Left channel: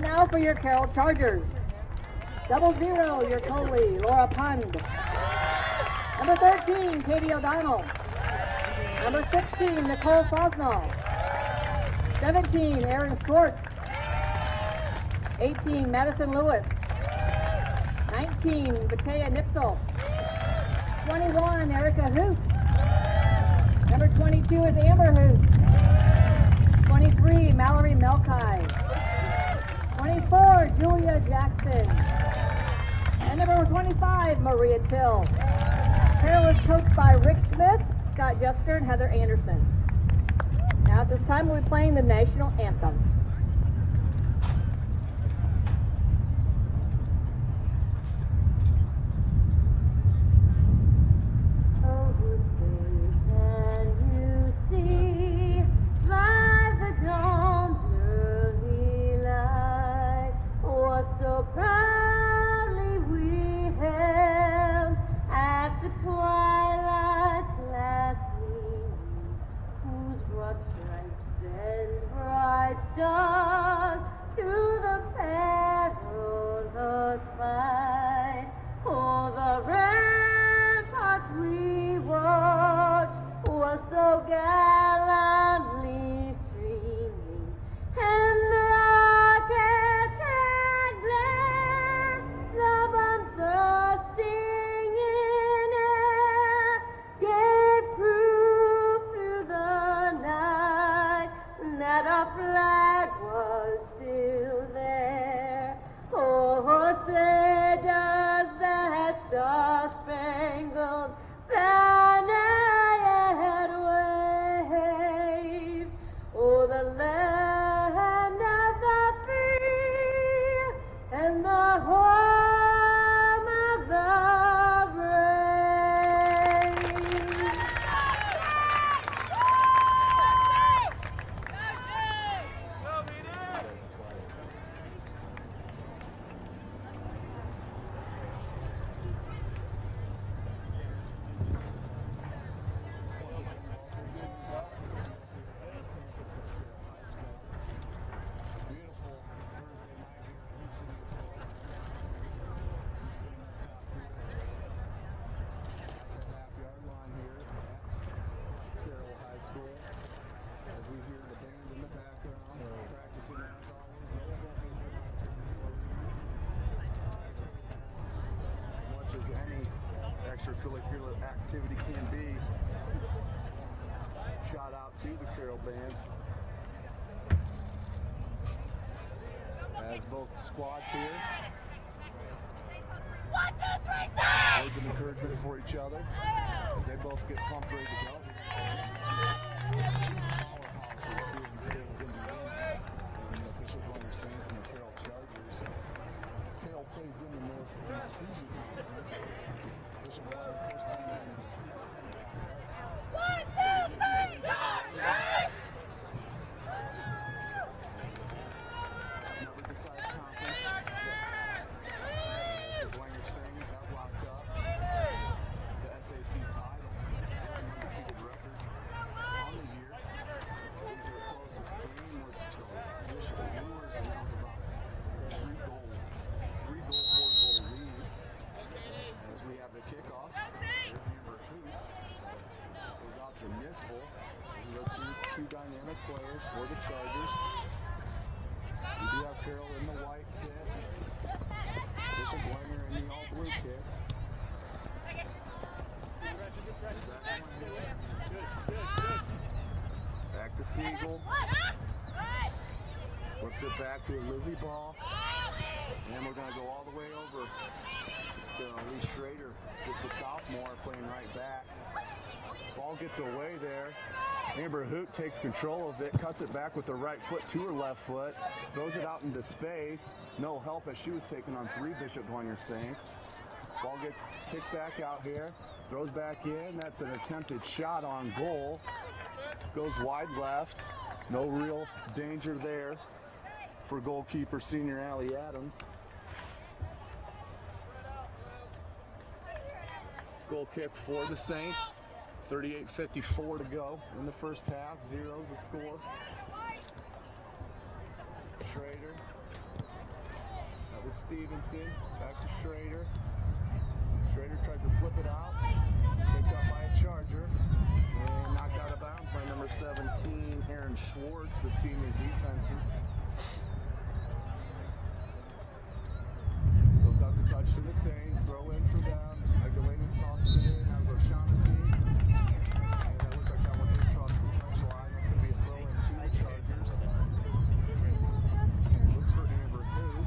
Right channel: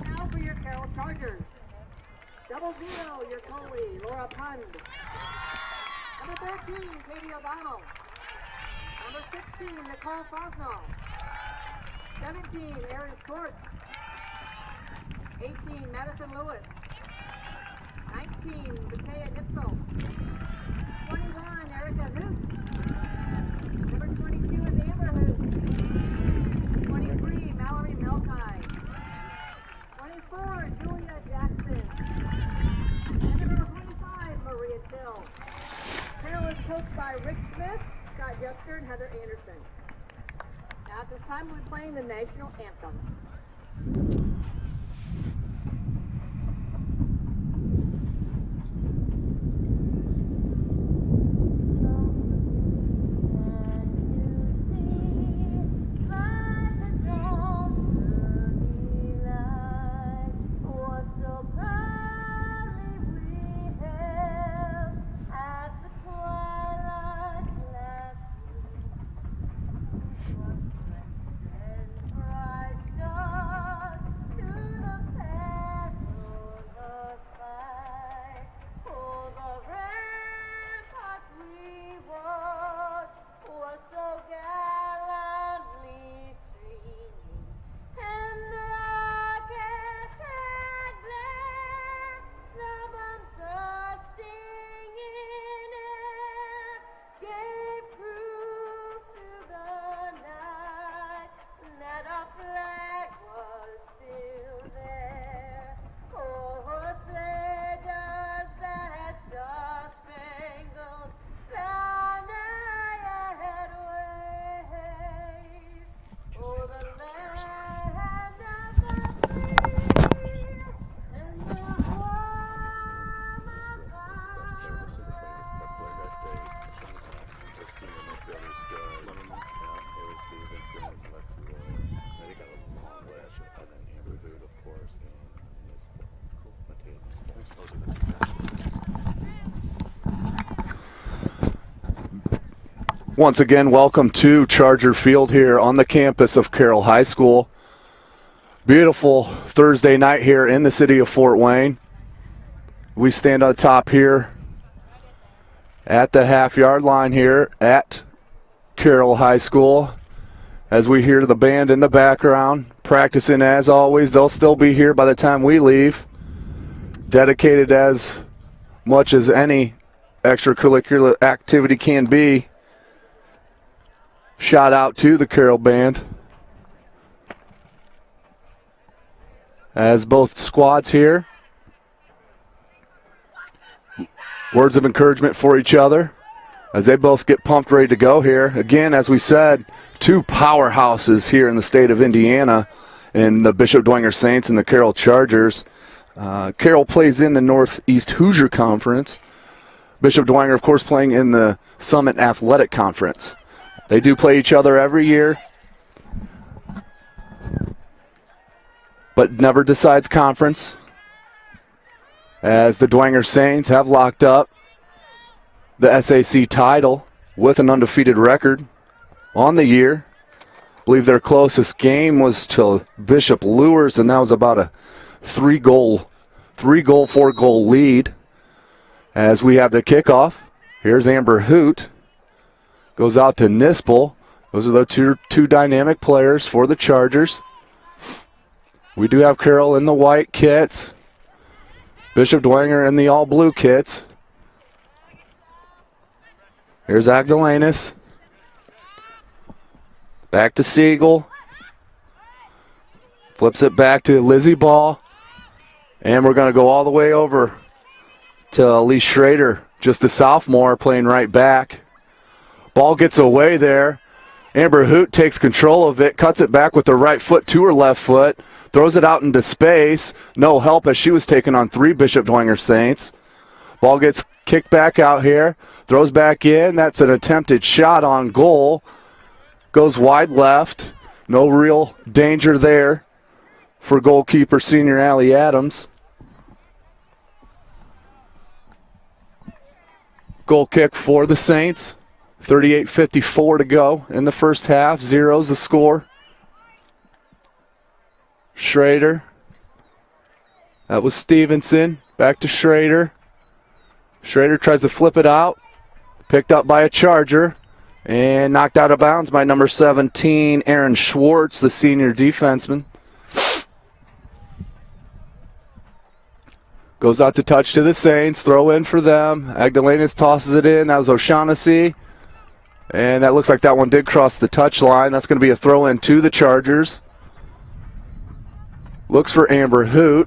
And now for your Carroll Chargers. 00, your goalie, Laura Pund. Number 13, Katie O'Donnell. Number 16, Nicole Fosnall. 17, Erin Schwartz. 18, Madison Lewis. 19, Matea Nipsel. 21, Erica Hoot. Number 22 is Amber Hoot. 23, Mallory Melkai. 24, Julia Jackson. And number 25, Maria Till. Carroll is coached by Rick Smith, Scott Jusker, and Heather Anderson. Now at this time we'll be playing the national anthem. Once again, welcome to Charger Field here on the campus of Carroll High School. Beautiful Thursday night here in the city of Fort Wayne. We stand on top here at the half-yard line here at Carroll High School as we hear the band in the background practicing as always. They'll still be here by the time we leave, dedicated as much as any extracurricular activity can be. Shout out to the Carroll band as both squads here. Words of encouragement for each other as they both get pumped, ready to go here. Again, as we said, two powerhouses here in the state of Indiana in the Bishop Dwenger Saints and the Carroll Chargers. Carroll plays in the Northeast Hoosier Conference. Bishop Dwenger, of course, playing in the Summit Athletic Conference. They do play each other every year, but never decides conference, as the Dwenger Saints have locked up the SAC title with an undefeated record on the year. I believe their closest game was to Bishop Lures, and that was about a 4-goal lead. As we have the kickoff, here's Amber Hoot. Goes out to Nispel. Those are the two dynamic players for the Chargers. We do have Carroll in the white kits. Bishop Dwenger in the all-blue kits. Here's Agdalanis. Back to Siegel. Flips it back to Lizzie Ball. And we're going to go all the way over to Elise Schrader, just a sophomore, playing right back. Ball gets away there. Amber Hoot takes control of it, cuts it back with her right foot to her left foot, throws it out into space. No help as she was taking on 3 Bishop Dwenger Saints. Ball gets kicked back out here, throws back in. That's an attempted shot on goal. Goes wide left. No real danger there for goalkeeper senior Allie Adams. Goal kick for the Saints. 38:54 to go in the first half. 0's the score. Schrader That was Stevenson. Back to Schrader. Schrader tries to flip it out. Picked up by a Charger. And knocked out of bounds by number 17, Aaron Schwartz, the senior defenseman. Goes out to touch to the Saints. Throw in for them. Agdalenas tosses it in. That was O'Shaughnessy. And that looks like that one did cross the touch line. That's going to be a throw in to the Chargers. Looks for Amber Hoot.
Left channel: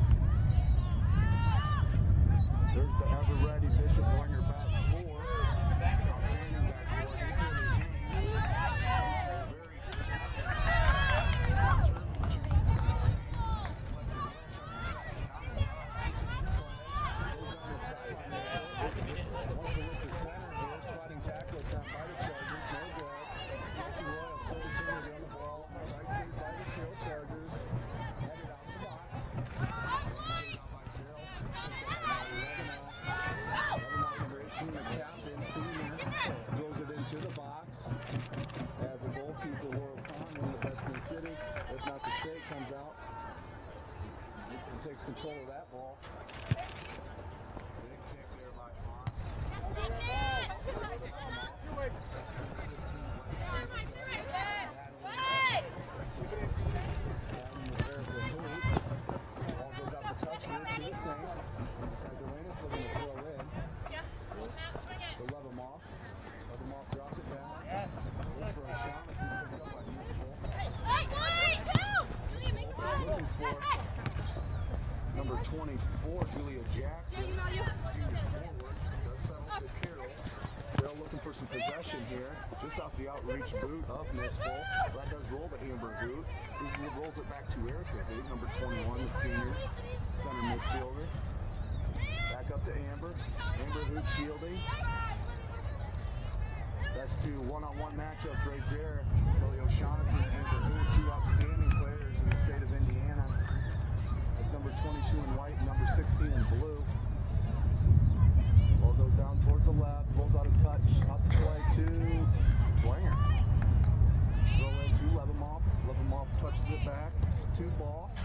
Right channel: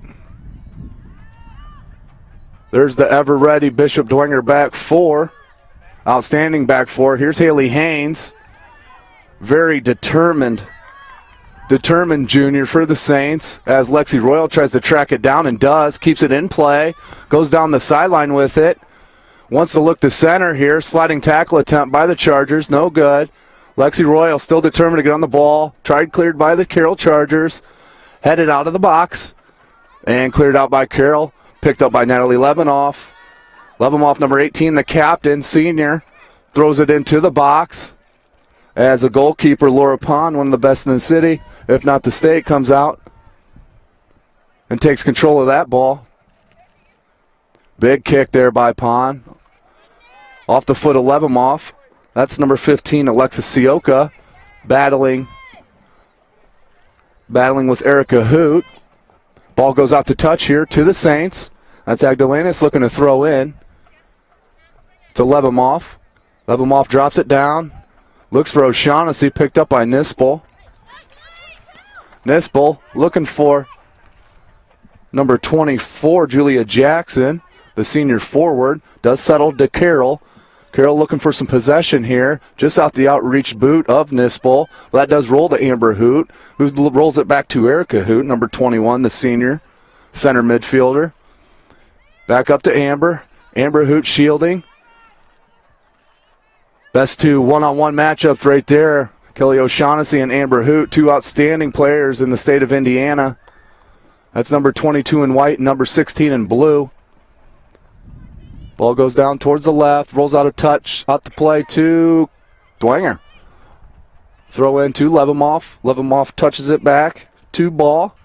There's the ever-ready Bishop Dwenger back four. Outstanding back four. Here's Haley Haynes. Very determined junior for the Saints as Lexi Royal tries to track it down and does. Keeps it in play. Goes down the sideline with it. Wants to look to center here. Sliding tackle attempt by the Chargers. No good. Lexi Royal still determined to get on the ball. Tried cleared by the Carroll Chargers. Headed out of the box. And cleared out by Carroll. Picked up by Natalie Levenoff. Levenoff, number 18, the captain, senior. Throws it into the box. As a goalkeeper, Laura Pond, one of the best in the city, if not the state, comes out and takes control of that ball. Big kick there by Pond. Off the foot of Levenoff. That's number 15, Alexis Sioka, battling with Erica Hoot. Ball goes out to touch here to the Saints. That's Agdalenas looking to throw in to Levenoff. Levenoff drops it down. Looks for O'Shaughnessy, picked up by Nispel. Nispel looking for number 24, Julia Jackson, the senior forward. Does settle to Carroll. Carroll looking for some possession here. Just out the outreach boot of Nispel. That does roll to Amber Hoot, who rolls it back to Erica Hoot, number 21, the senior center midfielder. Back up to Amber. Amber Hoot shielding. Best two one-on-one matchups right there. Kelly O'Shaughnessy and Amber Hoot, two outstanding players in the state of Indiana. That's number 22 in white and number 16 in blue. Ball goes down towards the left, rolls out a touch, out to play to Dwenger. Throw in to Levenoff. Levenoff touches it back to Ball.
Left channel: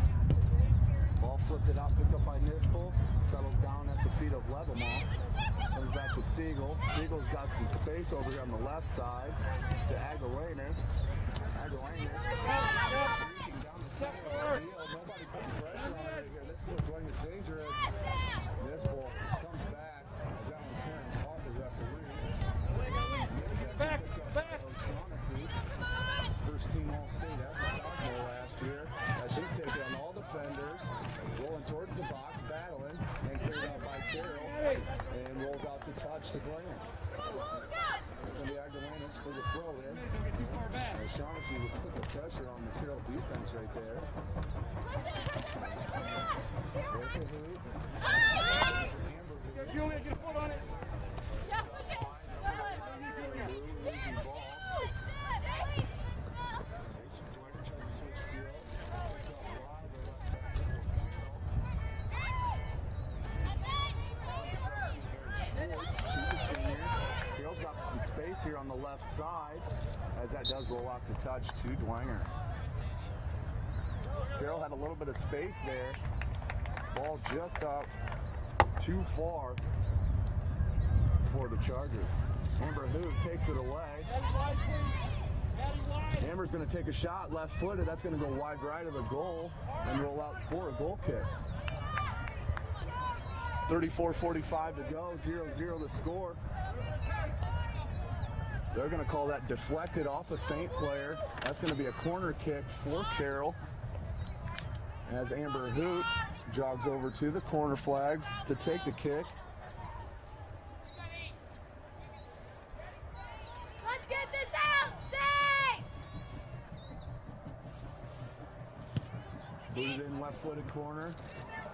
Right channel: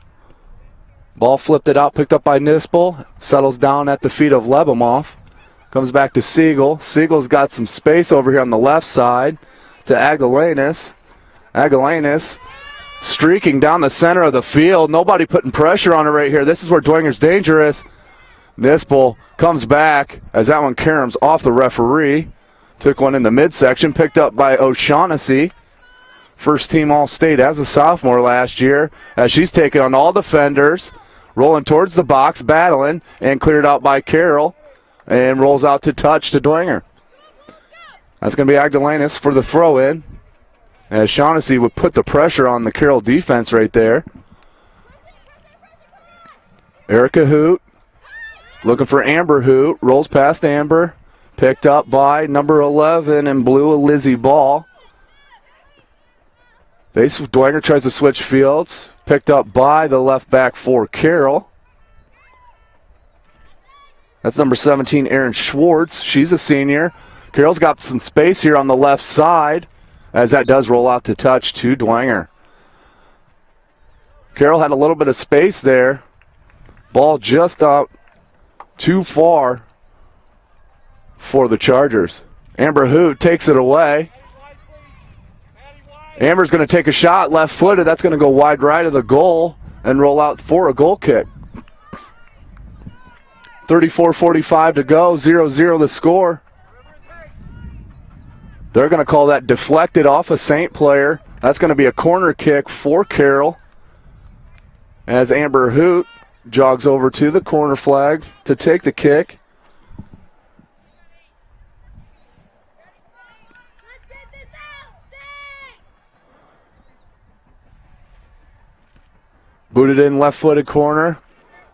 Ball flipped it out, picked up by Nispel. Settles down at the feet of Levenoff. Comes back to Siegel. Siegel's got some space over here on the left side to Agdalenas. Agdalenas streaking down the center of the field. Nobody putting pressure on her right here. This is where Dwenger's dangerous. Nispel comes back as that one caroms off the referee. Took one in the midsection, picked up by O'Shaughnessy. First team All-State as a sophomore last year, as she's taken on all defenders. Rolling towards the box, battling, and cleared out by Carroll. And rolls out to touch to Dwenger. That's going to be Agdalenas for the throw-in. As Shaughnessy would put the pressure on the Carroll defense right there. Erica Hoot looking for Amber Hoot. Rolls past Amber. Picked up by number 11 in blue, Lizzie Ball. Dwenger tries to switch fields. Picked up by the left back for Carroll. That's number 17, Erin Schwartz. She's a senior. Carroll's got some space here on the left side as that does roll out to touch to Dwenger. Carroll had a little bit of space there. Ball just out too far for the Chargers. Amber Hoot takes it away. Amber's going to take a shot left-footed. That's going to go wide right of the goal and roll out for a goal kick. 34:45 to go, 0-0 the score. They're going to call that deflected off a Saint player. That's going to be a corner kick for Carroll as Amber Hoot jogs over to the corner flag to take the kick. Booted in left-footed corner.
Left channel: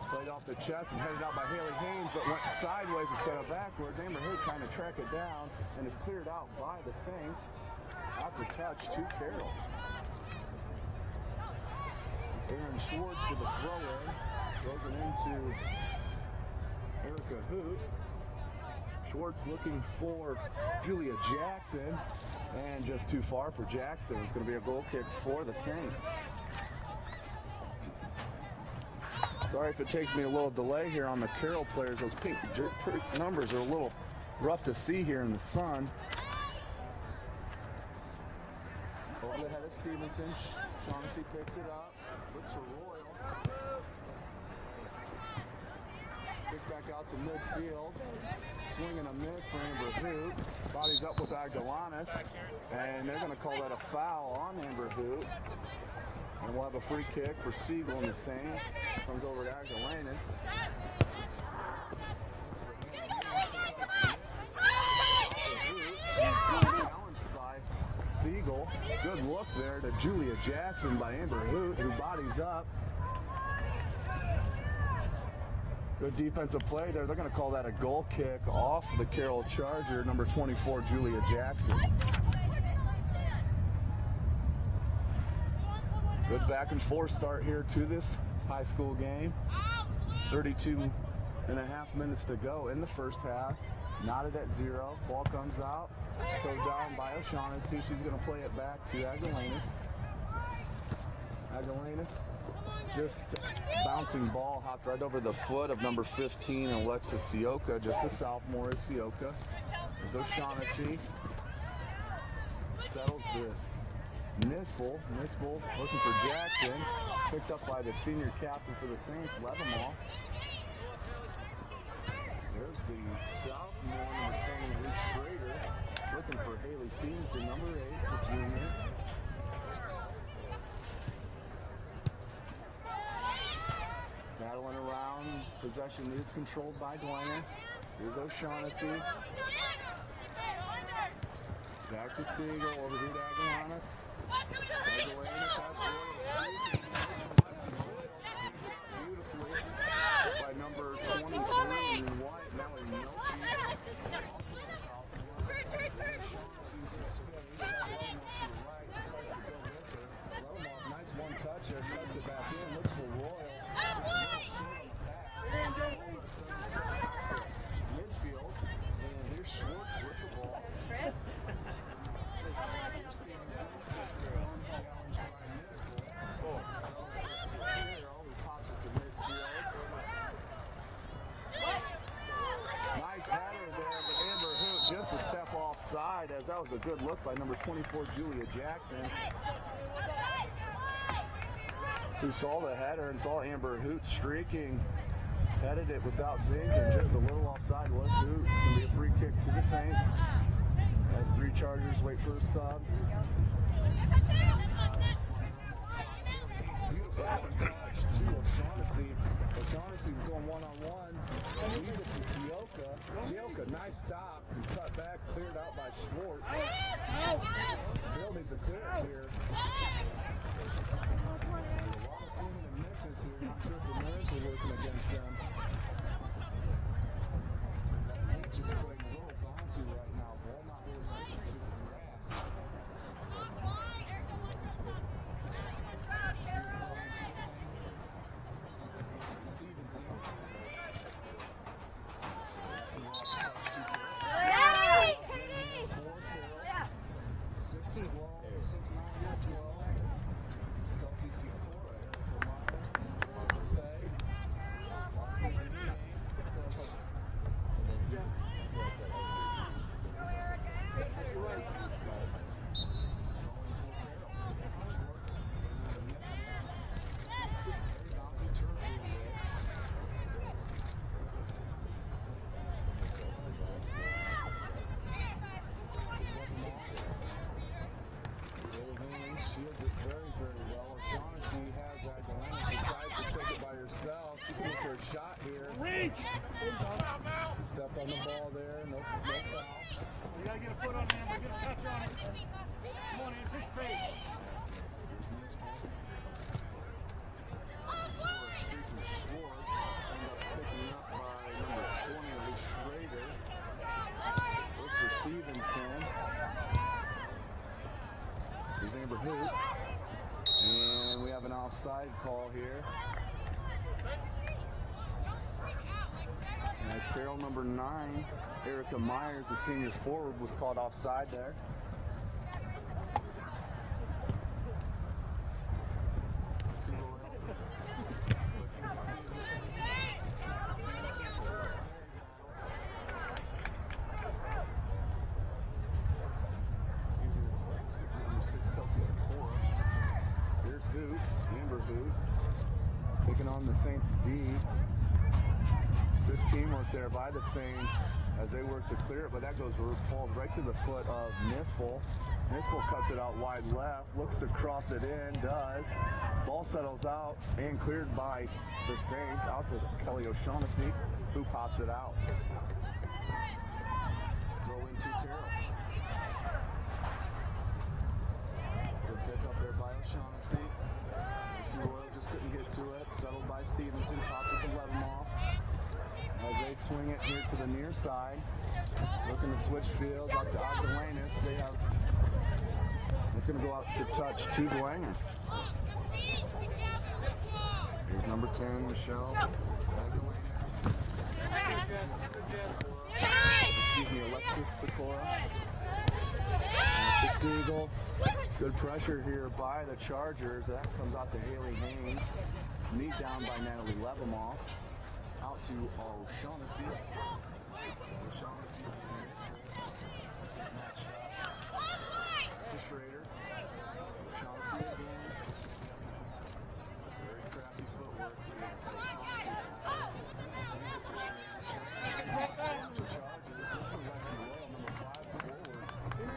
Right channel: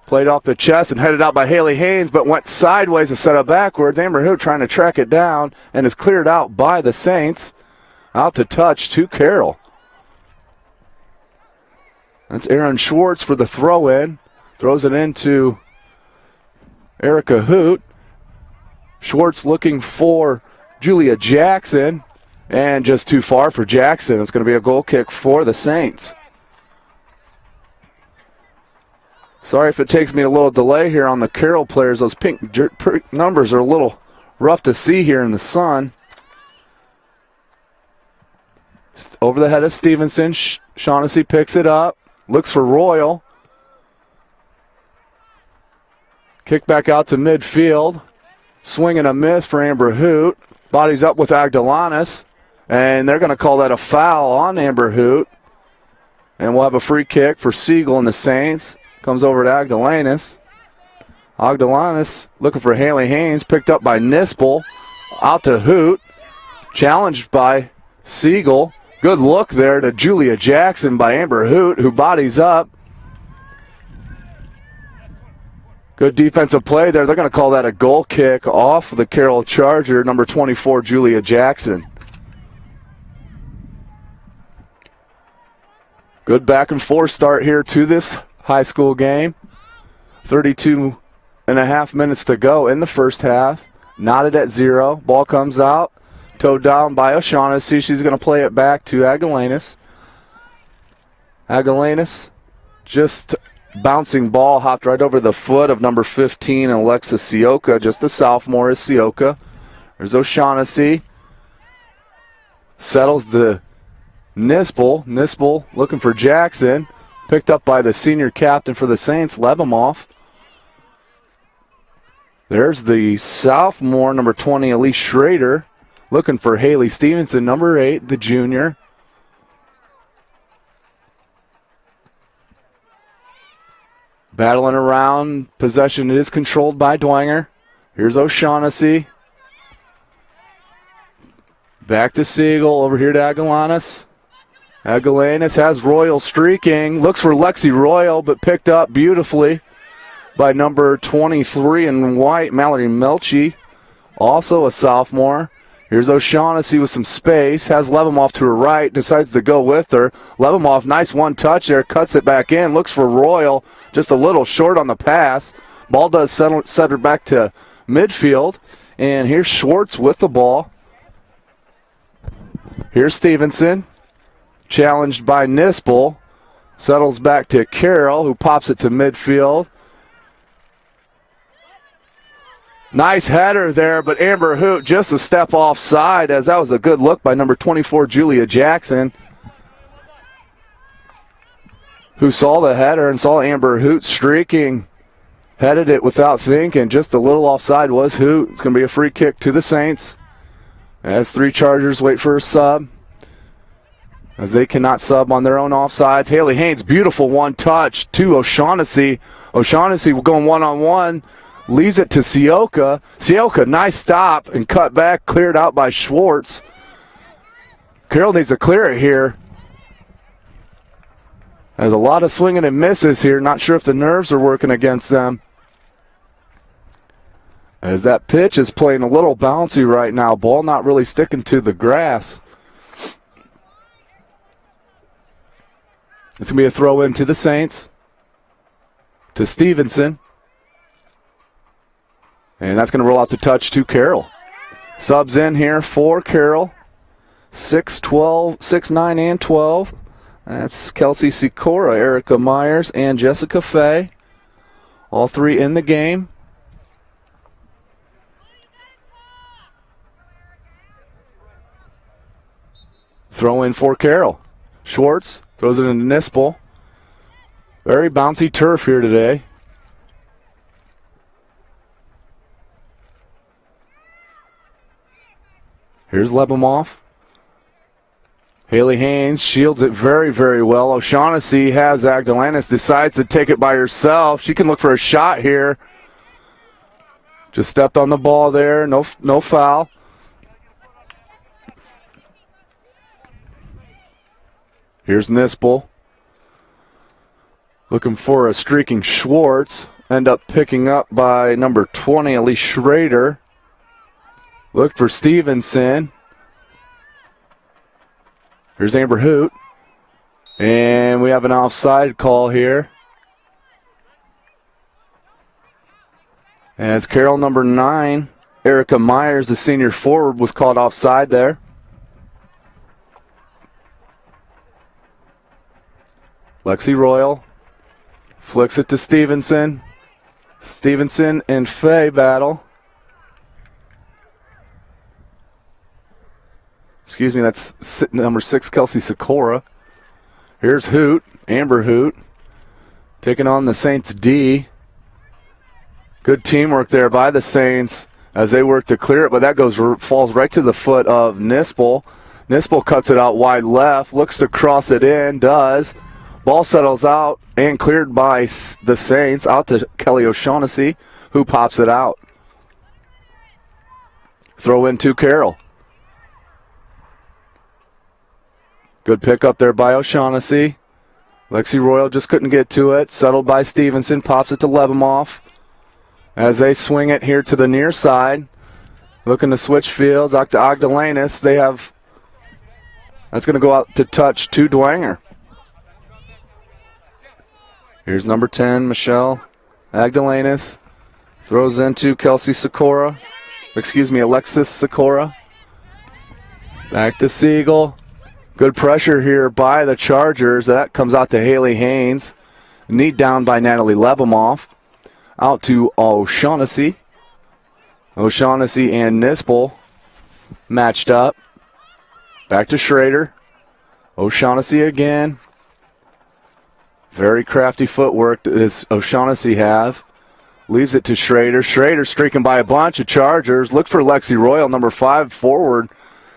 Played off the chest and headed out by Haley Haynes, but went sideways and set up backwards. Amber Hoot trying to track it down and is cleared out by the Saints. Out to touch to Carroll. That's Erin Schwartz for the throw-in. Throws it into Erica Hoot. Schwartz looking for Julia Jackson. And just too far for Jackson. It's going to be a goal kick for the Saints. Sorry if it takes me a little delay here on the Carroll players. Those pink numbers are a little rough to see here in the sun. Over the head of Stevenson. Shaughnessy picks it up. Looks for Royal. Kick back out to midfield. Swing and a miss for Amber Hoot. Bodies up with Agdalanis. And they're going to call that a foul on Amber Hoot. And we'll have a free kick for Siegel and the Saints. Comes over to Agdalanis. Agdalanis looking for Haley Haynes. Picked up by Nispel. Out to Hoot. Challenged by Siegel. Good look there to Julia Jackson by Amber Hoot, who bodies up. Good defensive play there. They're going to call that a goal kick off the Carroll Charger, number 24, Julia Jackson. Good back and forth start here to this high school game. 32 and a half minutes to go in the first half. Knotted at 0. Ball comes out. Towed down by O'Shaughnessy. She's going to play it back to Agdalanis. Agdalanis, just bouncing ball, hopped right over the foot of number 15, Alexa Sioka. Just the sophomore is Sioka. There's O'Shaughnessy. Settles the Nispel. Nispel looking for Jackson. Picked up by the senior captain for the Saints, Lebemoff. There's the sophomore, number 20, Elise Schrader. Looking for Haley Stevenson, number 8, the junior. Battling around. Possession is controlled by Dwenger. Here's O'Shaughnessy. Back to Siegel. Over here to Agalanis. Agalanis has Royal streaking. Looks for Lexi Royal, but picked up beautifully by number 23 in white, Mallory Melchi. Also a sophomore. Here's O'Shaughnessy with some space. Has Lebemoff to her right. Decides to go with her. Lebemoff, nice one touch there. Cuts it back in. Looks for Royal. Just a little short on the pass. Ball does set her back to midfield. And here's Schwartz with the ball. Here's Stevenson. Challenged by Nispel. Settles back to Carroll, who pops it to midfield. Nice header there, but Amber Hoot just a step offside, as that was a good look by number 24, Julia Jackson, who saw the header and saw Amber Hoot streaking. Headed it without thinking. Just a little offside was Hoot. It's going to be a free kick to the Saints as 3 Chargers wait for a sub, as they cannot sub on their own offsides. Haley Haynes, beautiful one touch to O'Shaughnessy. O'Shaughnessy going one-on-one. Leaves it to Sioka. Sioka, nice stop and cut back, cleared out by Schwartz. Carroll needs to clear it here. There's a lot of swinging and misses here. Not sure if the nerves are working against them, as that pitch is playing a little bouncy right now. Ball not really sticking to the grass. It's going to be a throw in to the Saints. To Stevenson. And that's going to roll out the touch to Carroll. Subs in here for Carroll. 6'12", 6'9", and 12. That's Kelsey Sikora, Erica Myers, and Jessica Fay. All 3 in the game. Throw in for Carroll. Schwartz throws it into Nispel. Very bouncy turf here today. Here's Lebemoff. Haley Haynes shields it very, very well. O'Shaughnessy has Agdalanis, decides to take it by herself. She can look for a shot here. Just stepped on the ball there. No foul. Here's Nispel. Looking for a streaking Schwartz. End up picking up by number 20, Elise Schrader. Look for Stevenson. Here's Amber Hoot. And we have an offside call here, as Carroll number 9, Erica Myers, the senior forward, was called offside there. Lexi Royal Flicks it to Stevenson. Stevenson and Fay battle. Excuse me, that's number 6, Kelsey Sikora. Here's Hoot, Amber Hoot, taking on the Saints D. Good teamwork there by the Saints as they work to clear it, but that falls right to the foot of Nispel. Nispel cuts it out wide left, looks to cross it in, does. Ball settles out and cleared by the Saints out to Kelly O'Shaughnessy, who pops it out. Throw in to Carroll. Good pick up there by O'Shaughnessy. Lexi Royal just couldn't get to it. Settled by Stevenson, pops it to Lebemoff. As they swing it here to the near side. Looking to switch fields. Ogdalanis, that's going to go out to touch to Dwenger. Here's number 10, Michelle Agdalanis. Throws into Alexis Sikora. Back to Siegel. Good pressure here by the Chargers. That comes out to Haley Haynes. Knee down by Natalie Lebemoff. Out to O'Shaughnessy. O'Shaughnessy and Nispel matched up. Back to Schrader. O'Shaughnessy again. Very crafty footwork does O'Shaughnessy have. Leaves it to Schrader. Schrader streaking by a bunch of Chargers. Looks for Lexi Royal, number 5, forward.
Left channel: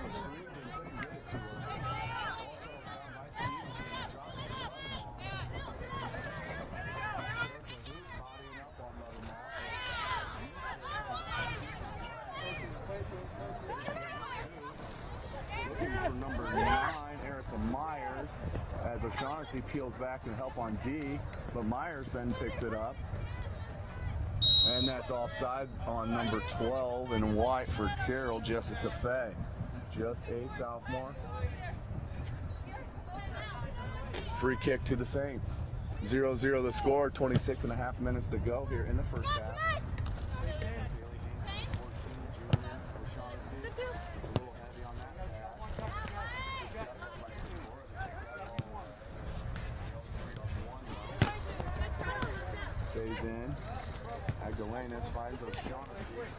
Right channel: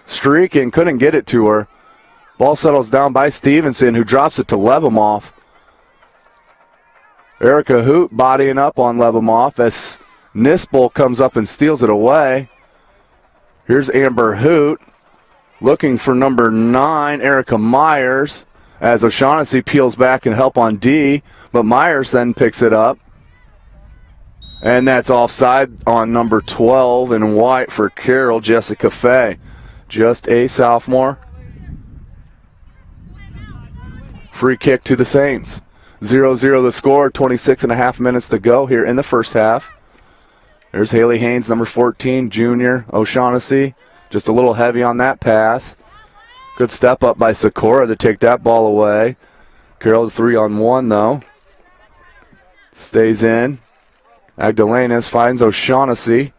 Streaking, couldn't get it to her. Ball settles down by Stevenson, who drops it to Lebemoff. Erica Hoot bodying up on Lebemoff as Nispel comes up and steals it away. Here's Amber Hoot looking for number 9, Erica Myers, as O'Shaughnessy peels back and help on D, but Myers then picks it up. And that's offside on number 12 in white for Carroll, Jessica Fay. Just a sophomore. Free kick to the Saints. 0-0 the score, 26 and a half minutes to go here in the first half. There's Haley Haynes, number 14, junior. O'Shaughnessy, just a little heavy on that pass. Good step up by Sikora to take that ball away. Carroll's 3-on-1 though. Stays in. Agdalanis finds O'Shaughnessy.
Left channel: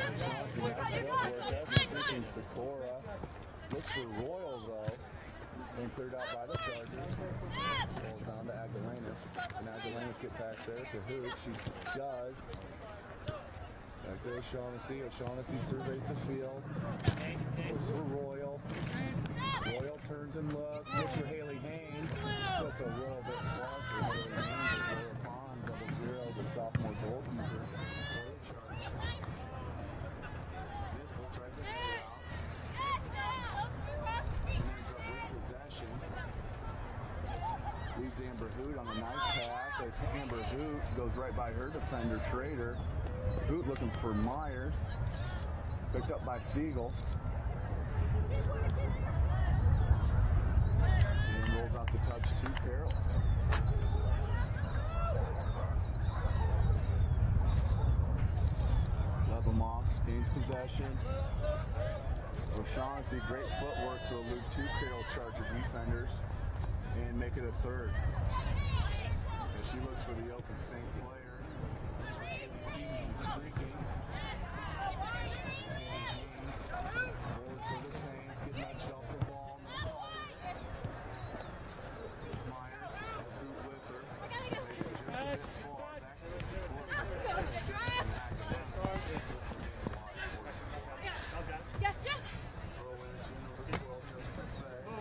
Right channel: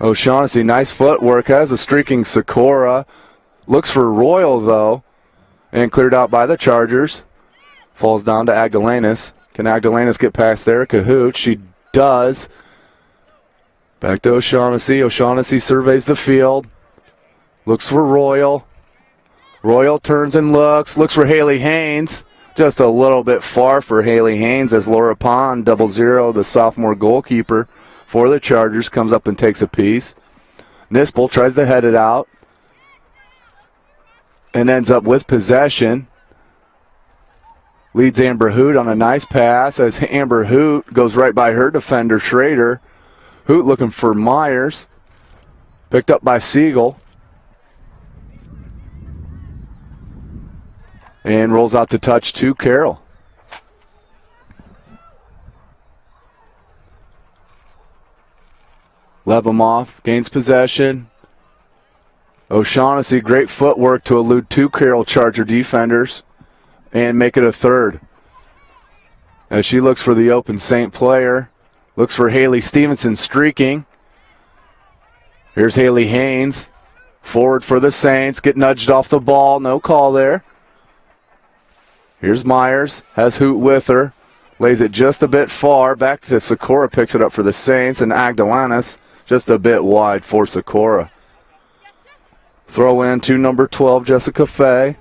O'Shaughnessy, nice footwork, has a streaking Sikora. Looks for Royal though. And cleared out by the Chargers. Falls down to Agdalanis. Can Agdalanis get past there? Cahoot, she does. Back to O'Shaughnessy. O'Shaughnessy surveys the field. Looks for Royal. Royal turns and looks. Looks for Haley Haynes. Just a little bit far for Haley Haynes as Laura Pond, 0-0, the sophomore goalkeeper for the Chargers, comes up and takes a piece. Nispel tries to head it out. And ends up with possession. Leads Amber Hoot on a nice pass as Amber Hoot goes right by her defender, Schrader. Hoot looking for Myers. Picked up by Siegel. And rolls out to touch to Carroll. Lebemoff gains possession. O'Shaughnessy, great footwork to elude 2 Carroll Charger defenders and make it a third. As she looks for the open Saint player. Looks for Haley Stevenson streaking. Here's Haley Haynes. Forward for the Saints. Get nudged off the ball. No call there. Here's Myers. Has Hoot with her. Lays it just a bit far. Back to Sikora. Picks it up for the Saints. And Agdalanis just a bit wide for Sikora. Throw in to number 12, Jessica Fay.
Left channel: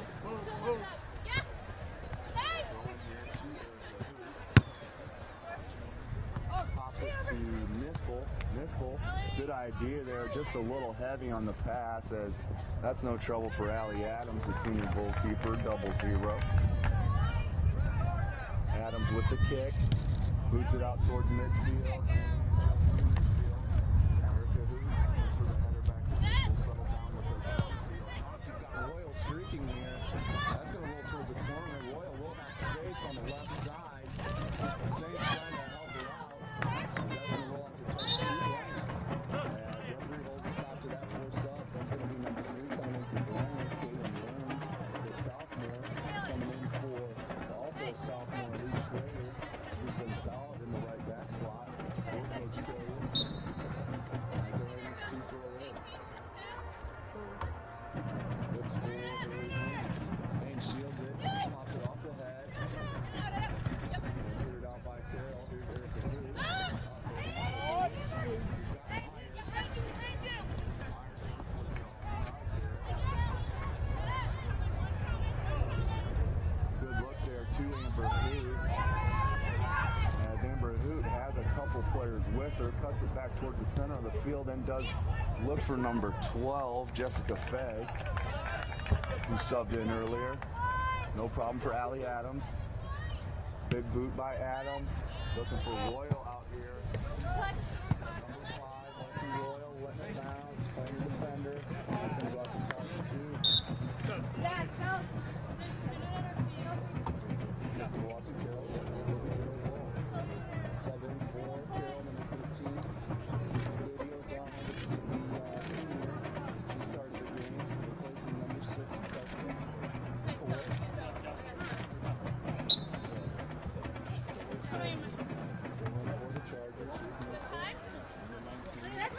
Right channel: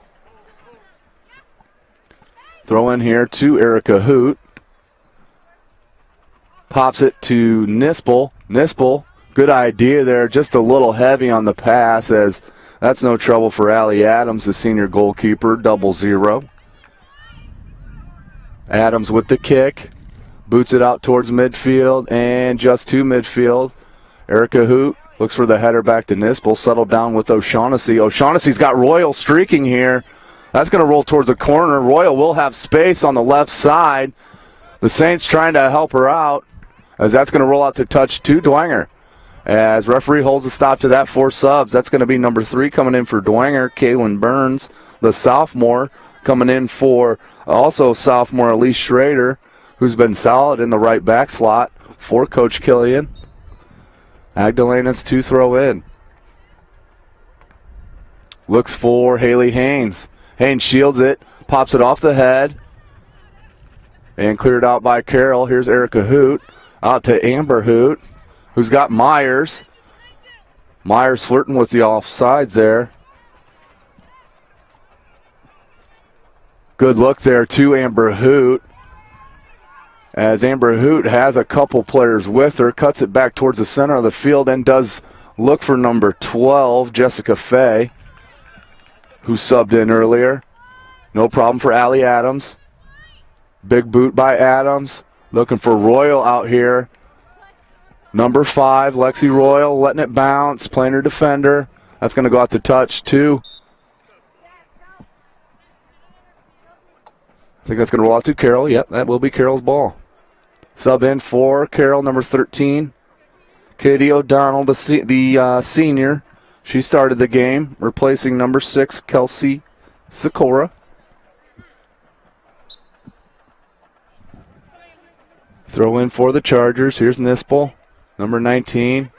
Throw in here to Erica Hoot. Pops it to Nispel. Nispel, good idea there. Just a little heavy on the pass as that's no trouble for Allie Adams, the senior goalkeeper, 0-0. Adams with the kick. Boots it out towards midfield and just to midfield. Erica Hoot looks for the header back to Nispel. Settled down with O'Shaughnessy. O'Shaughnessy's got Royal streaking here. That's going to roll towards the corner. Royal will have space on the left side. The Saints trying to help her out as that's going to roll out to touch to Dwenger. As referee holds a stop to that 4 subs. That's going to be number 3 coming in for Dwenger, Kaylin Burns, the sophomore. coming in for also sophomore Elise Schrader, who's been solid in the right back slot for Coach Killian. Magdalena's to throw in. Looks for Haley Haynes. Haynes shields it, pops it off the head, and cleared out by Carroll. Here's Erica Hoot, out to Amber Hoot, who's got Myers. Myers flirting with the offsides there. Good look there to Amber Hoot, as Amber Hoot has a couple players with her, cuts it back towards the center of the field and does look for number 12, Jessica Fay, who subbed in earlier. No problem for Allie Adams. Big boot by Adams. Looking for Royal out here. Number 5, Lexi Royal, letting it bounce, playing her defender. That's going to go out to touch, too. I think that's going to roll out to Carroll. Yep, that will be Carroll's ball. Sub in for Carroll, number 13. Katie O'Donnell, the senior. She started the game, replacing number 6, Kelsey Sikora. Throw in for the Chargers. Here's Nispel, number 19.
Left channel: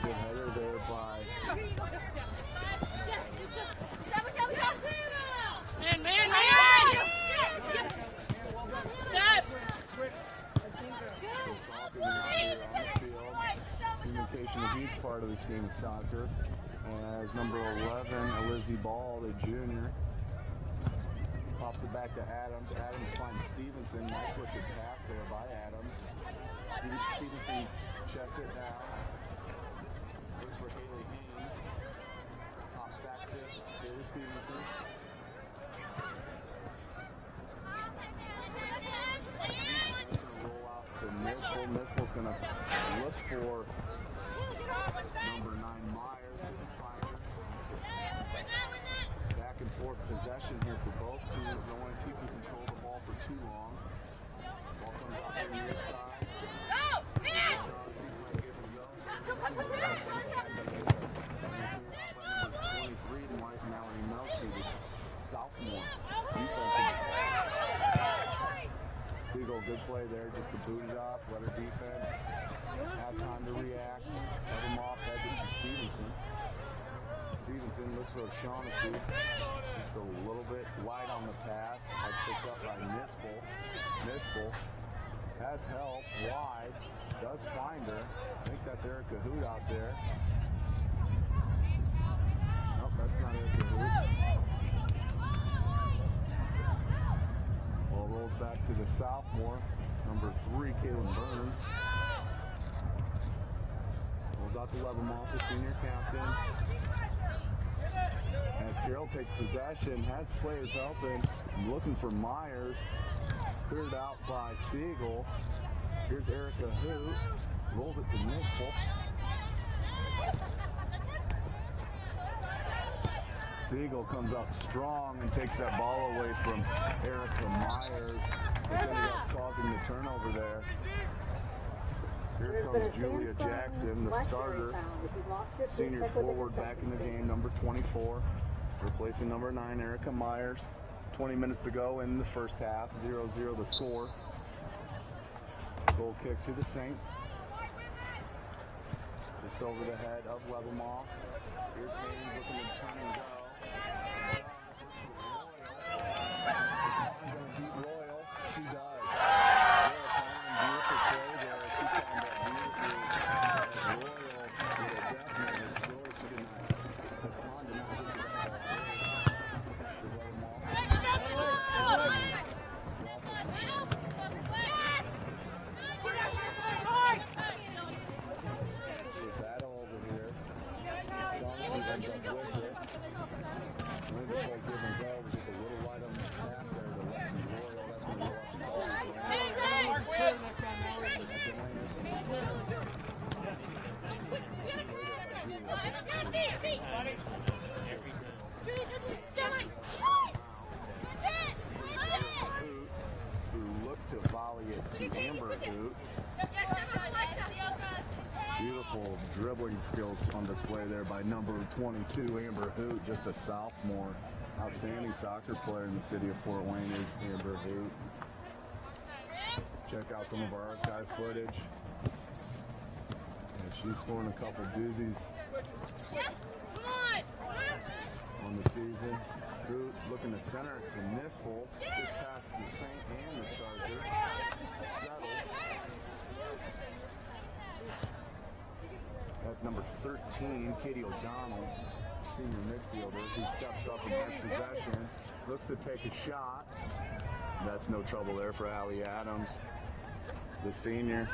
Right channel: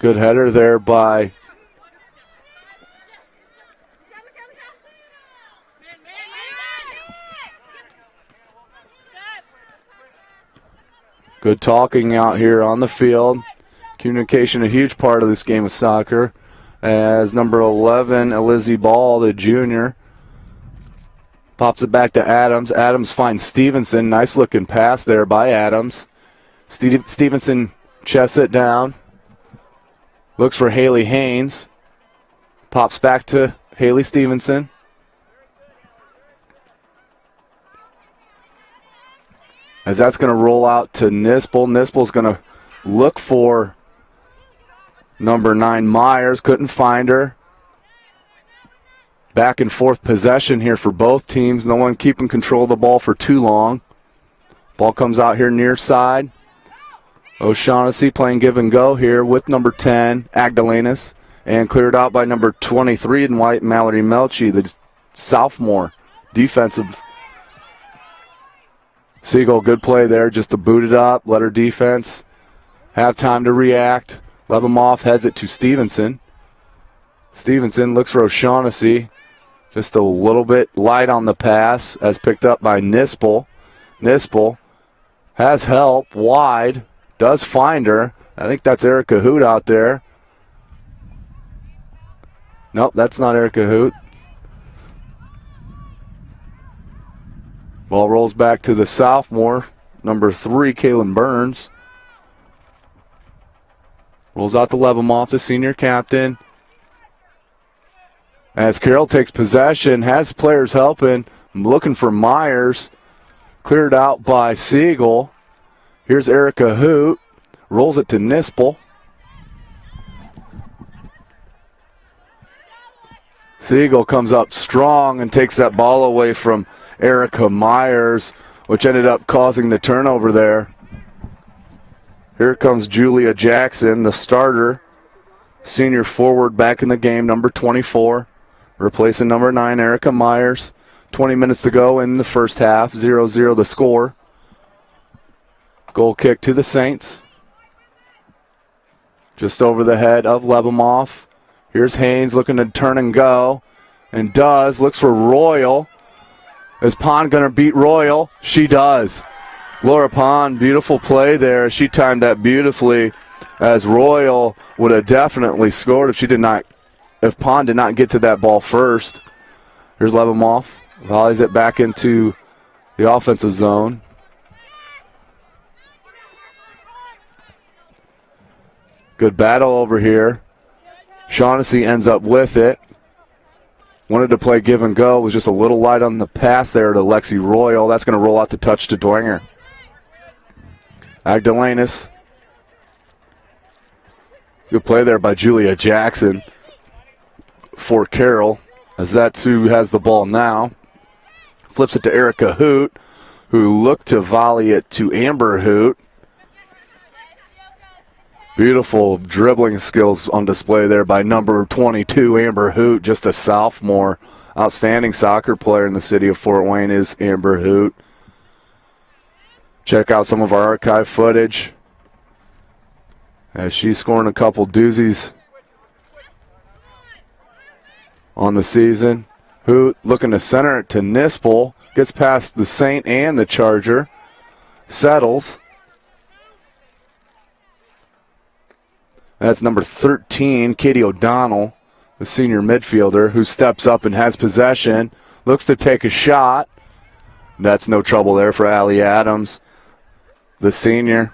Good header there by good talking out here on the field. Communication a huge part of this game of soccer, as number 11, Elizzy Ball, the junior, pops it back to Adams. Adams finds Stevenson. Nice looking pass there by Adams. Stevenson chests it down. Looks for Haley Haynes. Pops back to Haley Stevenson. As that's going to roll out to Nispel. Nispel's going to look for number 9, Myers. Couldn't find her. Back and forth possession here for both teams. No one keeping control of the ball for too long. Ball comes out here near side. O'Shaughnessy playing give and go here with number 10, Agdalenas. And cleared out by number 23 in white, Mallory Melchi, the sophomore defensive. Siegel, good play there, just to boot it up, let her defense have time to react. Lebemoff heads it to Stevenson. Stevenson looks for O'Shaughnessy. Just a little bit light on the pass, as picked up by Nispel. Nispel has help wide, does find her. I think that's Erica Hoot out there. Nope, that's not Erica Hoot. Ball rolls back to the sophomore, number 3, Kaylin Burns. Rolls out to Lebemoff, the senior captain. As Carroll takes possession, has players helping. Looking for Myers. Cleared out by Siegel. Here's Erica Hoot. Rolls it to Nispel. Siegel comes up strong and takes that ball away from Erica Myers, which ended up causing the turnover there. Here comes Julia Jackson, the starter. Senior forward back in the game, number 24. Replacing number 9, Erica Myers. 20 minutes to go in the first half. 0-0 the score. Goal kick to the Saints. Just over the head of Lebemoff. Here's Haynes looking to turn and go. And does. Looks for Royal. Is Pond going to beat Royal? She does. Laura Pond, beautiful play there. She timed that beautifully, as Royal would have definitely scored if Pond did not get to that ball first. Here's Lebemoff. Volleys it back into the offensive zone. Good battle over here. Shaughnessy ends up with it. Wanted to play give and go. Was just a little light on the pass there to Lexi Royal. That's going to roll out to touch to Dwenger. Agdalenas. Good play there by Julia Jackson for Carroll, as that's who has the ball now. Flips it to Erica Hoot, who looked to volley it to Amber Hoot. Beautiful dribbling skills on display there by number 22, Amber Hoot, just a sophomore. Outstanding soccer player in the city of Fort Wayne is Amber Hoot. Check out some of our archive footage as she's scoring a couple doozies on the season. Hoot looking to center it to Nispel. Gets past the Saint and the Charger. Settles. That's number 13, Katie O'Donnell, the senior midfielder, who steps up and has possession. Looks to take a shot. That's no trouble there for Allie Adams, the senior.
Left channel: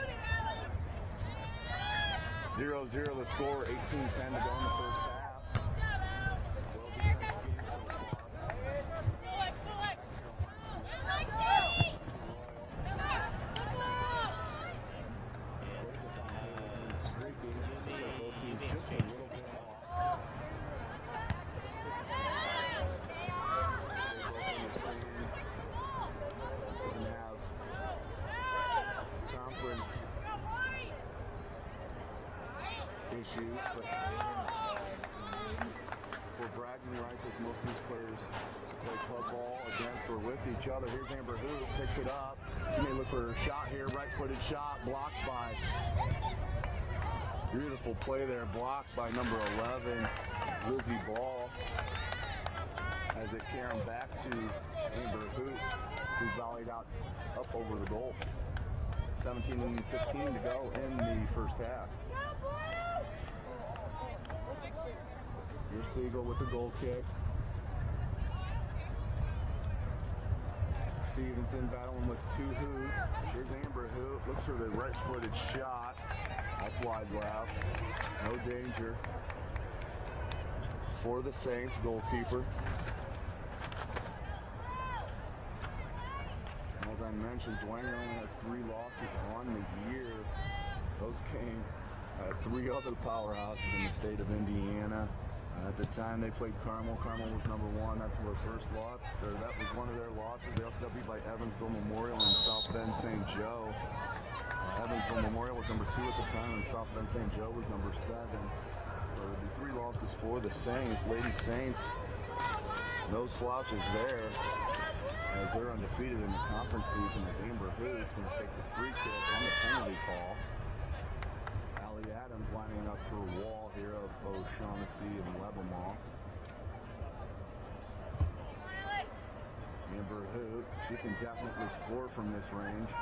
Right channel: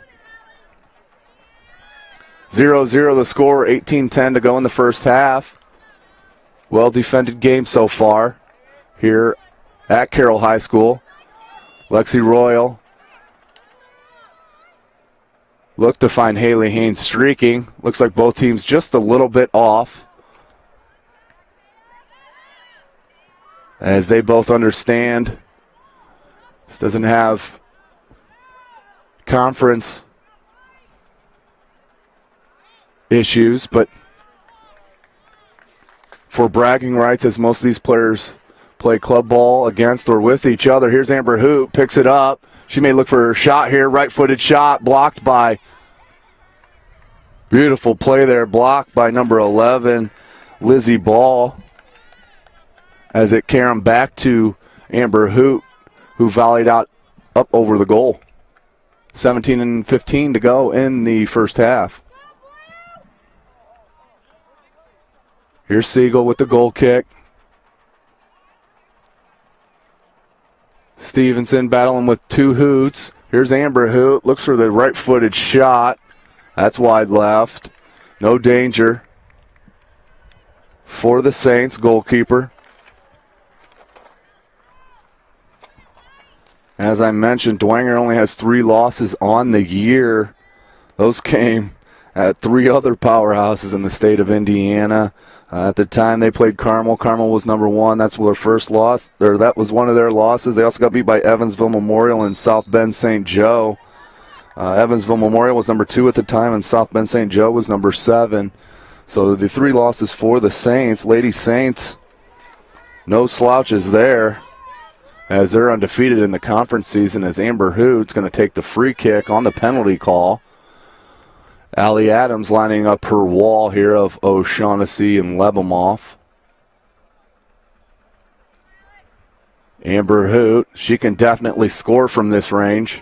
0-0 the score, 18-10 to go in the first half. Well-defended game so far here at Carroll High School. Lexi Royal look to find Haley Haynes streaking. Looks like both teams just a little bit off, as they both understand this doesn't have conference issues, but for bragging rights, as most of these players play club ball against or with each other. Here's Amber Hoot, picks it up. She may look for her shot here, right-footed shot, blocked by, beautiful play there, blocked by number 11, Lizzie Ball, as it carried back to Amber Hoot, who volleyed out up over the goal. 17-15 to go in the first half. Here's Siegel with the goal kick. Stevenson battling with two Hoots. Here's Amber Hoot, looks for the right-footed shot. That's wide left. No danger for the Saints goalkeeper. As I mentioned, Dwenger only has 3 losses on the year. Those came at 3 other powerhouses in the state of Indiana. At the time they played Carmel. Carmel was number 1. That's their first loss. That was one of their losses. They also got beat by Evansville Memorial and South Bend St. Joe. Evansville Memorial was number 2 at the time, and South Bend St. Joe was number 7. So the 3 losses for the Saints. Lady Saints, no slouches there, as they're undefeated in the conference season, as Amber Hoot's going to take the free kick on the penalty call. Allie Adams lining up her wall here of O'Shaughnessy and Lebemoff. Amber Hoot, she can definitely score from this range.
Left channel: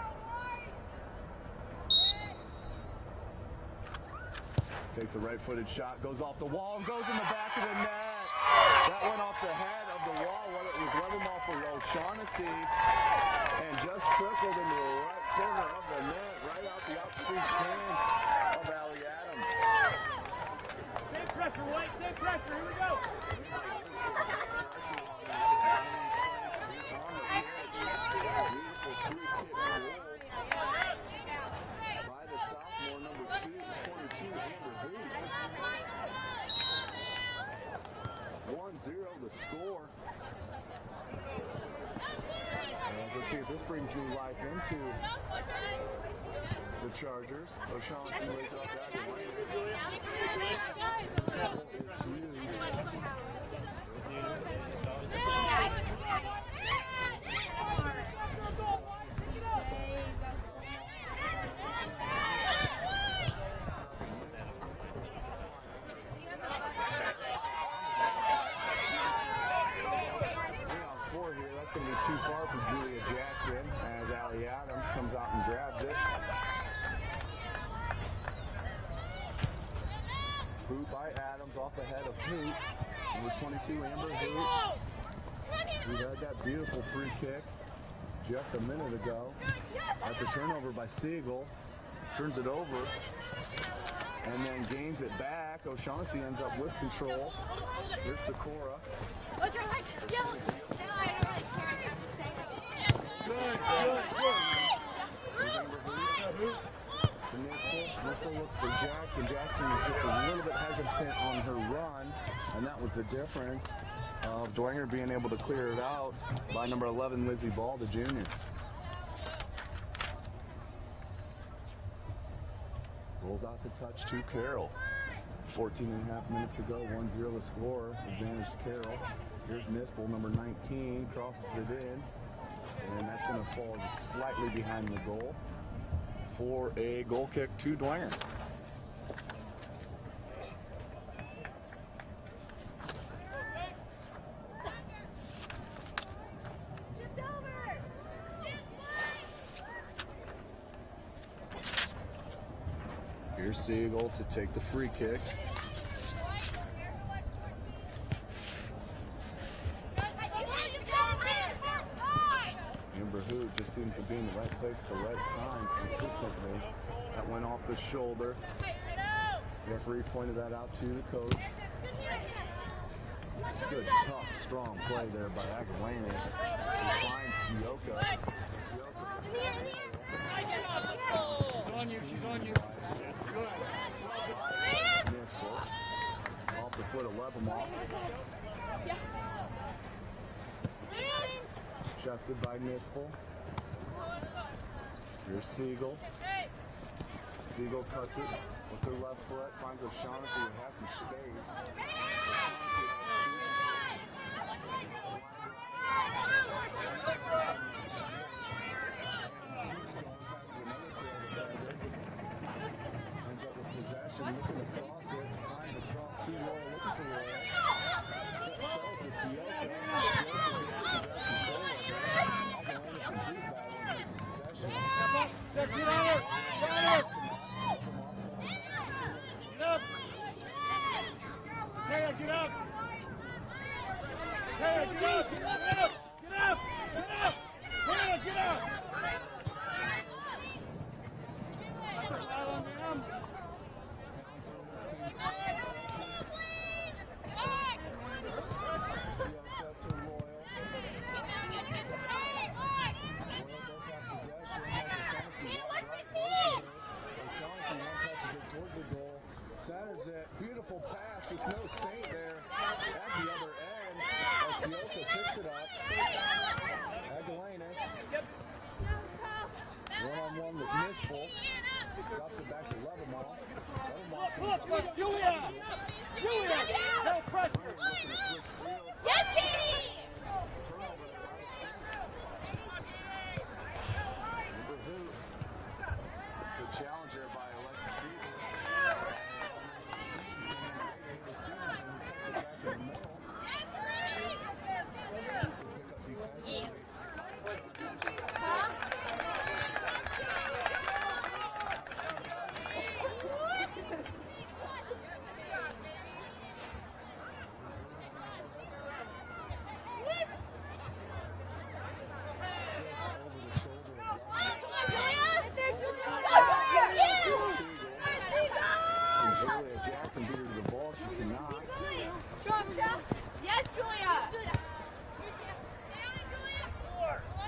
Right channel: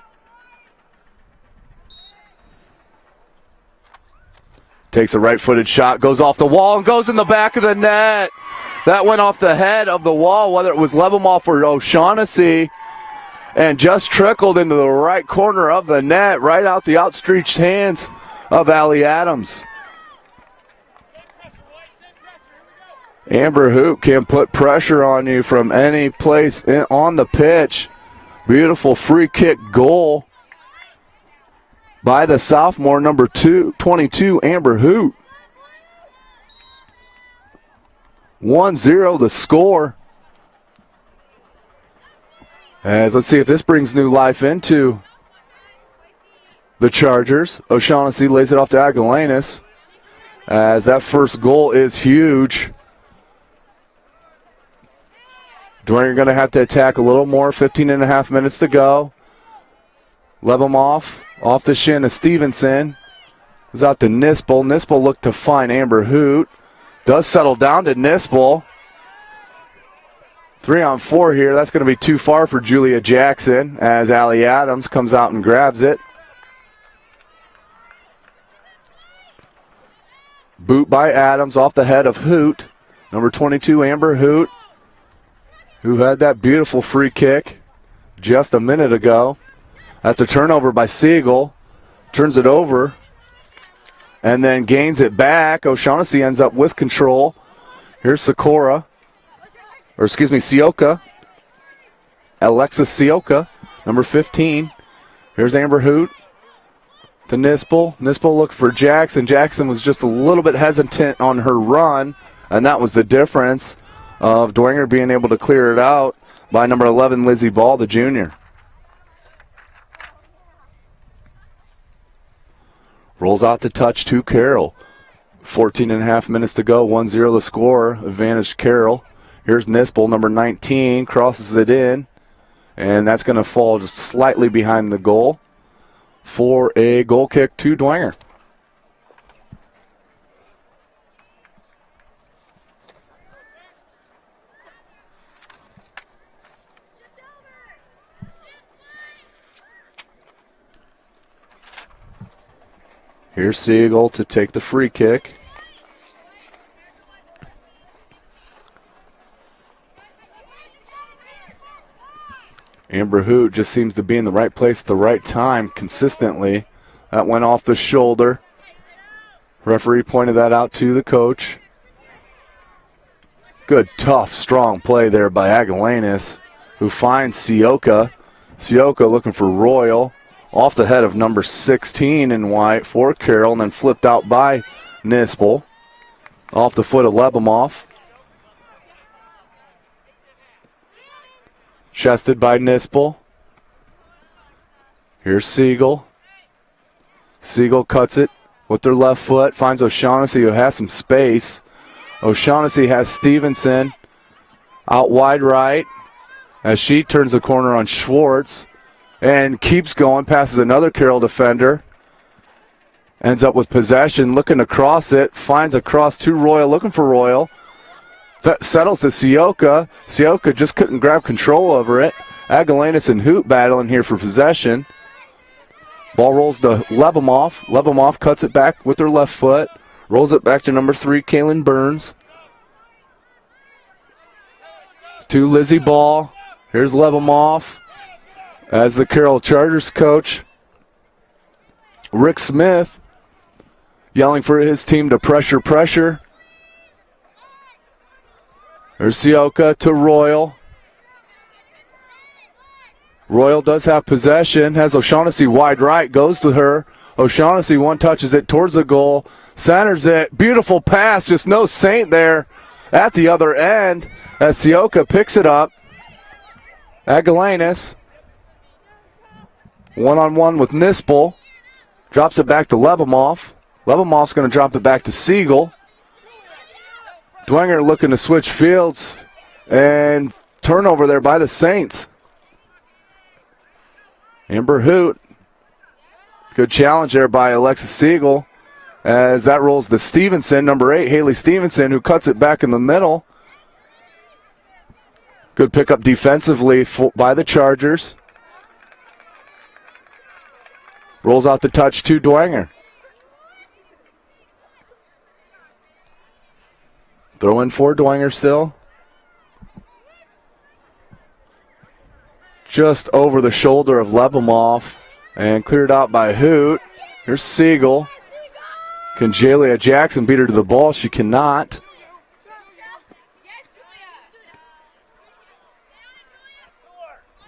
Takes a right-footed shot, goes off the wall, and goes in the back of the net. That went off the head of the wall, whether it was Lebemoff or O'Shaughnessy, and just trickled into the right corner of the net, right out the outstretched hands of Allie Adams. Amber Hoot can put pressure on you from any place on the pitch. Beautiful free kick goal by the sophomore, number 22, Amber Hoot. 1-0 the score. As let's see if this brings new life into the Chargers. O'Shaughnessy lays it off to Aguilanis, as that first goal is huge. Dwenger going to have to attack a little more. 15.5 minutes to go. Lebemoff off the shin of Stevenson. Goes out to Nispel. Nispel looked to find Amber Hoot. Does settle down to Nispel. 3-on-4 here. That's going to be too far for Julia Jackson, as Allie Adams comes out and grabs it. Boot by Adams off the head of Hoot. Number 22, Amber Hoot, who had that beautiful free kick just a minute ago. That's a turnover by Siegel. Turns it over and then gains it back. O'Shaughnessy ends up with control. Here's Sioka. Alexis Sioka, number 15. Here's Amber Hoot to Nispel. Nispel looked for Jackson. Jackson was just a little bit hesitant on her run, and that was the difference of Dwenger being able to clear it out by number 11, Lizzie Ball, the junior. Rolls out the touch to Carroll. 14 and a half minutes to go. 1-0 the score. Advantage Carroll. Here's Nispel, number 19, crosses it in. And that's going to fall just slightly behind the goal for a goal kick to Dwenger. Here's Siegel to take the free kick. Amber Hoot just seems to be in the right place at the right time consistently. That went off the shoulder. Referee pointed that out to the coach. Good, tough, strong play there by Agalanis, who finds Sioka. Sioka looking for Royal. Off the head of number 16 in white for Carroll, and then flipped out by Nispel. Off the foot of Lebemoff. Chested by Nispel. Here's Siegel. Siegel cuts it with their left foot. Finds O'Shaughnessy, who has some space. O'Shaughnessy has Stevenson out wide right as she turns the corner on Schwartz and keeps going. Passes another Carroll defender. Ends up with possession. Looking to cross it. Finds a cross to Royal. Looking for Royal. That settles to Sioka. Sioka just couldn't grab control over it. Agalanis and Hoot battling here for possession. Ball rolls to Lebemoff. Lebemoff cuts it back with her left foot. Rolls it back to number 3, Kaylin Burns. To Lizzie Ball. Here's Lebemoff. As the Carroll Chargers coach, Rick Smith, yelling for his team to pressure. There's Sioka to Royal. Royal does have possession, has O'Shaughnessy wide right, goes to her. O'Shaughnessy one-touches it towards the goal, centers it. Beautiful pass, just no saint there at the other end as Sioka picks it up. Agalanis, one-on-one with Nispel, drops it back to Lebemoff. Lebemoff's going to drop it back to Siegel. Dwenger looking to switch fields, and turnover there by the Saints. Amber Hoot. Good challenge there by Alexis Siegel as that rolls to Stevenson, number 8, Haley Stevenson, who cuts it back in the middle. Good pickup defensively by the Chargers. Rolls out the touch to Dwenger. Throw in for Dwenger still. Just over the shoulder of Lebemoff and cleared out by Hoot. Here's Siegel. Can Jalia Jackson beat her to the ball? She cannot.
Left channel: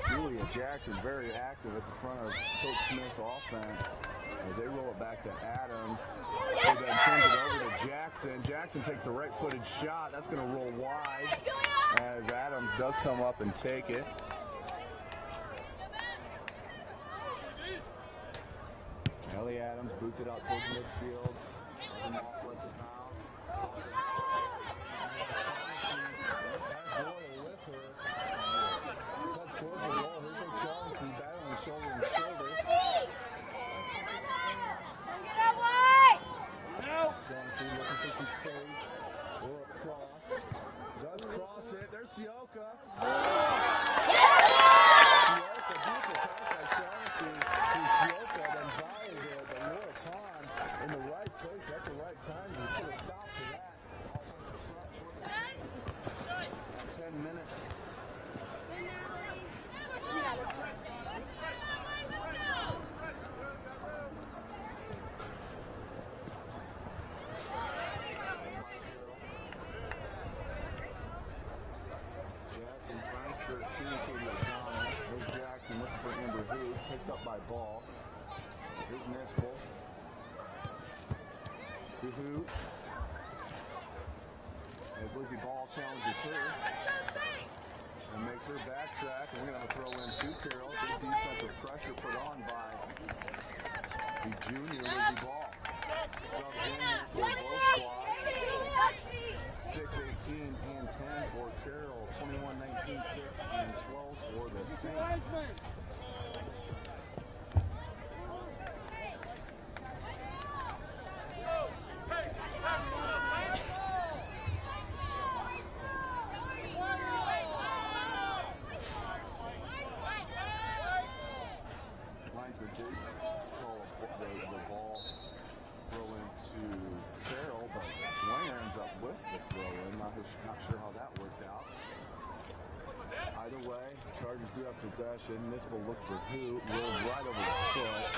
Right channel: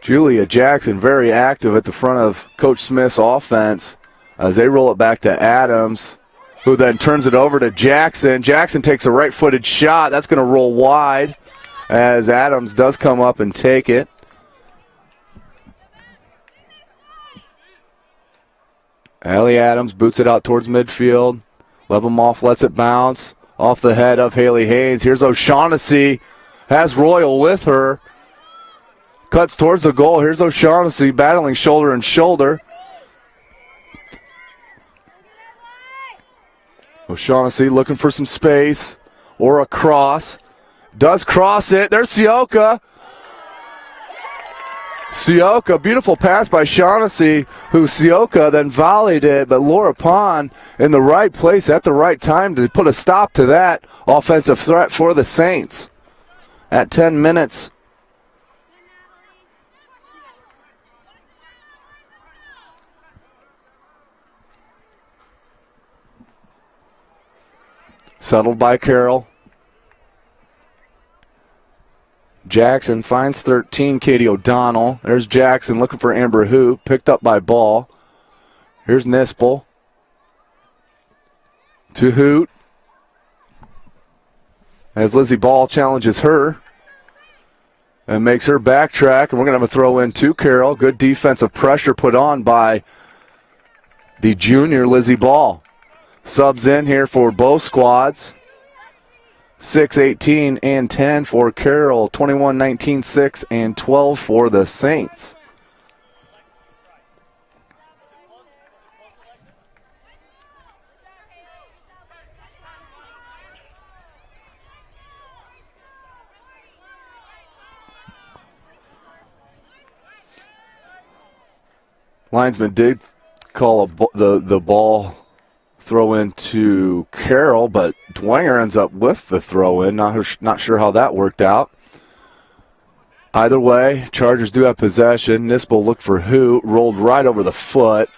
Julia Jackson very active at the front of Coach Smith's offense as they roll it back to Adams, who then turns it over to Jackson. Jackson takes a right-footed shot. That's going to roll wide as Adams does come up and take it. Allie Adams boots it out towards midfield. Lebemoff lets it bounce off the head of Haley Haynes. Here's O'Shaughnessy. Has Royal with her. Cuts towards the goal. Here's O'Shaughnessy battling shoulder and shoulder. O'Shaughnessy looking for some space or a cross. Does cross it. There's Sioka. Sioka, beautiful pass by Shaughnessy, who Sioka then volleyed it, but Laura Pond in the right place at the right time to put a stop to that offensive threat for the Saints at 10 minutes. Settled by Carroll. Jackson finds 13, Katie O'Donnell. There's Jackson looking for Amber Hoot, picked up by Ball. Here's Nispel. To Hoot. As Lizzie Ball challenges her and makes her backtrack, and we're going to have a throw in to Carroll. Good defensive pressure put on by the junior Lizzie Ball. Subs in here for both squads. 6, 18, and 10 for Carroll. 21, 19, 6, and 12 for the Saints. Linesman did call the ball throw in to Carroll, but Dwenger ends up with the throw in. Not sure how that worked out. Either way, Chargers do have possession. Nispel looked for Hoot, rolled right over the foot.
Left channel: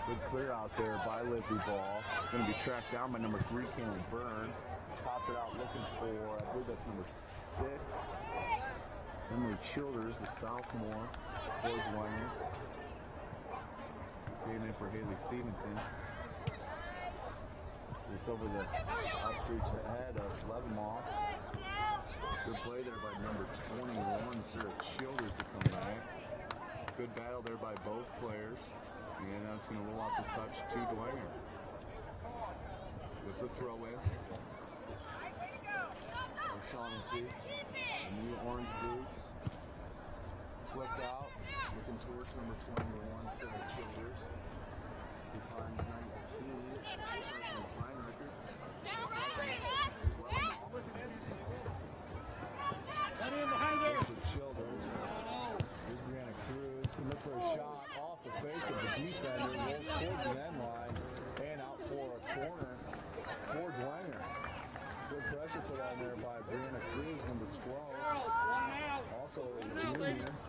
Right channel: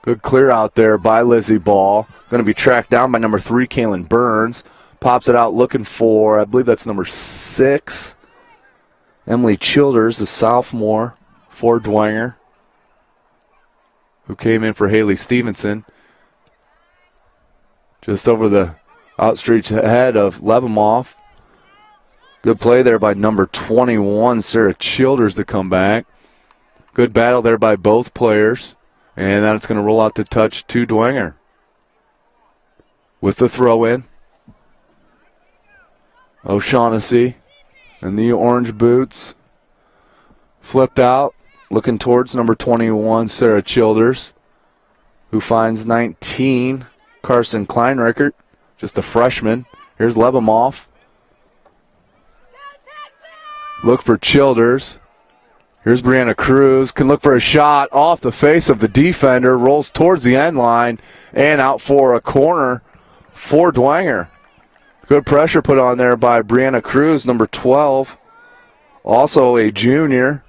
Good clear out there by Lizzie Ball. Going to be tracked down by number 3, Kaylin Burns. Pops it out looking for, I believe that's number 6, Emily Childers, the sophomore for Dwenger, who came in for Haley Stevenson. Just over the outstretched head of Lebemoff. Good play there by number 21, Sarah Childers, to come back. Good battle there by both players. And then it's going to roll out to touch to Dwenger. With the throw in. O'Shaughnessy in the orange boots. Flipped out. Looking towards number 21, Sarah Childers, who finds 19, Carson Kleinreckert, just a freshman. Here's Lebemoff. Look for Childers. Here's Brianna Cruz. Can look for a shot off the face of the defender. Rolls towards the end line and out for a corner for Dwenger. Good pressure put on there by Brianna Cruz, number 12. Also a junior.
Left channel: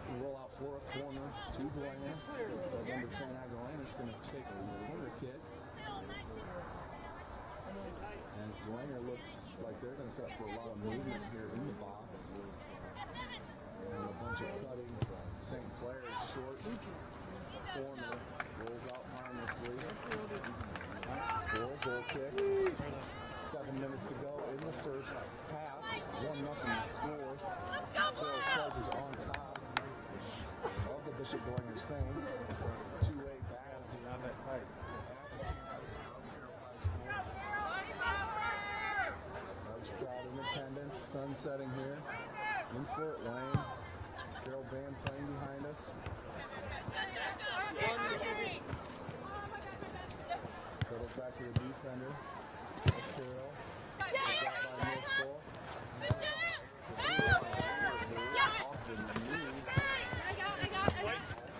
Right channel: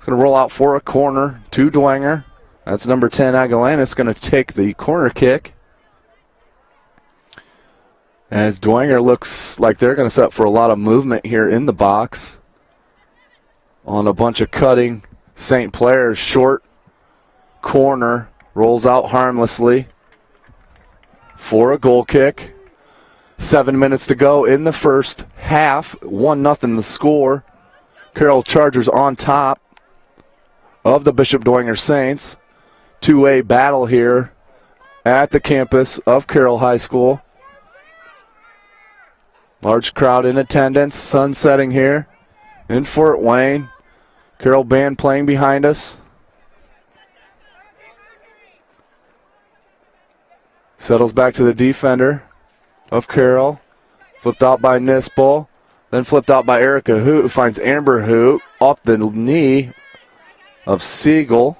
Going to roll out for a corner to Dwenger. That's number 10, Aguilanis, going to take the corner kick. As Dwenger looks like they're going to set up for a lot of movement here in the box. On a bunch of cutting St. players. Short corner. Rolls out harmlessly for a goal kick. 7 minutes to go in the first half. 1-0 the score. Carroll Chargers on top of the Bishop Dwenger Saints. 2-way battle here at the campus of Carroll High School. Large crowd in attendance. Sun setting here in Fort Wayne. Carroll band playing behind us. Settles back to the defender of Carroll. Flipped out by Nispel. Then flipped out by Erica Hoot, who finds Amber Hoot off the knee of Siegel.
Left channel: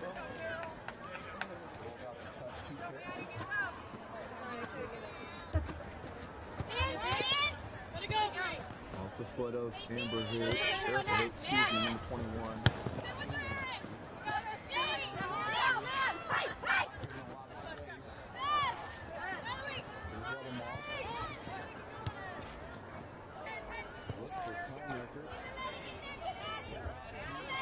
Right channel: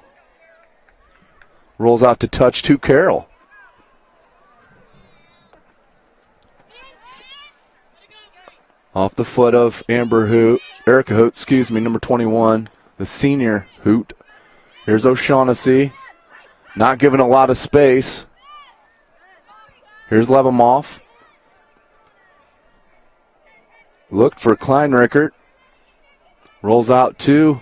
Rolls out to touch to Carroll. Off the foot of Amber Hoot, Erica Hoot, number 21, the senior Hoot. Here's O'Shaughnessy, not given a lot of space. Here's Lebemoff. Looked for Kleinreckert. Rolls out to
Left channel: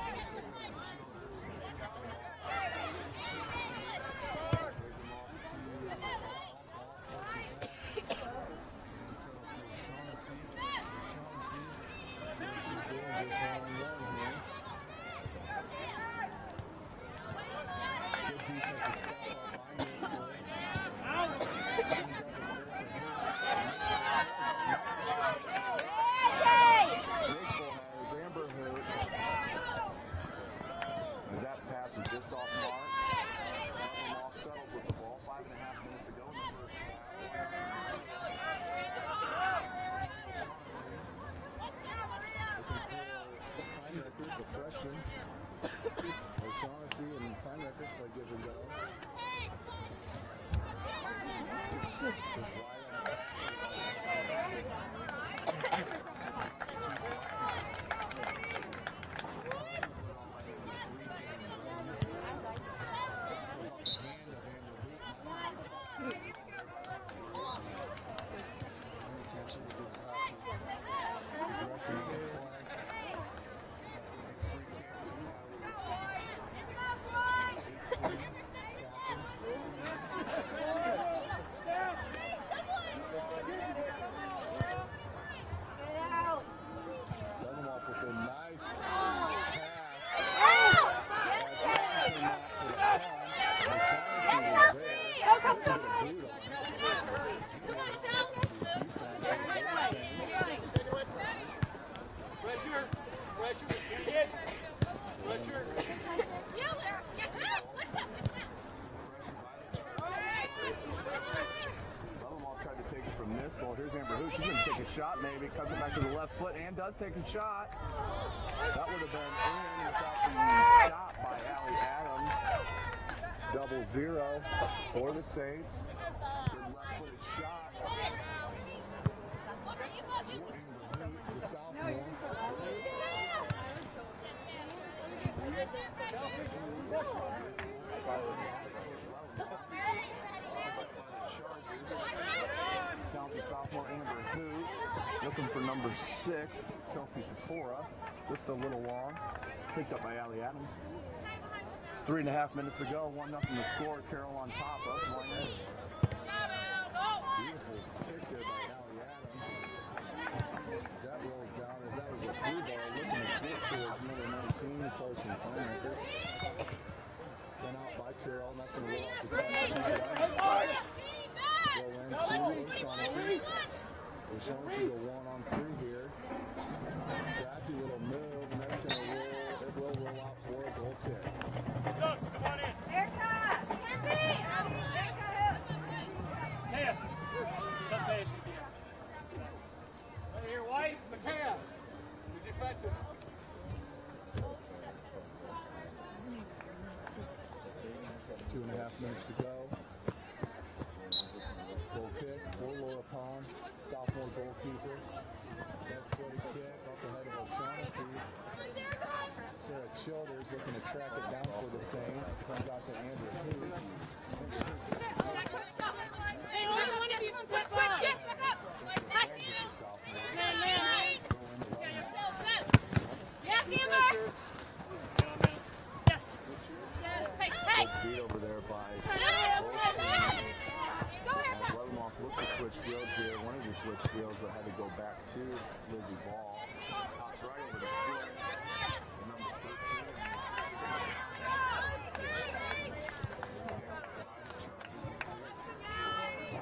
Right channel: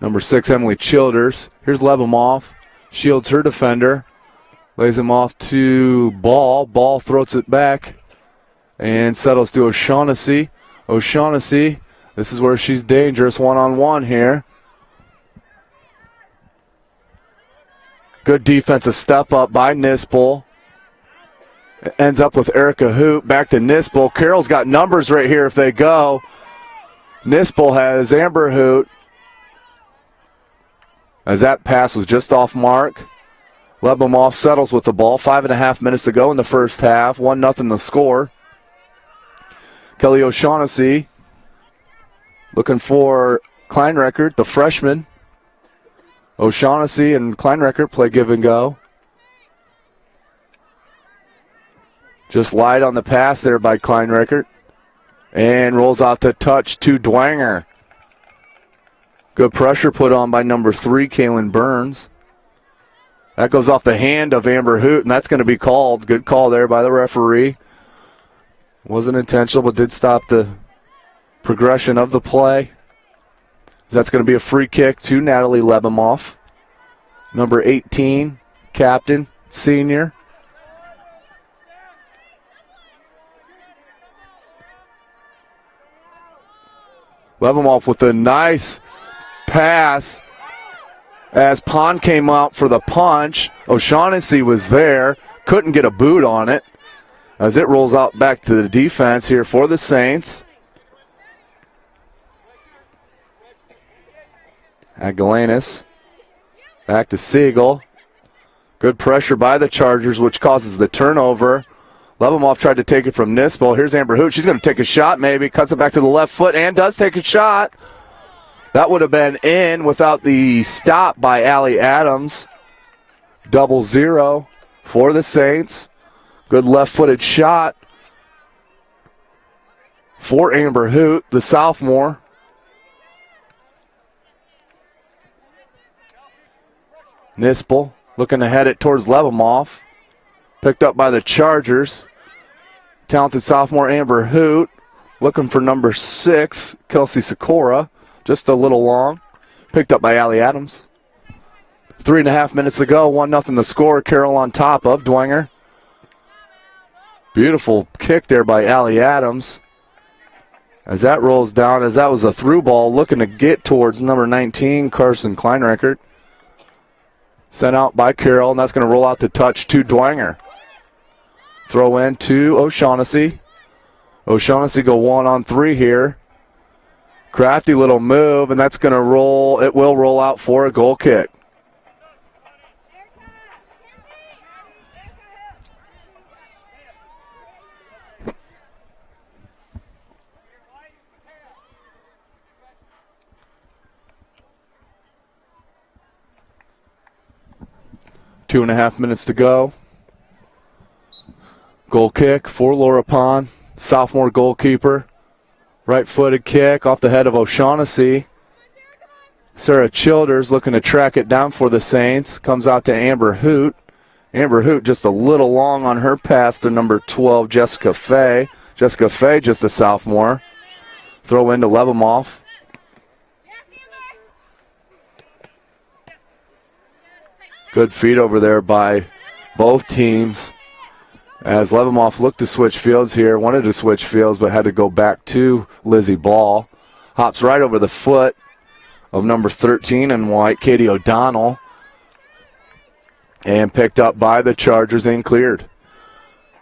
number 6, Emily Childers. Here's Lebemoff. Shields her defender. Lays him off to Ball. Ball throws it back and settles to O'Shaughnessy. O'Shaughnessy, this is where she's dangerous one-on-one here. Good defensive step up by Nispel. Ends up with Erica Hoot. Back to Nispel. Carroll's got numbers right here if they go. Nispel has Amber Hoot. As that pass was just off mark. Lebemoff settles with the ball. 5.5 minutes to go in the first half. 1-0 the score. Kelly O'Shaughnessy looking for Kleinreckert, the freshman. O'Shaughnessy and Kleinreckert play give and go. Just light on the pass there by Kleinreckert. And rolls out to touch to Dwenger. Good pressure put on by number 3, Kaylin Burns. That goes off the hand of Amber Hoot, and that's going to be called. Good call there by the referee. Wasn't intentional, but did stop the progression of the play. That's going to be a free kick to Natalie Lebemoff. Number 18, captain, senior. Lebemoff with a nice pass as Pond came out for the punch. O'Shaughnessy was there, couldn't get a boot on it as it rolls out back to the defense here for the Saints. Agalanis back to Siegel. Good pressure by the Chargers, which causes the turnover. Lebemoff tried to take it from Nispel. Here's Amber Hoot. She's going to take a shot maybe. Cuts it back to the left foot and does take a shot. That would have been in without the stop by Allie Adams. 0-0 for the Saints. Good left-footed shot for Amber Hoot, the sophomore. Nispel looking to head it towards Lebemoff. Picked up by the Chargers. Talented sophomore Amber Hoot looking for number 6, Kelsey Sikora. Just a little long. Picked up by Allie Adams. 3.5 minutes to go. 1-0 the score. Carroll on top of Dwenger. Beautiful kick there by Allie Adams. As that rolls down, as that was a through ball looking to get towards number 19, Carson Kleinreckert. Sent out by Carroll, and that's going to roll out the touch to Dwenger. Throw in to O'Shaughnessy. O'Shaughnessy go 1-on-3 here. Crafty little move, and that's going to roll. It will roll out for a goal kick. Two and a half minutes to go. Goal kick for Laura Pond, sophomore goalkeeper. Right-footed kick off the head of O'Shaughnessy. Sarah Childers looking to track it down for the Saints. Comes out to Amber Hoot. Amber Hoot just a little long on her pass to number 12, Jessica Fay. Jessica Fay just a sophomore. Throw into Lebemoff. Good feed over there by both teams. As Lebemoff looked to switch fields here, wanted to switch fields, but had to go back to Lizzie Ball. Hops right over the foot of number 13 in white, Katie O'Donnell. And picked up by the Chargers and cleared.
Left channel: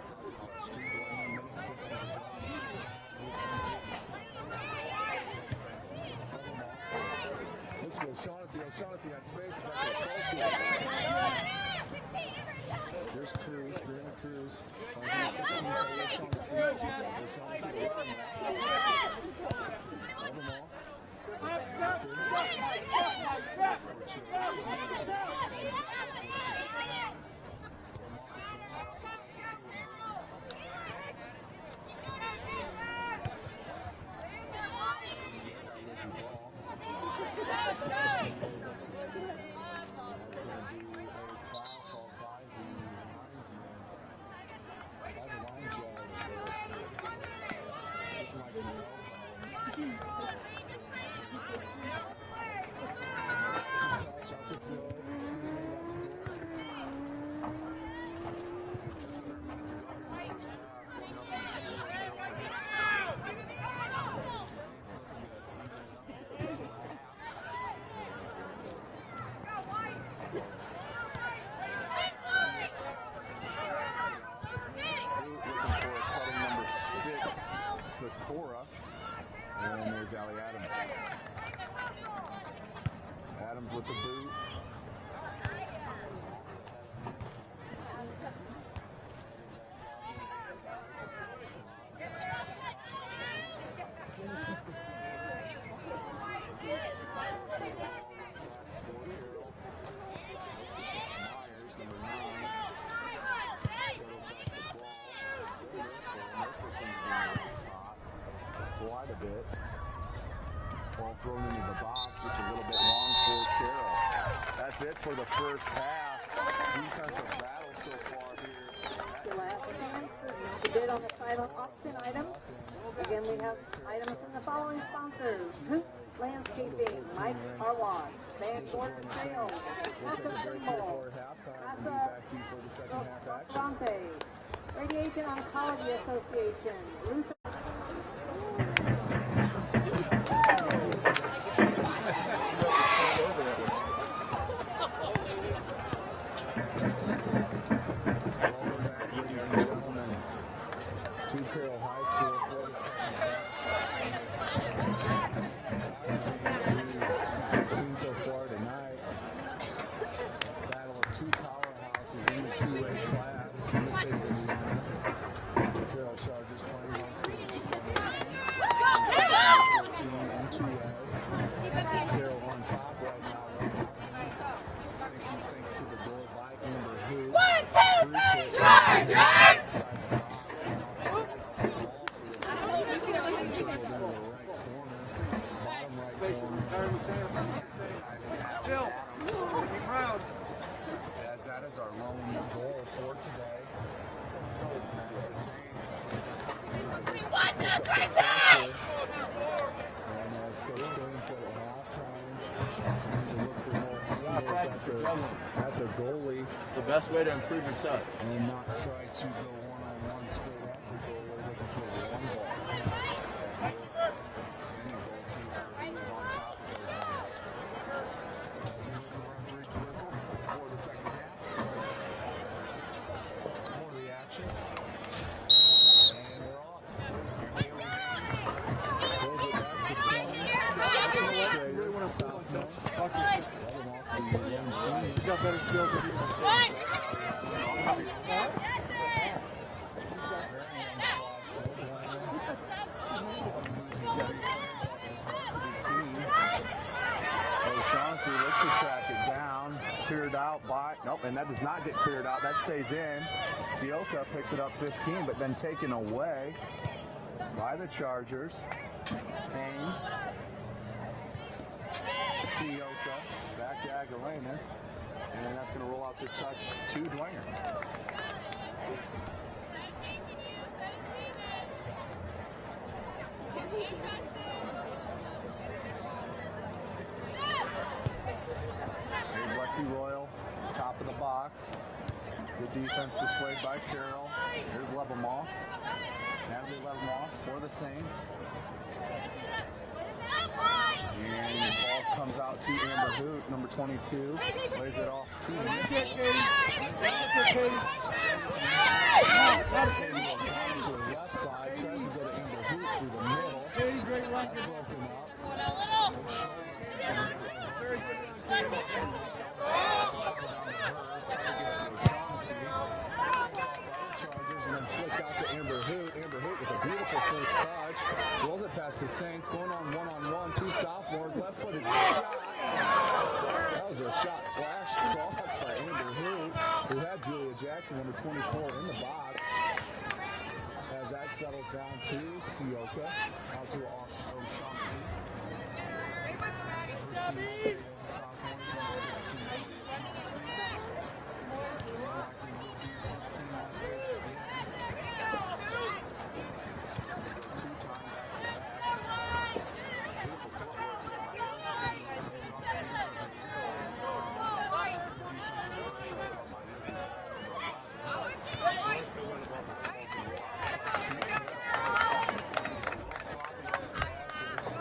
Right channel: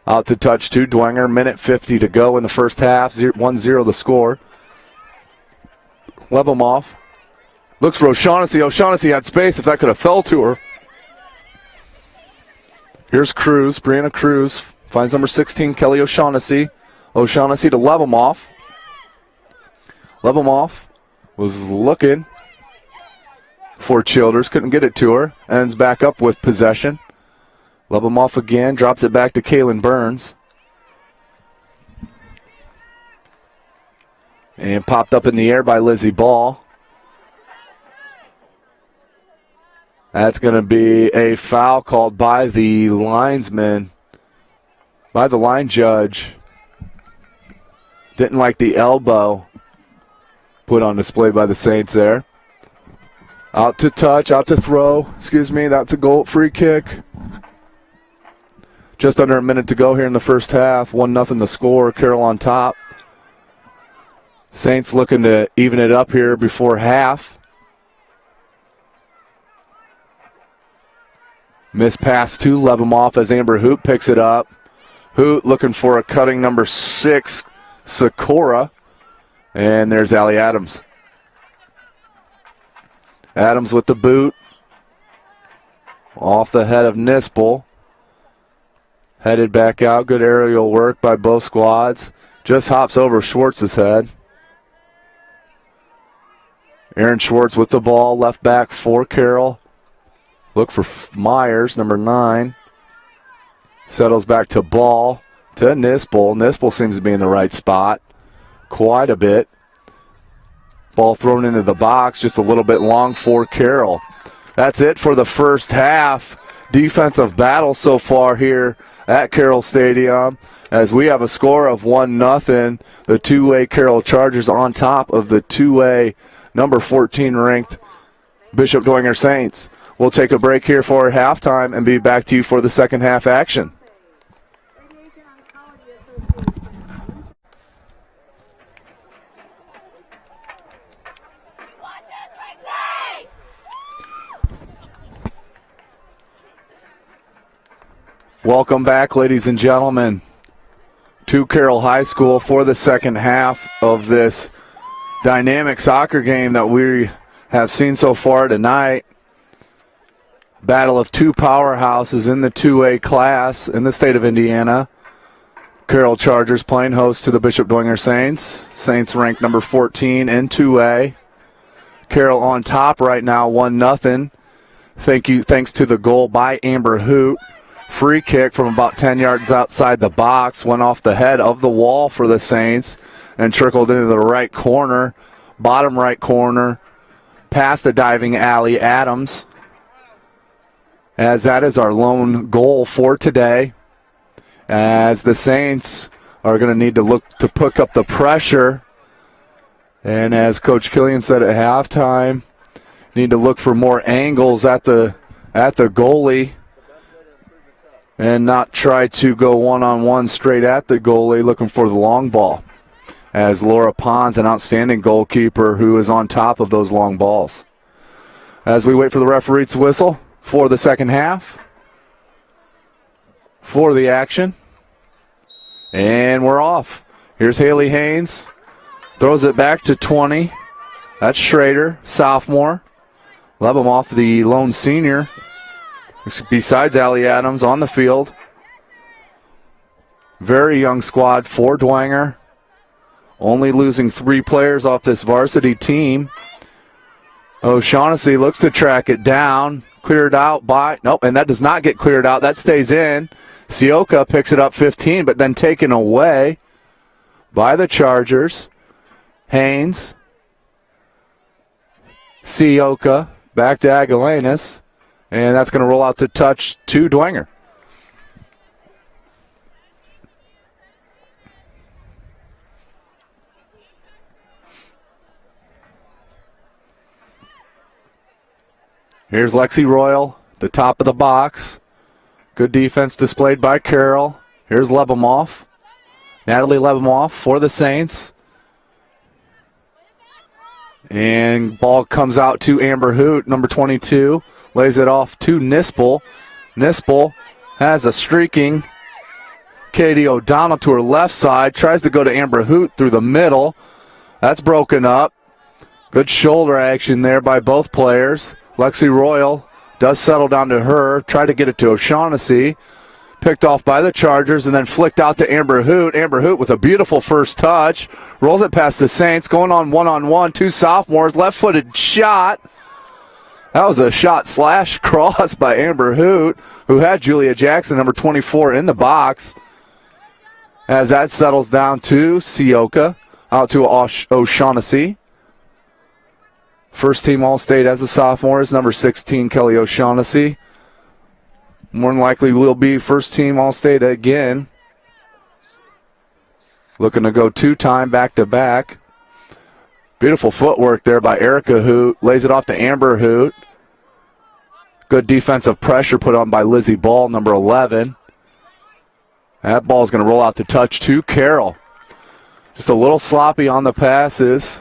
Out to touch to Dwenger, minute 50 to go in the first half, 1-0 the score. Lebemoff looks for O'Shaughnessy. O'Shaughnessy had space if that could have fell to her. Here's Cruz, Brianna Cruz, finds number 16, Kelly O'Shaughnessy. O'Shaughnessy to Lebemoff. Lebemoff was looking for Childers, couldn't get it to her. Ends back up with possession. Lebemoff again, drops it back to Kaylin Burns. And popped up in the air by Lizzie Ball. That's going to be a foul called by the linesman, by the line judge. Didn't like the elbow put on display by the Saints there. Out to touch, out to throw. That's a goal, free kick. Just under a minute to go here in the first half. 1-0 the score, Carroll on top. Saints looking to even it up here before half. Missed pass to Lebemoff as Amber Hoot picks it up. Hoot looking for a cutting number 6, Sikora. And there's Allie Adams. Adams with the boot. Off the head of Nispel. Headed back out. Good aerial work by both squads. Just hops over Schwartz's head. Aaron Schwartz with the ball. Left back for Carroll. Look for Myers, number 9. Settles back to Ball, to Nispel. Nispel seems to be in the right spot quite a bit. Ball thrown into the box, just a little bit long for Carroll. That's it for the first half. Defensive battle so far here at Carroll Stadium as we have a score of 1-0. The two-way Carroll Chargers on top of the two-way number 14 ranked Bishop Dwenger Saints. We'll take a break here for halftime and be back to you for the second half action. Welcome back, ladies and gentlemen, to Carroll High School for the second half of this dynamic soccer game that we have seen so far tonight. Battle of two powerhouses in the 2A class in the state of Indiana. Carroll Chargers playing host to the Bishop Dwenger Saints. Saints ranked number 14 in 2A. Carroll on top right now, 1-0. Thanks to the goal by Amber Hoot. Free kick from about 10 yards outside the box. Went off the head of the wall for the Saints and trickled into the right corner, bottom right corner, past the diving alley Adams. As that is our lone goal for today. As the Saints are going to need to look to pick up the pressure. And as Coach Killian said at halftime, need to look for more angles at the goalie. The best way to improve your touch. And not try to go one-on-one straight at the goalie, looking for the long ball. As Laura Pond's an outstanding goalkeeper who is on top of those long balls. As we wait for the referee to whistle for the second half. For the action. And we're off. Here's Haley Haynes. Throws it back to 20. That's Schrader, sophomore. Lebemoff, the lone senior. Besides Allie Adams on the field. Very young squad for Dwenger. Only losing 3 players off this varsity team. O'Shaughnessy looks to track it down. Cleared out by, nope, and that does not get cleared out. That stays in. Sioka picks it up 15, but then taken away by the Chargers. Haynes. Sioka back to Aguilanis. And that's going to roll out to touch to Dwenger. Here's Lexi Royal, the top of the box. Good defense displayed by Carroll. Here's Lebemoff. Natalie Lebemoff for the Saints. And ball comes out to Amber Hoot, number 22. Lays it off to Nispel. Nispel has a streaking Katie O'Donnell to her left side. Tries to go to Amber Hoot through the middle. That's broken up. Good shoulder action there by both players. Lexi Royal does settle down to her. Tried to get it to O'Shaughnessy. Picked off by the Chargers and then flicked out to Amber Hoot. Amber Hoot with a beautiful first touch. Rolls it past the Saints. Going on one-on-one. 2 sophomores. Left-footed shot. That was a shot slash cross by Amber Hoot, who had Julia Jackson, number 24, in the box. As that settles down to Sioka. Out to O'Shaughnessy. First team All-State as a sophomore is number 16, Kelly O'Shaughnessy. More than likely will be first team All-State again. Looking to go 2-time back-to-back. Beautiful footwork there by Erica Hoot. Lays it off to Amber Hoot. Good defensive pressure put on by Lizzie Ball, number 11. That ball is going to roll out to touch to Carroll. Just a little sloppy on the passes.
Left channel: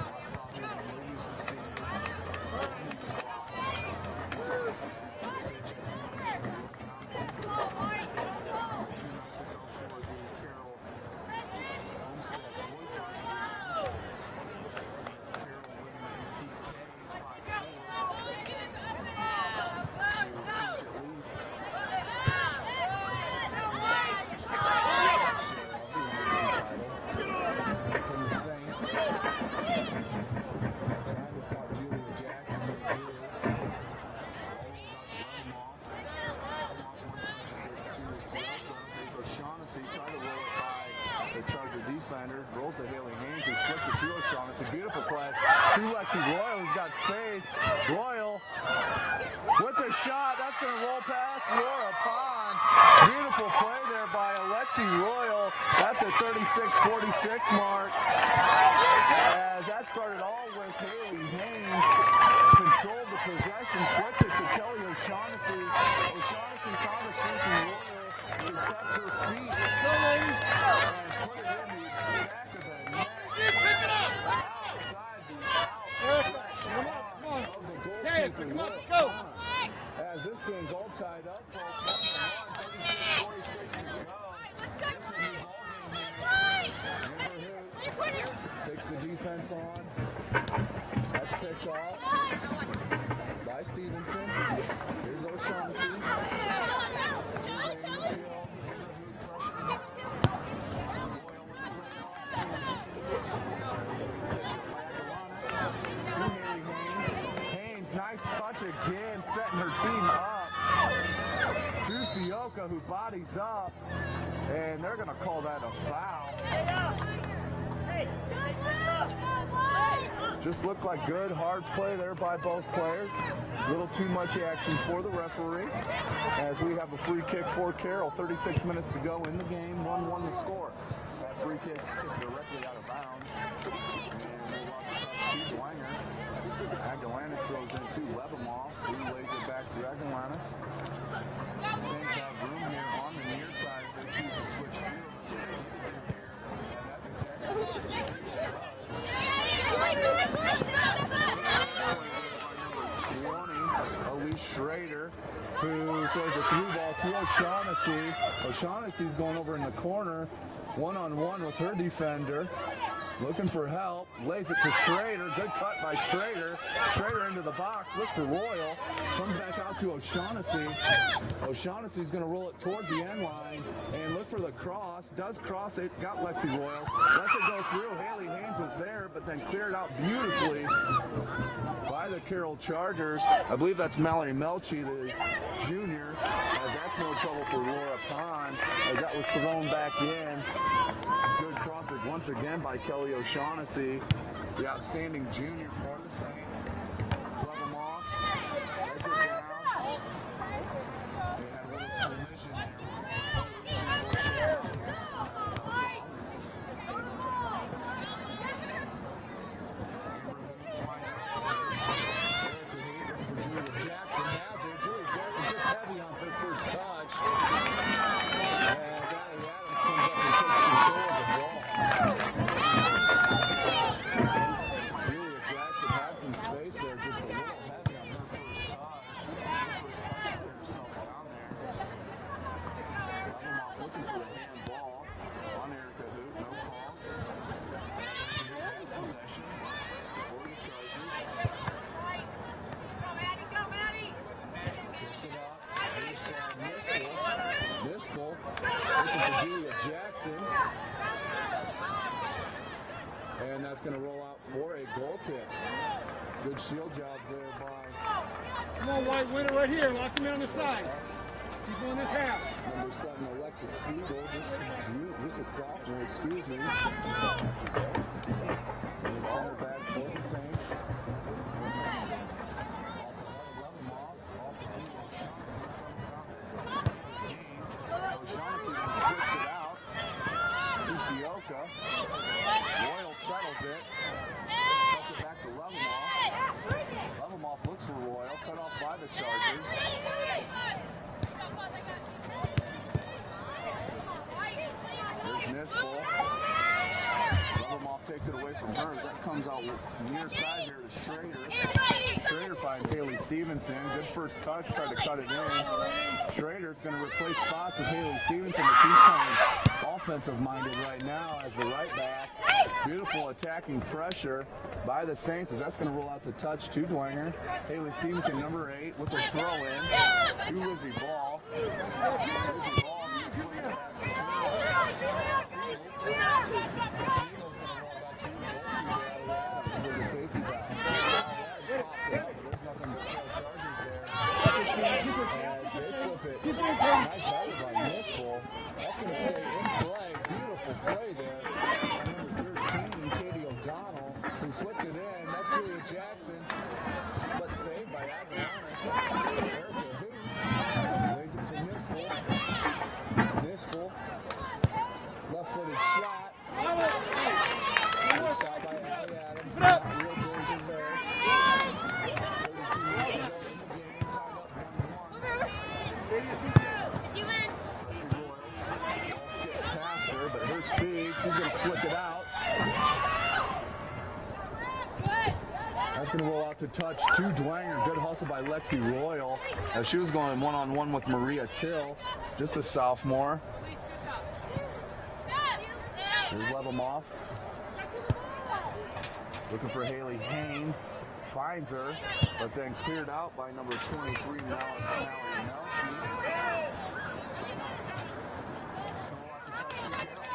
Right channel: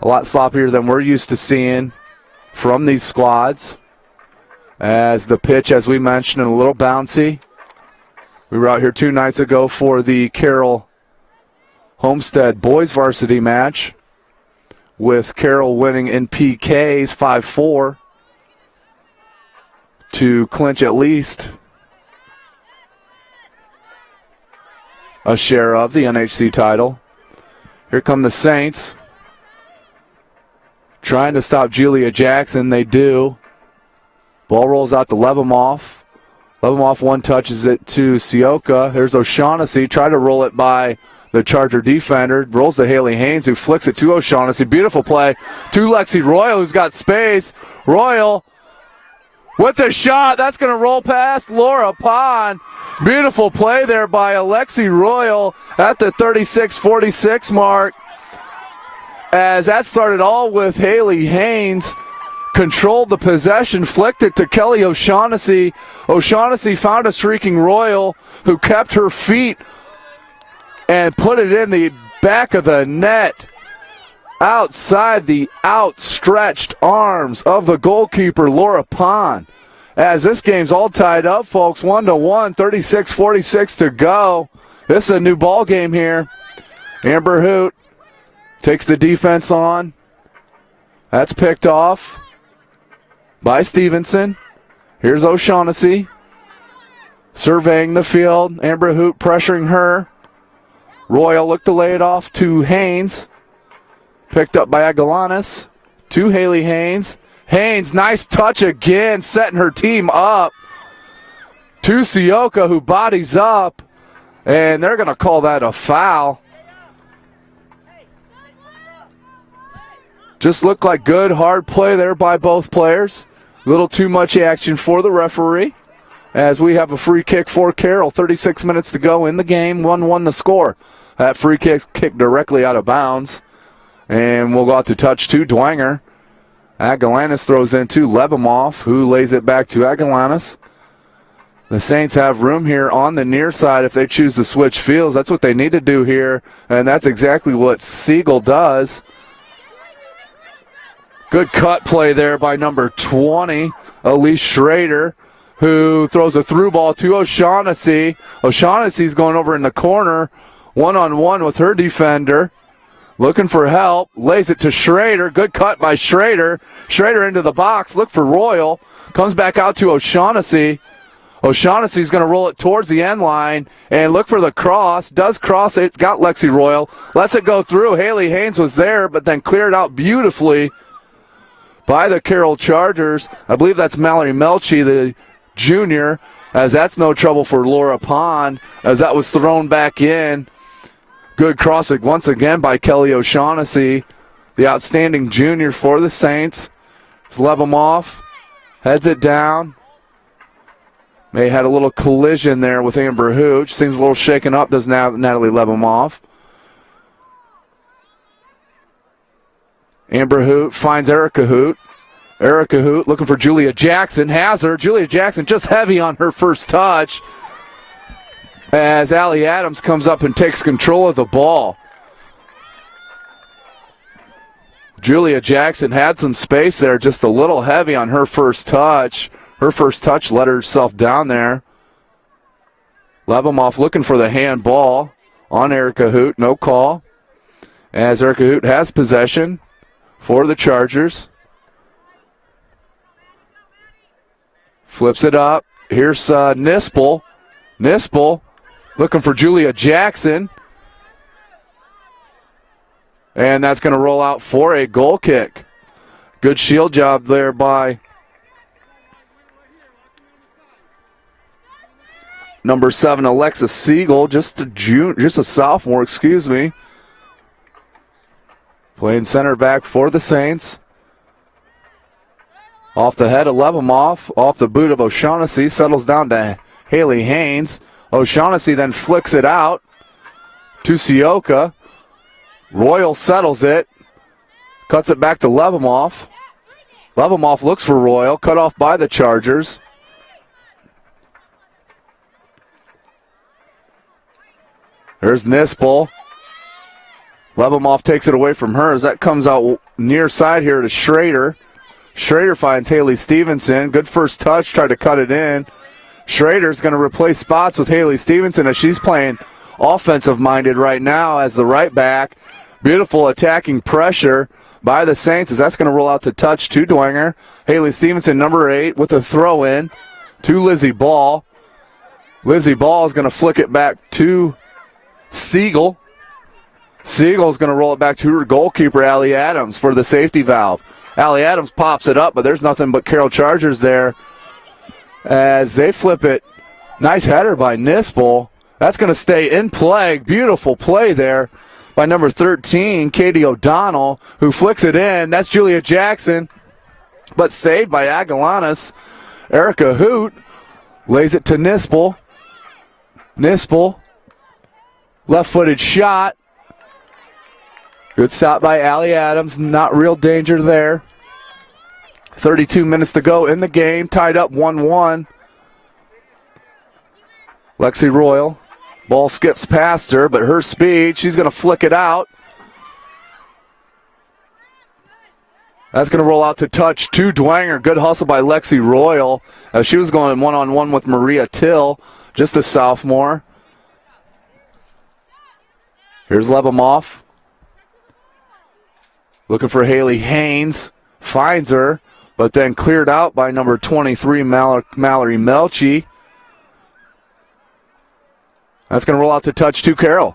A lot sloppier than we're used to seeing from these squads. As the pitch, as we mentioned, a little bouncy. We were out here 2 nights ago for the Carroll Homestead boys varsity match, with Carroll winning in PKs 5-4 to clinch at least a share of the NHC title. Here come the Saints. Trying to stop Julia Jackson, they do. Ball rolls out to Lebemoff. Lebemoff one-touches it to Sioka. Here's O'Shaughnessy. Try to roll it by the Charger defender. Rolls to Haley Haynes, who flicks it to O'Shaughnessy. Beautiful play to Lexi Royal, who's got space. Royal with the shot. That's going to roll past Laura Pond. Beautiful play there by Alexi Royal at the 36-46 mark. As that started all with Haley Haynes. Controlled the possession, flicked it to Kelly O'Shaughnessy. O'Shaughnessy found a streaking Royal, who kept her feet and put it in the back of the net, outside the outstretched arms of the goalkeeper, Laura Pond. as this game's all tied up, folks. 1-1, 36-46 to go. This is a new ball game here. Amber Hoot takes the defense on. That's picked off by Stevenson. Here's O'Shaughnessy surveying the field. Amber Hoot pressuring her. Royal looked to lay it off to Haynes. Picked up by Agalanis to Haley Haynes. Haynes, nice touch again, setting her team up. To Sioka, who bodies up, and they're going to call that a foul. Just looked like good, hard play there by both players. A little too much action for the referee, as we have a free kick for Carroll. 36 minutes to go in the game, 1-1 the score. That free kick kicked directly out of bounds. And we'll go out to touch to Dwenger. Agalanis throws in to Lebimov, who lays it back to Agalanis. The Saints have room here on the near side if they choose to switch fields. That's what they need to do here, and that's exactly what Siegel does. Good cut play there by number 20, Elise Schrader, who throws a through ball to O'Shaughnessy. O'Shaughnessy's going over in the corner, one-on-one with her defender. Looking for help, lays it to Schrader. Good cut by Schrader. Schrader into the box, look for Royal. Comes back out to O'Shaughnessy. O'Shaughnessy's going to roll it towards the end line and look for the cross. Does cross, it's got Lexi Royal. Lets it go through. Haley Haynes was there, but then cleared out beautifully by the Carroll Chargers. I believe that's Mallory Melchi, the junior, as that's no trouble for Laura Pond, as that was thrown back in. Good crossing once again by Kelly O'Shaughnessy, the outstanding junior for the Saints. Lebimov heads it down. May had a little collision there with Amber Hoot. Seems a little shaken up, does Natalie Lebimov. Amber Hoot finds Erica Hoot. Erica Hoot looking for Julia Jackson. Has her. Julia Jackson just heavy on her first touch, as Allie Adams comes up and takes control of the ball. Julia Jackson had some space there, just a little heavy on her first touch. Her first touch let herself down there. Lebimov looking for the handball on Erica Hoot. No call, as Erica Hoot has possession for the Chargers. Flips it up. Here's Nispel. Nispel looking for Julia Jackson. And that's going to roll out for a goal kick. Good shield job there by number 7, Alexis Siegel, just a sophomore, excuse me. Playing center back for the Saints. Off the head of Lebimov, off the boot of O'Shaughnessy, settles down to Haley Haynes. O'Shaughnessy then flicks it out to Sioka. Royal settles it, cuts it back to Lebimov. Lebimov looks for Royal, cut off by the Chargers. There's Nispel. Lebimov takes it away from her as that comes out near side here to Schrader. Schrader finds Haley Stevenson. Good first touch, tried to cut it in. Schrader's going to replace spots with Haley Stevenson as she's playing offensive-minded right now as the right back. Beautiful attacking pressure by the Saints as that's going to roll out to touch to Dwenger. Haley Stevenson, number 8, with a throw-in to Lizzie Ball. Lizzie Ball is going to flick it back to Siegel. Siegel's going to roll it back to her goalkeeper, Allie Adams, for the safety valve. Allie Adams pops it up, but there's nothing but Carroll Chargers there as they flip it. Nice header by Nispel. That's going to stay in play. Beautiful play there by number 13, Katie O'Donnell, who flicks it in. That's Julia Jackson, but saved by Agalanis. Erica Hoot lays it to Nispel. Nispel, left-footed shot. Good stop by Allie Adams. Not real danger there. 32 minutes to go in the game. Tied up 1-1. Lexi Royal. Ball skips past her, but her speed, she's going to flick it out. That's going to roll out to touch to Dwenger. Good hustle by Lexi Royal. She was going one-on-one with Maria Till, just a sophomore. Here's Lebemoff. Looking for Haley Haynes. Finds her, but then cleared out by number 23, Mallory Melchi. That's going to roll out to touch to Carroll.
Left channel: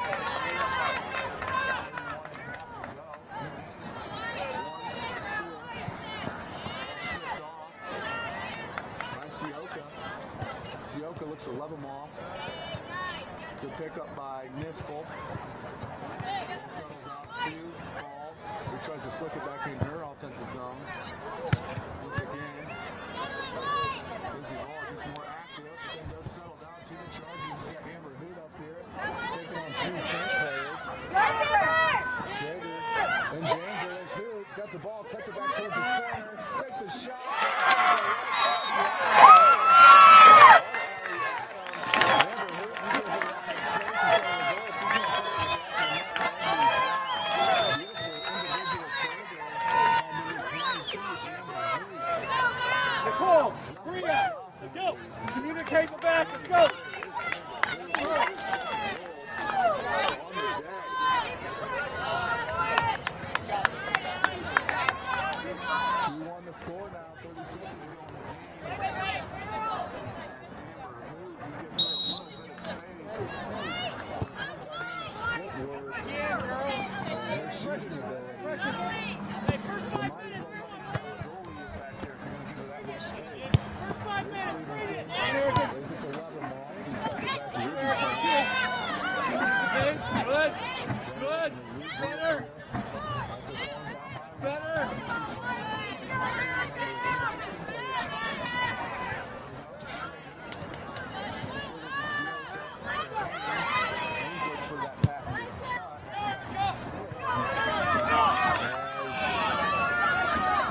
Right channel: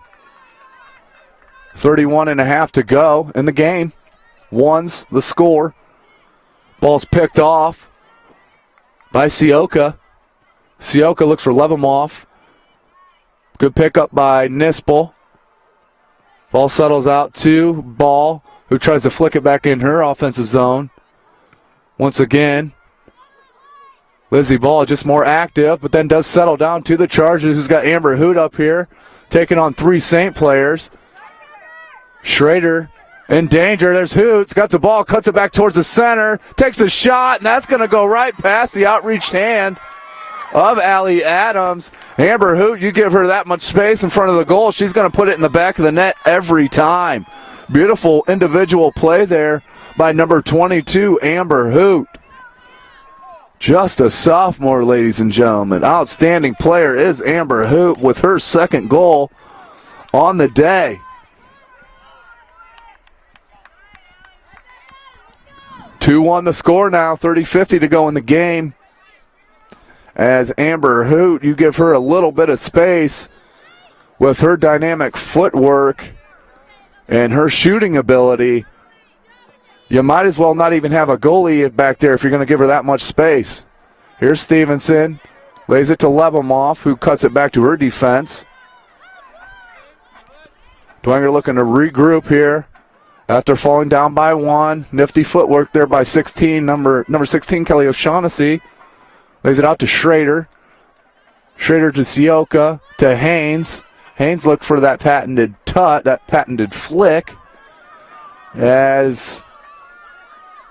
31.5 to go in the game. One's the score. Ball's picked off by Sioka. Sioka looks for Lebemoff. Good pickup by Nispel. Ball settles out to Ball, who tries to flick it back in her offensive zone. Once again, Lizzie Ball just more active, but then does settle down to the Chargers, who's got Amber Hoot up here, taking on 3 St. players. Schrader in danger. There's Hoots. Got the ball, cuts it back towards the center, takes a shot, and that's going to go right past the outreached hand of Allie Adams. Amber Hoot, you give her that much space in front of the goal, she's going to put it in the back of the net every time. Beautiful individual play there by number 22, Amber Hoot. Just a sophomore, ladies and gentlemen. Outstanding player is Amber Hoot with her second goal on the day. Two-1 the score now, 30-50 to go in the game. As Amber Hoot, you give her a little bit of space with her dynamic footwork and her shooting ability. You might as well not even have a goalie back there if you're going to give her that much space. Here's Stevenson. Lays it to Lebemoff, who cuts it back to her defense. Dwenger looking to regroup here after falling down by 1. Nifty footwork there by 16, number 16, Kelly O'Shaughnessy. Lays it out to Schrader. Schrader to Sioka, to Haynes. Haynes looked for that patented that patented flick. As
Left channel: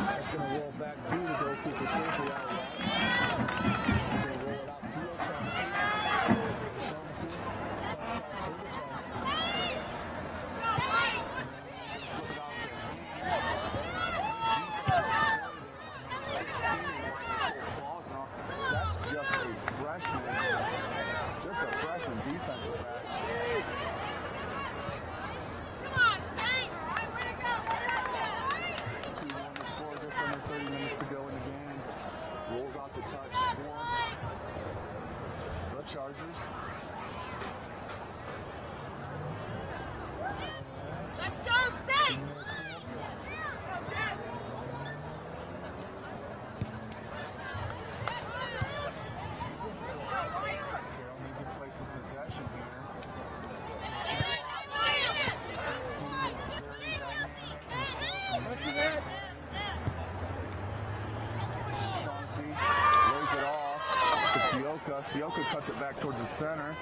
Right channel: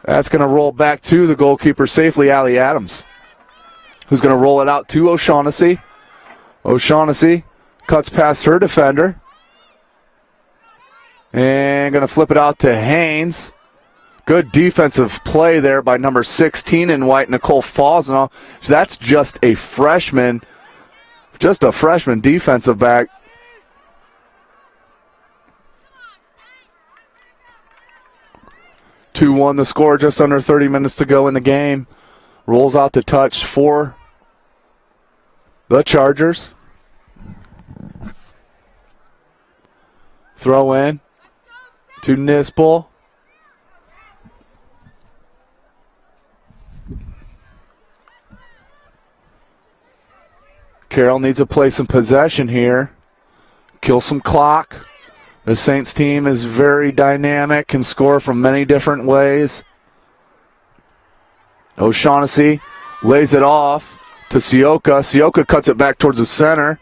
that's going to roll back to the goalkeeper safely, Allie Adams, who's going to roll it out to O'Shaughnessy. O'Shaughnessy cuts past her defender. And going to flip it out to Haynes. Good defensive play there by number 16 in white, Nicole Fosnall. So that's just a freshman defensive back. Two-1 the score, just under 30 minutes to go in the game. Rolls out to touch for the Chargers. Throw in to Nispel. Carroll needs to play some possession here. Kill some clock. The Saints team is very dynamic, can score from many different ways. O'Shaughnessy lays it off to Sioka. Sioka cuts it back towards the center.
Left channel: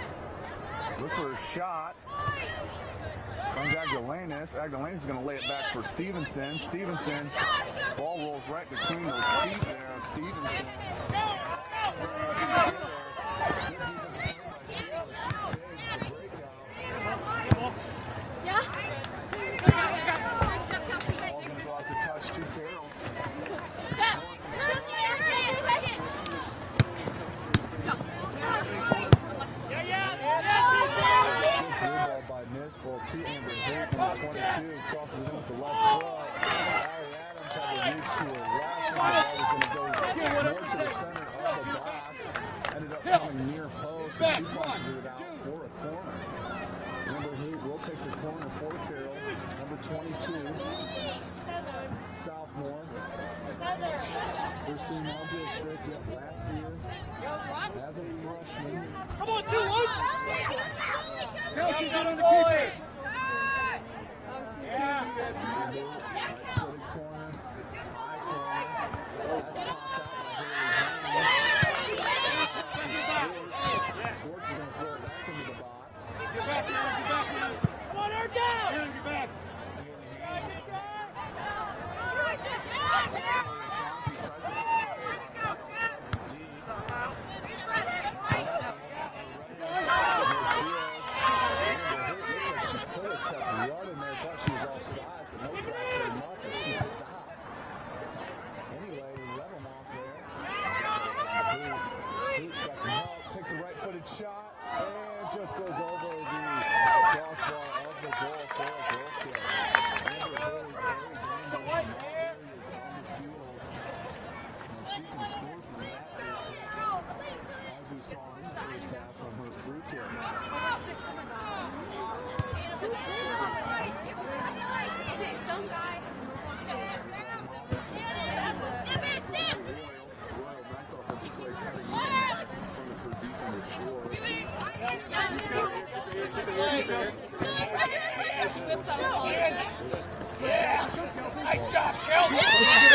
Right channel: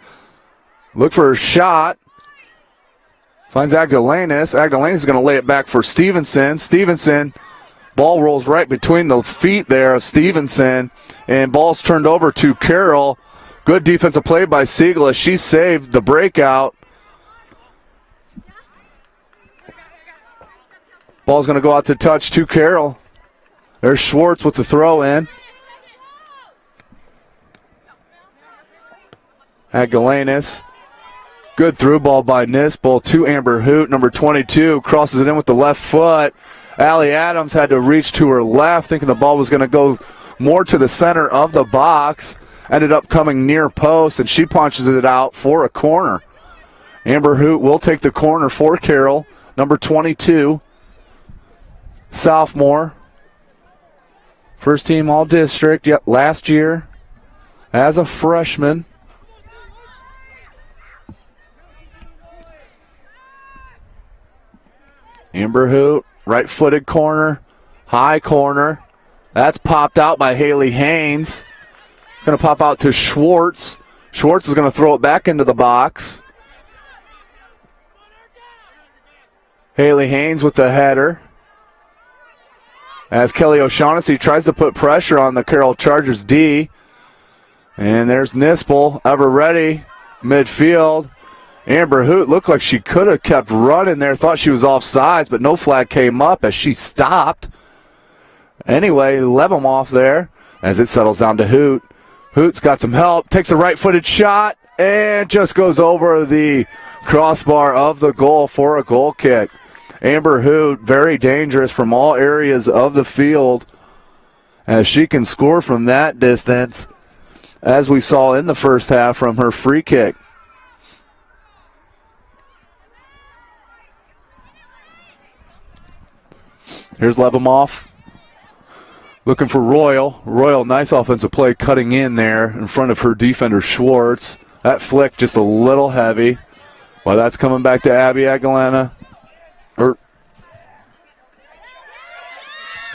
Look for her shot. Finds Agdalanis. Agdalanis is going to lay it back for Stevenson. Stevenson, ball rolls right between the feet there of Stevenson, and ball's turned over to Carroll. Good defensive play by Siegel as she saved the breakout. Ball's going to go out to touch to Carroll. There's Schwartz with the throw in. Agdalanis. Good through ball by Nispel to Amber Hoot. Number 22 crosses it in with the left foot. Allie Adams had to reach to her left, thinking the ball was going to go more to the center of the box. Ended up coming near post, and she punches it out for a corner. Amber Hoot will take the corner for Carroll. Number 22, sophomore. First team all-district, yet last year as a freshman. Amber Hoot, right-footed corner, high corner. That's popped out by Haley Haynes. It's going to pop out to Schwartz. Schwartz is going to throw it back into the box. Haley Haynes with the header. As Kelly O'Shaughnessy tries to put pressure on the Carroll Chargers D. And there's Nispel, ever ready, midfield. Amber Hoot looked like she could have kept running there, thought she was offsides, but no flag came up as she stopped. Anyway, Lebomov there as it settles down to Hoot. Hoot's got some help, takes a right-footed shot, and just goes over the crossbar of the goal for a goal kick. Amber Hoot, very dangerous from all areas of the field as she can score from that distance, as we saw in the first half from her free kick. Here's Lebomov looking for Royal. Royal, nice offensive play, cutting in there in front of her defender Schwartz. That flick just a little heavy, but that's coming back to Abby Aguilera.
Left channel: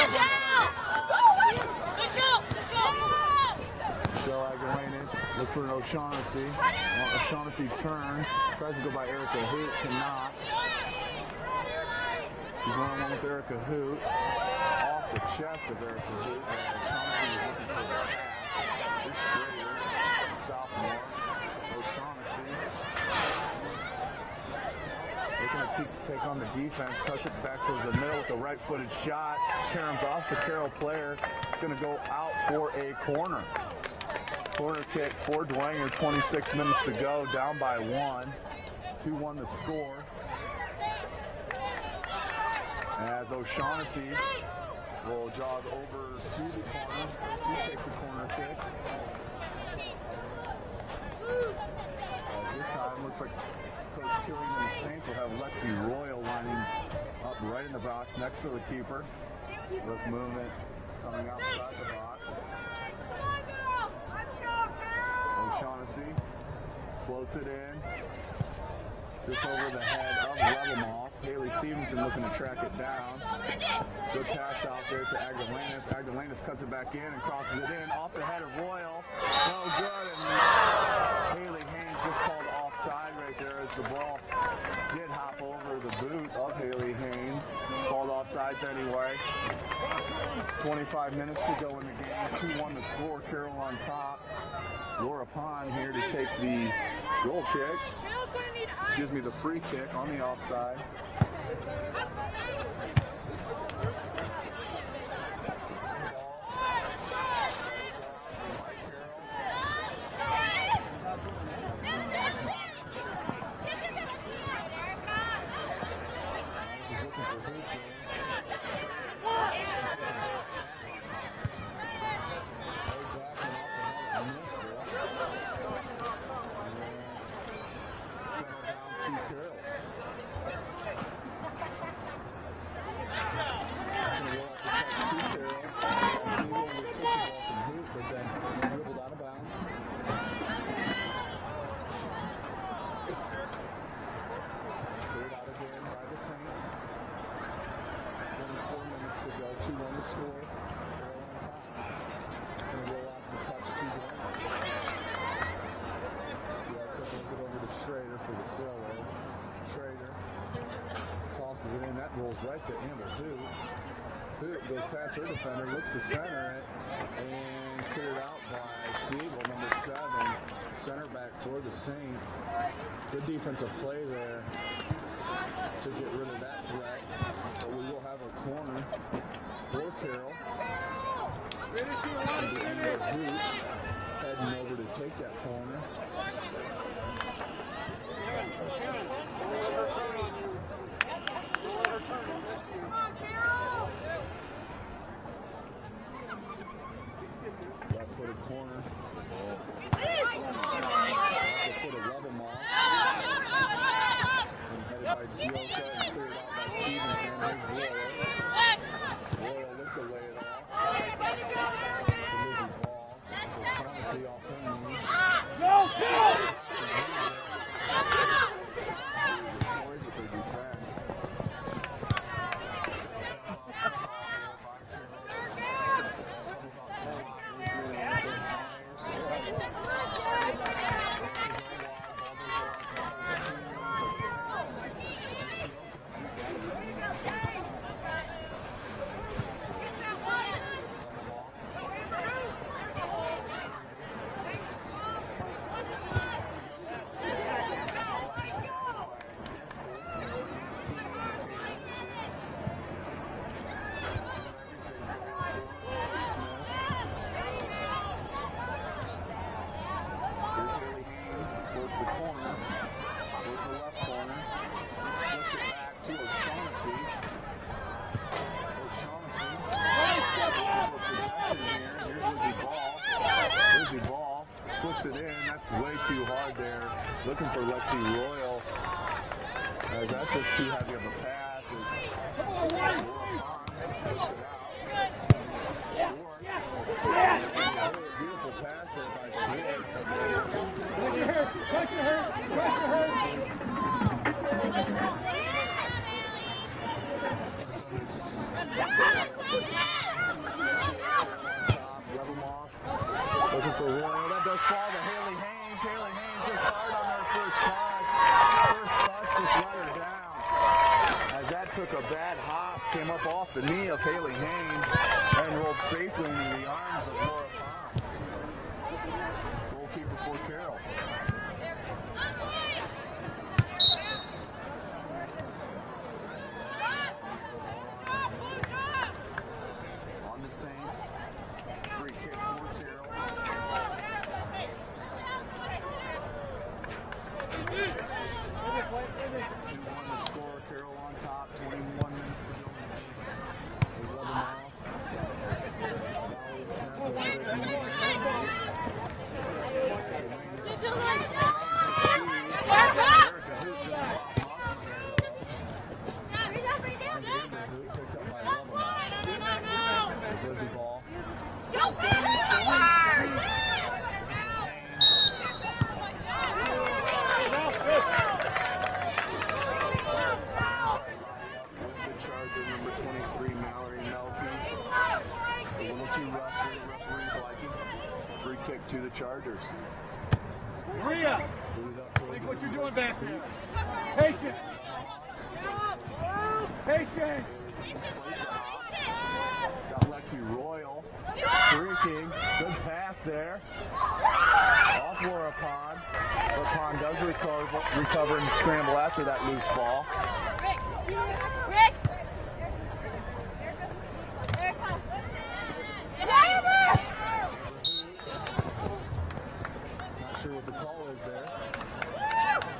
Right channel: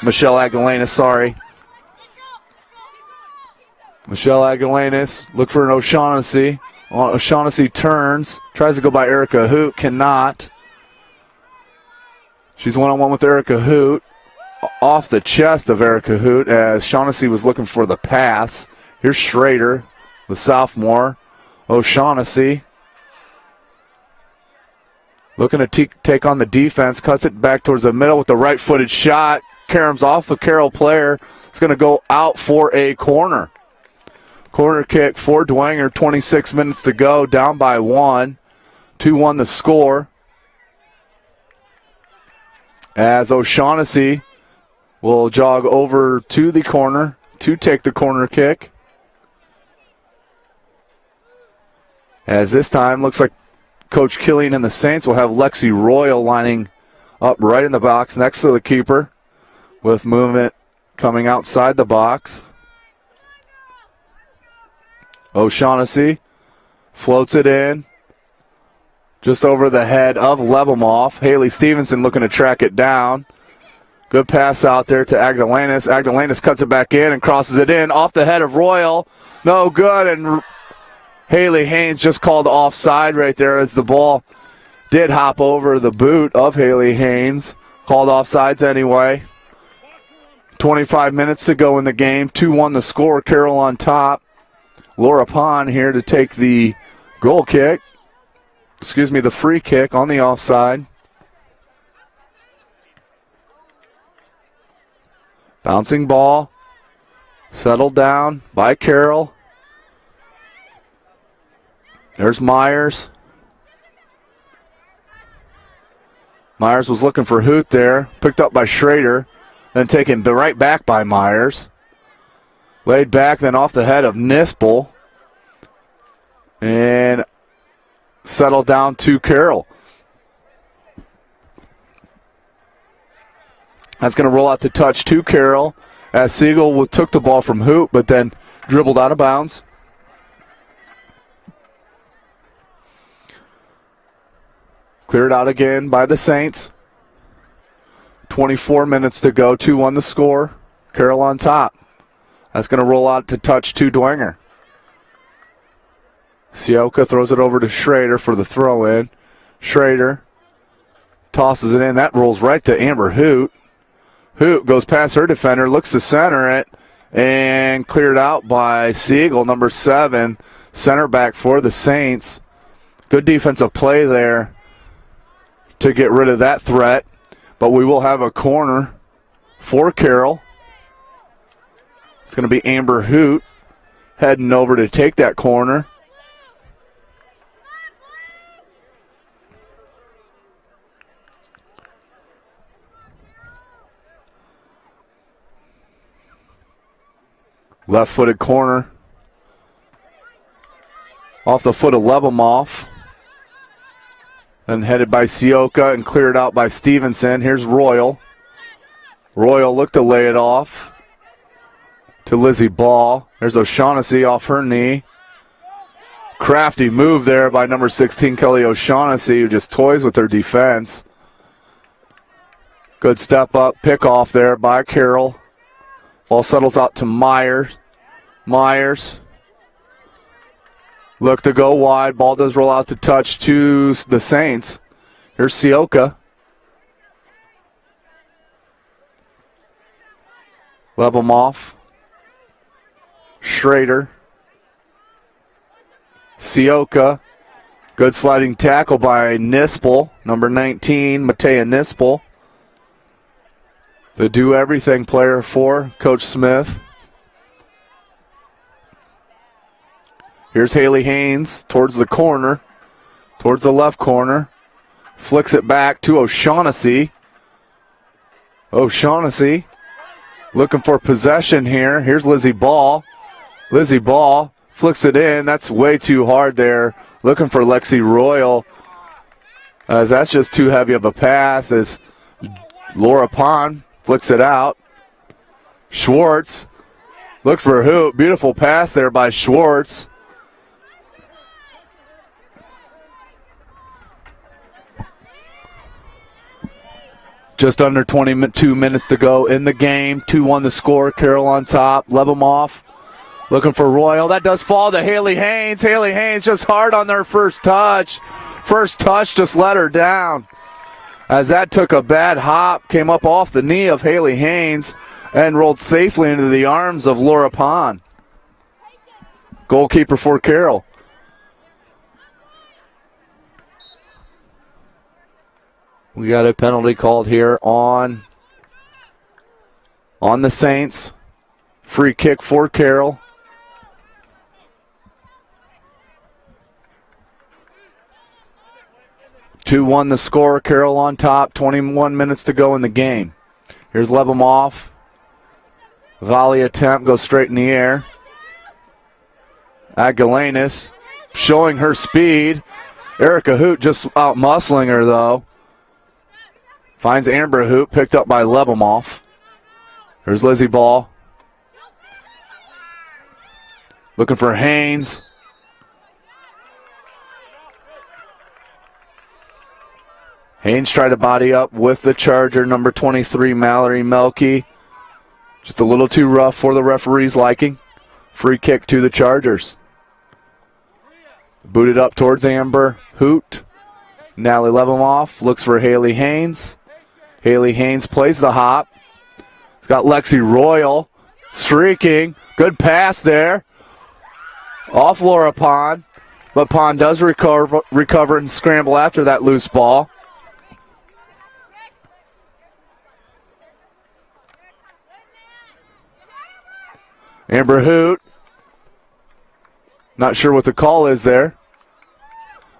Michelle Aguilanis, sorry. Michelle Aguilanis, look for an O'Shaughnessy. O'Shaughnessy turns, tries to go by Erica Hoot, cannot. She's one-on-one with Erica Hoot. Off the chest of Erica Hoot as Shaughnessy was looking for the pass. Here's Schrader, the sophomore. O'Shaughnessy looking to take on the defense. Cuts it back towards the middle with the right-footed shot. Caroms off a Carroll player. It's going to go out for a corner. Corner kick for Dwenger. 26 minutes to go. Down by 1. 2-1 the score. As O'Shaughnessy will jog over to the corner to take the corner kick. As this time looks like Coach Killian and the Saints will have Lexi Royal lining up right in the box next to the keeper with movement coming outside the box. O'Shaughnessy floats it in just over the head of Lebomov. Haley Stevenson looking to track it down. Good pass out there to Aguilanis. Aguilanis cuts it back in and crosses it in off the head of Royal. No good, and Haley Haynes just called offside right there as the ball did hop over the boot of Haley Haynes. Called offsides anyway. 25 minutes to go in the game. 2-1 the score. Carroll on top. Laura Pond here to take the goal kick. The free kick on the offside. Bouncing ball. Settled down by Carroll. There's Myers. Myers was looking for Hoot there. Picked up by Schrader. Then taken right back by Myers. Laid back, then off the head of Nispel. And settled down to Carroll. That's going to roll out to touch to Carroll as Siegel took the ball from Hoot, but then dribbled out of bounds. Cleared out again by the Saints. 24 minutes to go, 2-1 the score. Carroll on top. That's going to roll out to touch to Dwenger. Sioka throws it over to Schrader for the throw-in. Schrader tosses it in. That rolls right to Amber Hoot. Hoot goes past her defender, looks to center it, and cleared out by Siegel, number 7, center back for the Saints. Good defensive play there to get rid of that threat, but we will have a corner for Carroll. It's going to be Amber Hoot heading over to take that corner. Left-footed corner. Off the foot of Lebomov. And headed by Sioka and cleared out by Stevenson. Here's Royal. Royal looked to lay it off to Lizzie Ball. There's O'Shaughnessy off her knee. Crafty move there by number 16, Kelly O'Shaughnessy, who just toys with her defense. Good step up, pick off there by Carroll. Ball settles out to Myers. Myers. Look to go wide. Ball does roll out to touch to the Saints. Here's Sioka. Lebomov. Schrader. Sioka. Good sliding tackle by Nispel. Number 19, Matea Nispel. the do-everything player for Coach Smith. Here's Haley Haynes towards the corner, towards the left corner. Flicks it back to O'Shaughnessy. O'Shaughnessy looking for possession here. Here's Lizzie Ball. Lizzie Ball flicks it in. That's way too hard there. Looking for Lexi Royal, as that's just too heavy of a pass as Laura Pond flicks it out. Schwartz look for a hoop. Beautiful pass there by Schwartz. Just under 22 minutes to go in the game. 2-1 the score. Carroll on top. Level them off. Looking for Royal. That does fall to Haley Haynes. Haley Haynes just hard on their first touch. First touch just let her down, as that took a bad hop, came up off the knee of Haley Haynes and rolled safely into the arms of Laura Pond. Goalkeeper for Carroll. We got a penalty called here on the Saints. Free kick for Carroll. (2-1) the score. Carroll on top. 21 minutes to go in the game. Here's Lebemoff. Volley attempt goes straight in the air. Agalanis showing her speed. Erica Hoot just out muscling her though. Finds Amber Hoot, picked up by Lebemoff. There's Lizzie Ball. Looking for Haynes. Haynes tried to body up with the Charger, number 23, Mallory Melky. Just a little too rough for the referee's liking. Free kick to the Chargers. Booted up towards Amber Hoot. Nally Lebemoff looks for Haley Haynes. Haley Haynes plays the hop. It's got Lexi Royal streaking. Good pass there. Off Laura Pond. But Pond does recover and scramble after that loose ball. Amber Hoot. Not sure what the call is there,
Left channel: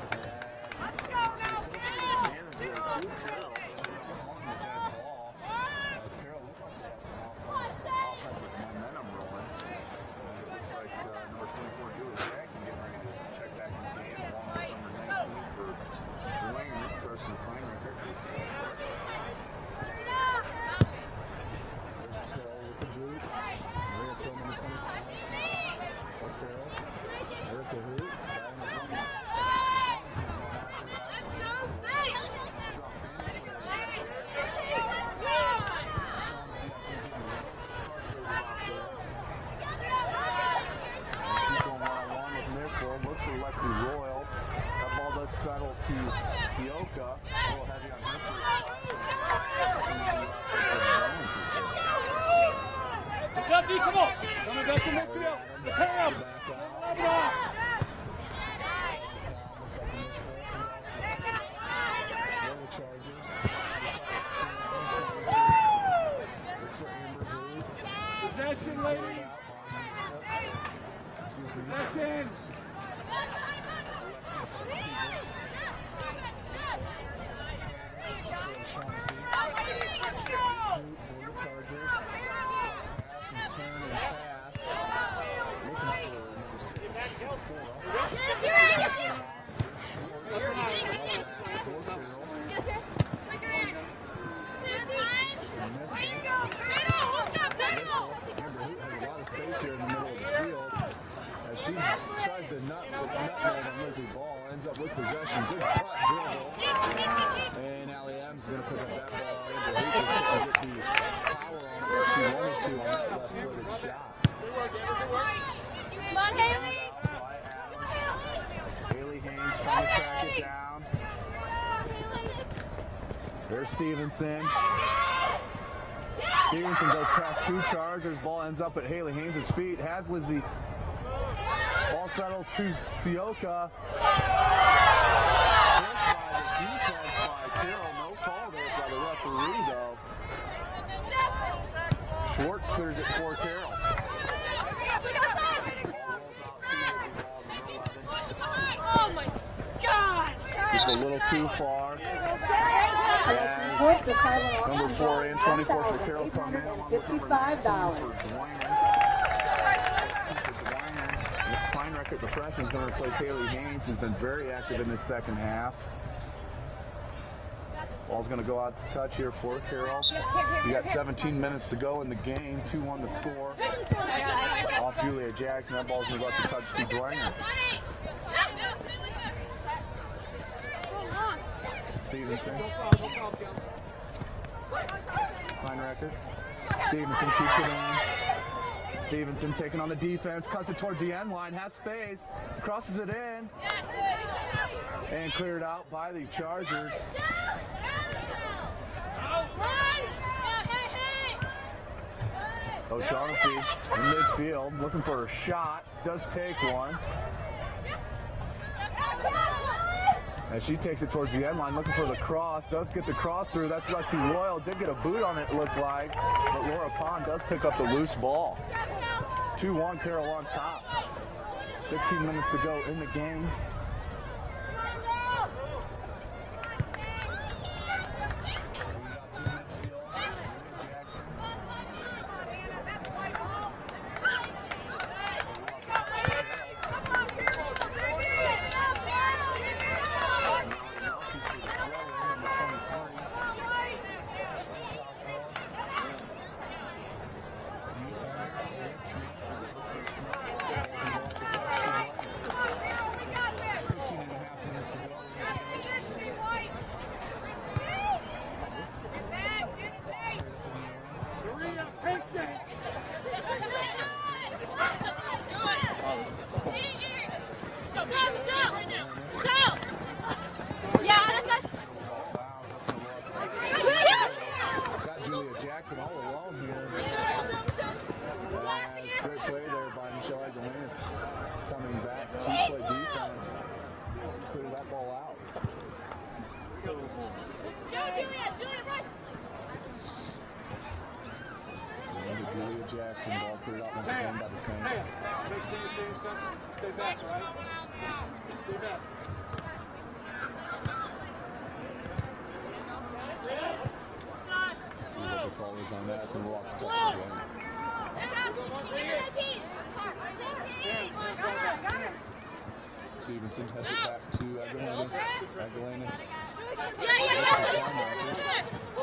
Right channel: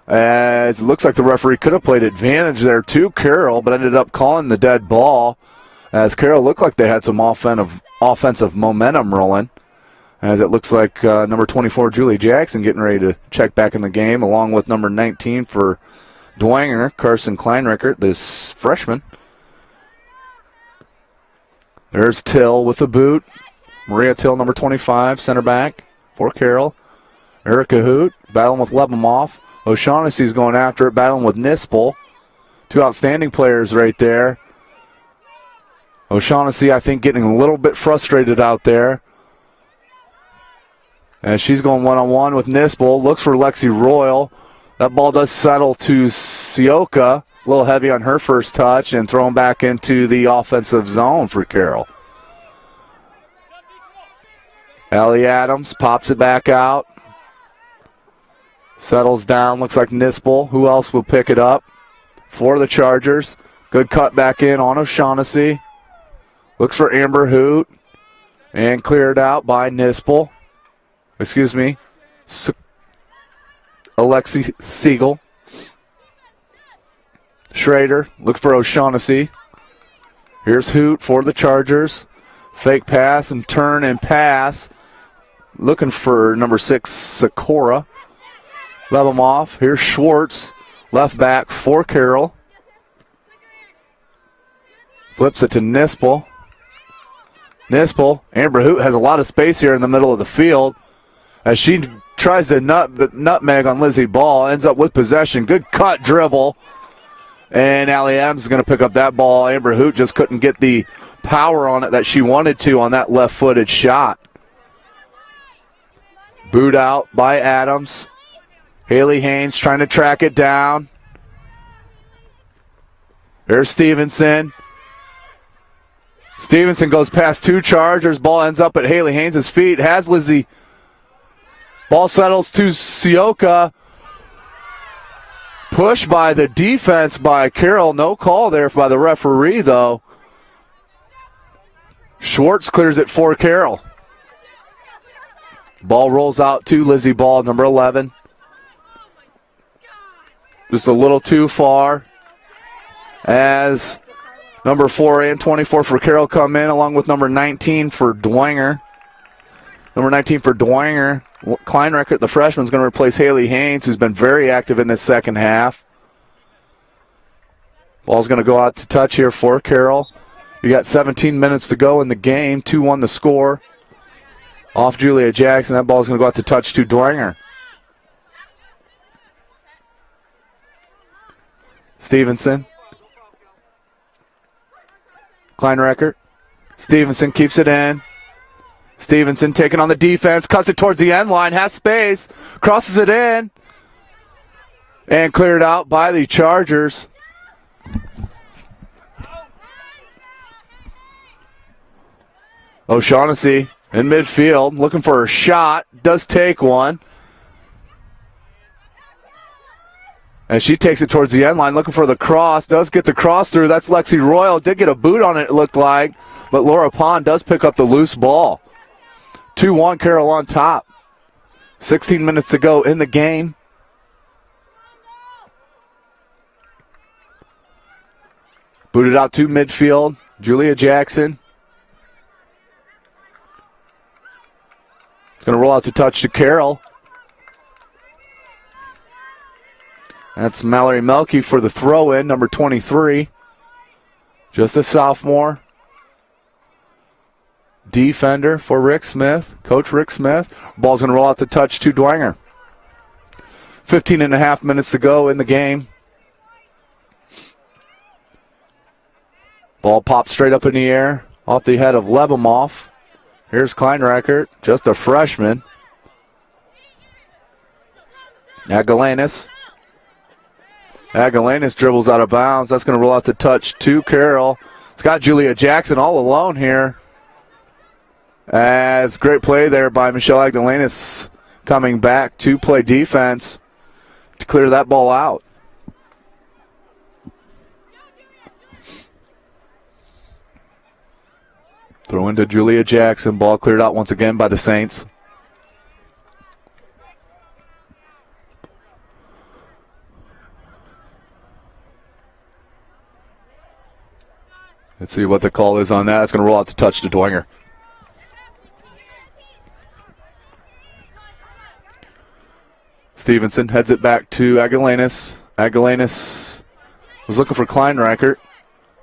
as it looks like the referee could have played advantage there to Carroll, but ended up calling the dead ball, as Carroll looked like they had some offensive momentum rolling, as it looks like number 24, Julie Jackson, getting ready to check back in the game, along with number 19 for Dwenger, Carson Kleinrickert, this freshman. There's Till with the boot. Maria Till, number 25, center back for Carroll. Erica Hoot battling with Lebemoff. O'Shaughnessy's going after it, battling with Nispel. Two outstanding players right there. O'Shaughnessy, I think, getting a little bit frustrated out there, and she's going one-on-one with Nispel. Looks for Lexi Royal. That ball does settle to Sioka. A little heavy on her first touch, and thrown back into the offensive zone for Carroll. Ellie Adams pops it back out. Settles down, looks like Nispel. Who else will pick it up for the Chargers? Good cut back in on O'Shaughnessy. Looks for Amber Hoot. And cleared out by Nispel. Excuse me. Alexi Siegel. Schrader, look for O'Shaughnessy. Here's Hoot for the Chargers. Fake pass and turn and pass. Looking for number 6, Sakura. Lebemoff. Here's Schwartz, left back for Carroll. Flips it to Nispel. Nispel. Amber Hoot has a lot of space here in the middle of the field, as she tries to nutmeg on Lizzie Ball. Ends up with possession. Good cut dribble. And Allie Adams is going to pick up that ball. Amber Hoot just couldn't get the power on it that she wanted to on that left-footed shot. Boot out by Adams. Haley Haynes trying to track it down. There's Stevenson. Stevenson goes past two Chargers. Ball ends up at Haley Haynes' feet. Has Lizzie. Ball settles to Sioka. Push by the defense by Carroll. No call there by the referee, though. Schwartz clears it for Carroll. Ball rolls out to Lizzie Ball, number 11. Just a little too far as number 4 and 24 for Carroll come in, along with number 19 for Dwenger. Number 19 for Dwenger. Kleinreckert, the freshman, is going to replace Haley Haynes, who's been very active in this second half. Ball's going to go out to touch here for Carroll. You got 17 minutes to go in the game. 2-1 the score. Off Julia Jackson. That ball's going to go out to touch to Dwenger. Stevenson. Kleinreckert. Stevenson keeps it in. Stevenson taking on the defense. Cuts it towards the end line. Has space. Crosses it in. And cleared out by the Chargers. O'Shaughnessy in midfield, looking for a shot, does take one. And she takes it towards the end line, looking for the cross, does get the cross through. That's Lexi Royal, did get a boot on it, it looked like, but Laura Pond does pick up the loose ball. 2-1, Carroll on top. 16 minutes to go in the game. Booted out to midfield, Julia Jackson. Going to roll out to touch to Carroll. That's Mallory Melke for the throw-in, number 23. Just a sophomore. Defender for Rick Smith, Coach Rick Smith. Ball's going to roll out to touch to Dwenger. 15 and a half minutes to go in the game. Ball pops straight up in the air off the head of Lebemoff. Here's Kleinreckert, just a freshman. Agalanis dribbles out of bounds. That's going to roll out to touch to Carroll. It's got Julia Jackson all alone here. As great play there by Michelle Agalanis coming back to play defense to clear that ball out. Throw into Julia Jackson. Ball cleared out once again by the Saints. Let's see what the call is on that. It's going to roll out to touch to Dwenger. Stevenson heads it back to Agalanis. Agalanis was looking for Kleinreckert.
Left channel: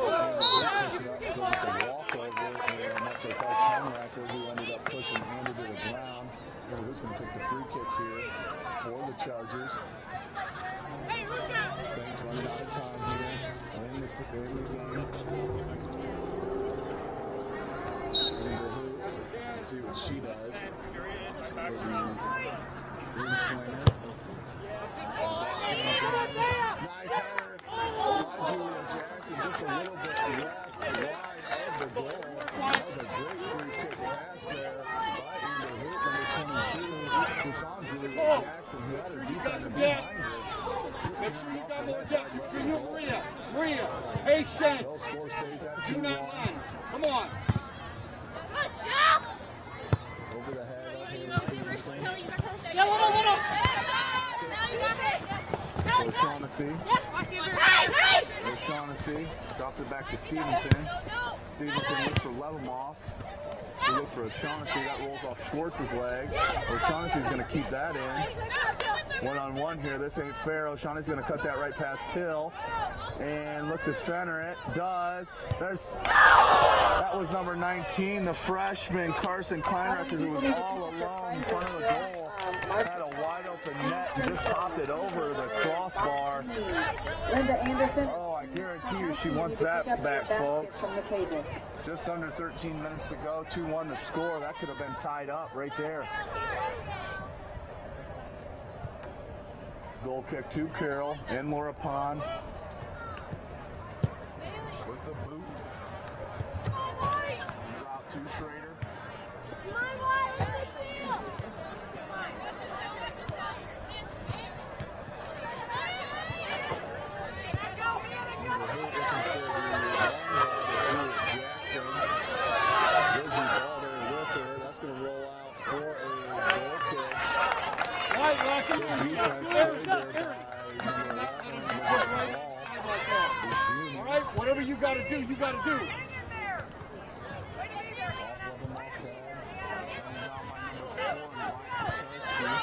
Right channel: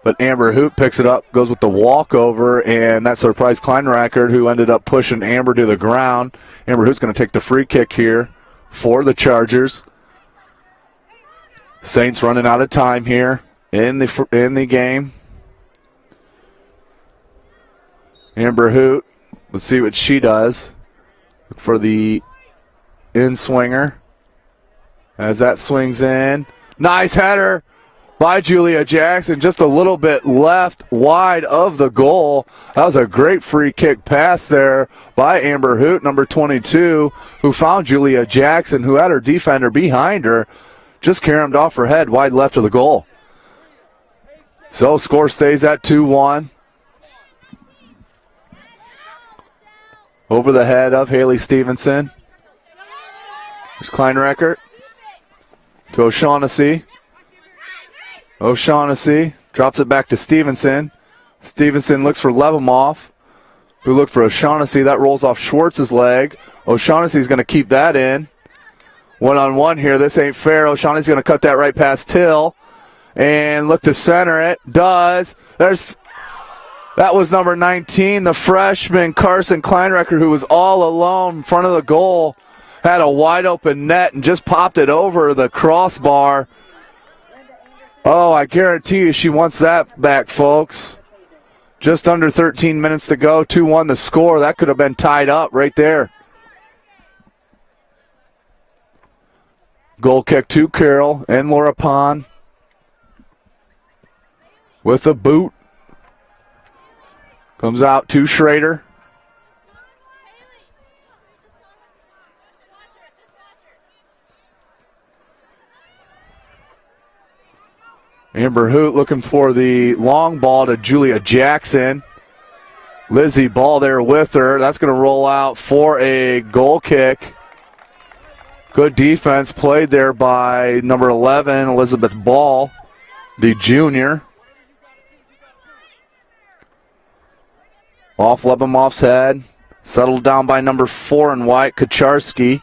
But Amber Hoot picks it up, goes with the walkover, and that surprised Kleinreckert, who ended up pushing Amber to the ground. Amber Hoot's going to take the free kick here for the Chargers. Saints running out of time here in the game. Amber Hoot, let's see what she does for the in-swinger. As that swings in. Nice header by Julia Jackson, just a little bit left wide of the goal. That was a great free kick pass there by Amber Hoot, number 22, who found Julia Jackson, who had her defender behind her, just caromed off her head wide left of the goal. So score stays at 2-1. Over the head of Haley Stevenson. There's Kleinreckert to O'Shaughnessy. O'Shaughnessy drops it back to Stevenson. Stevenson looks for Lebemoff, who looked for O'Shaughnessy. That rolls off Schwartz's leg. O'Shaughnessy's going to keep that in. One-on-one here. This ain't fair. O'Shaughnessy's going to cut that right past Till and look to center it. Does. That was number 19, the freshman Carson Kleinreckert, who was all alone in front of the goal. Had a wide open net and just popped it over the crossbar. Oh, I guarantee you she wants that back, folks. Just under 13 minutes to go, 2-1 the score. That could have been tied up right there. Goal kick to Carroll and Laura Pond with a boot. Comes out to Schrader. Amber Hoot looking for the long ball to Julia Jackson. Lizzie Ball there with her. That's going to roll out for a goal kick. Good defense played there by number 11, Elizabeth Ball, the junior. Off Lebemoff's head. Settled down by number 4 in white, Kacharski.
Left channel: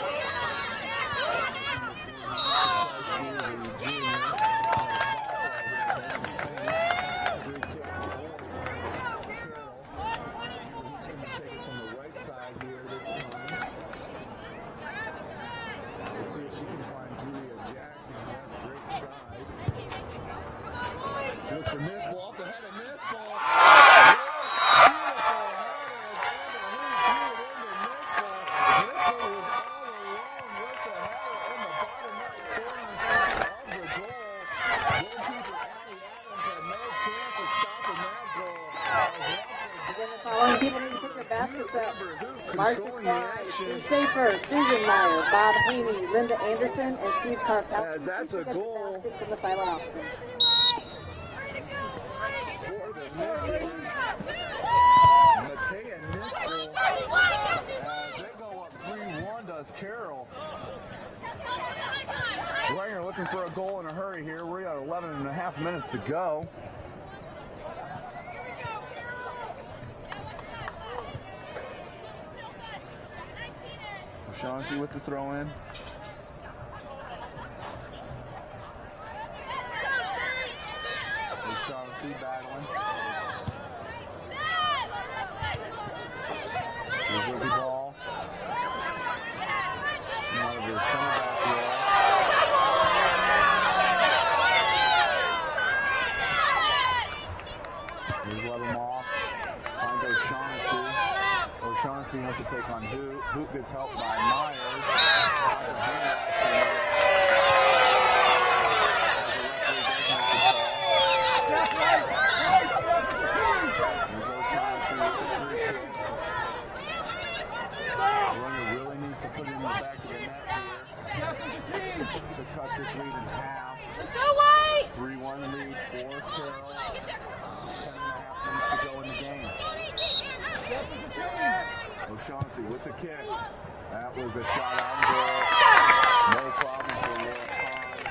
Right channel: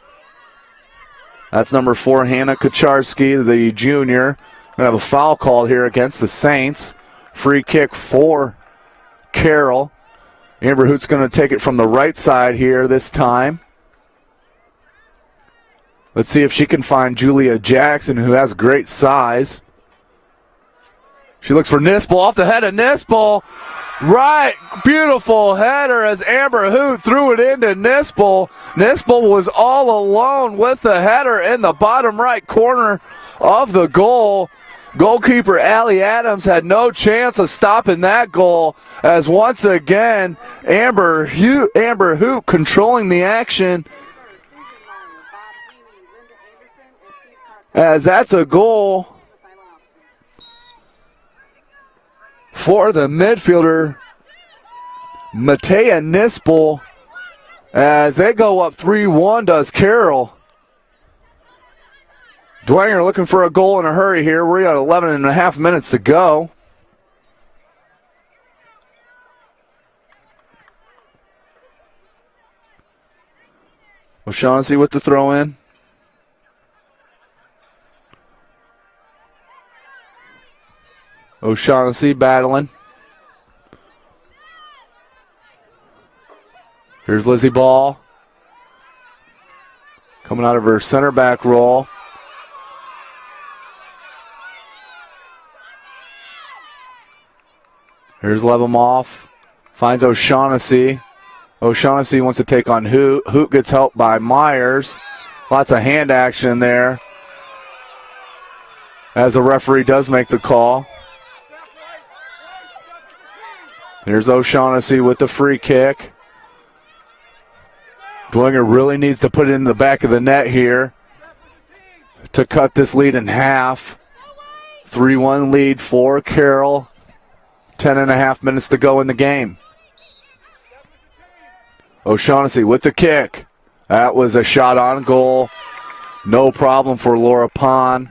That's number 4, Hannah Kacharski, the junior. We have a foul call here against the Saints. Free kick for Carroll. Amber Hoot's going to take it from the right side here this time. Let's see if she can find Julia Jackson, who has great size. She looks for Nispel, off the head of Nispel. Right, beautiful header as Amber Hoot threw it into Nispel. Nispel was all alone with the header in the bottom right corner of the goal. Goalkeeper Allie Adams had no chance of stopping that goal, as once again Amber Hoot controlling the action, as that's a goal for the midfielder Matea Nispel, as they go up 3-1 does Carroll. Dwenger looking for a goal in a hurry here. We're at 11 and a half minutes to go. O'Shaughnessy with the throw in. O'Shaughnessy battling. Here's Lizzie Ball. Coming out of her center back role. Here's Lebemoff. Finds O'Shaughnessy. O'Shaughnessy wants to take on Hoot. Hoot gets helped by Myers. Lots of hand action there, as the referee does make the call. Here's O'Shaughnessy with the free kick. Dwenger really needs to put it in the back of the net here to cut this lead in half. 3-1 lead for Carroll. 10 and a half minutes to go in the game. O'Shaughnessy with the kick. That was a shot on goal. No problem for Laura Pond.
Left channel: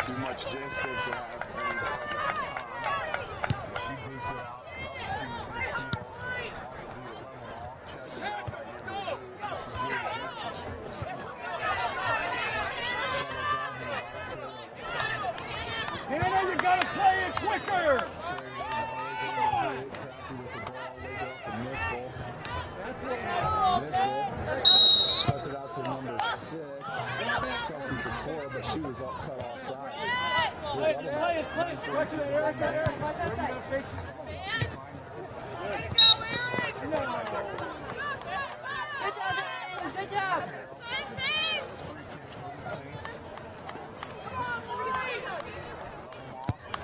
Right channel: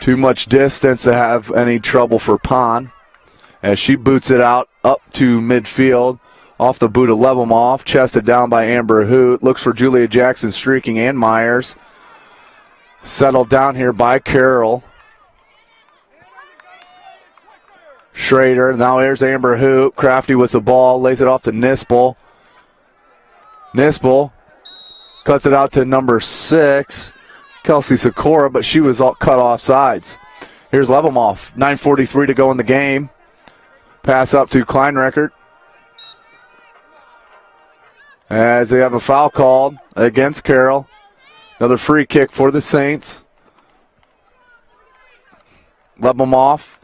Too much distance to have any trouble for Pond, as she boots it out up to midfield. Off the boot of Lebemoff, chested down by Amber Hoot. Looks for Julia Jackson streaking and Myers. Settled down here by Carroll. Schrader, now here's Amber Hoot. Crafty with the ball, lays it off to Nispel. Nispel cuts it out to number 6, Kelsey Sikora, but she was all cut off sides. Here's Lebemoff, 9:43 to go in the game. Pass up to Kleinreckert, as they have a foul called against Carroll. Another free kick for the Saints. Lebemoff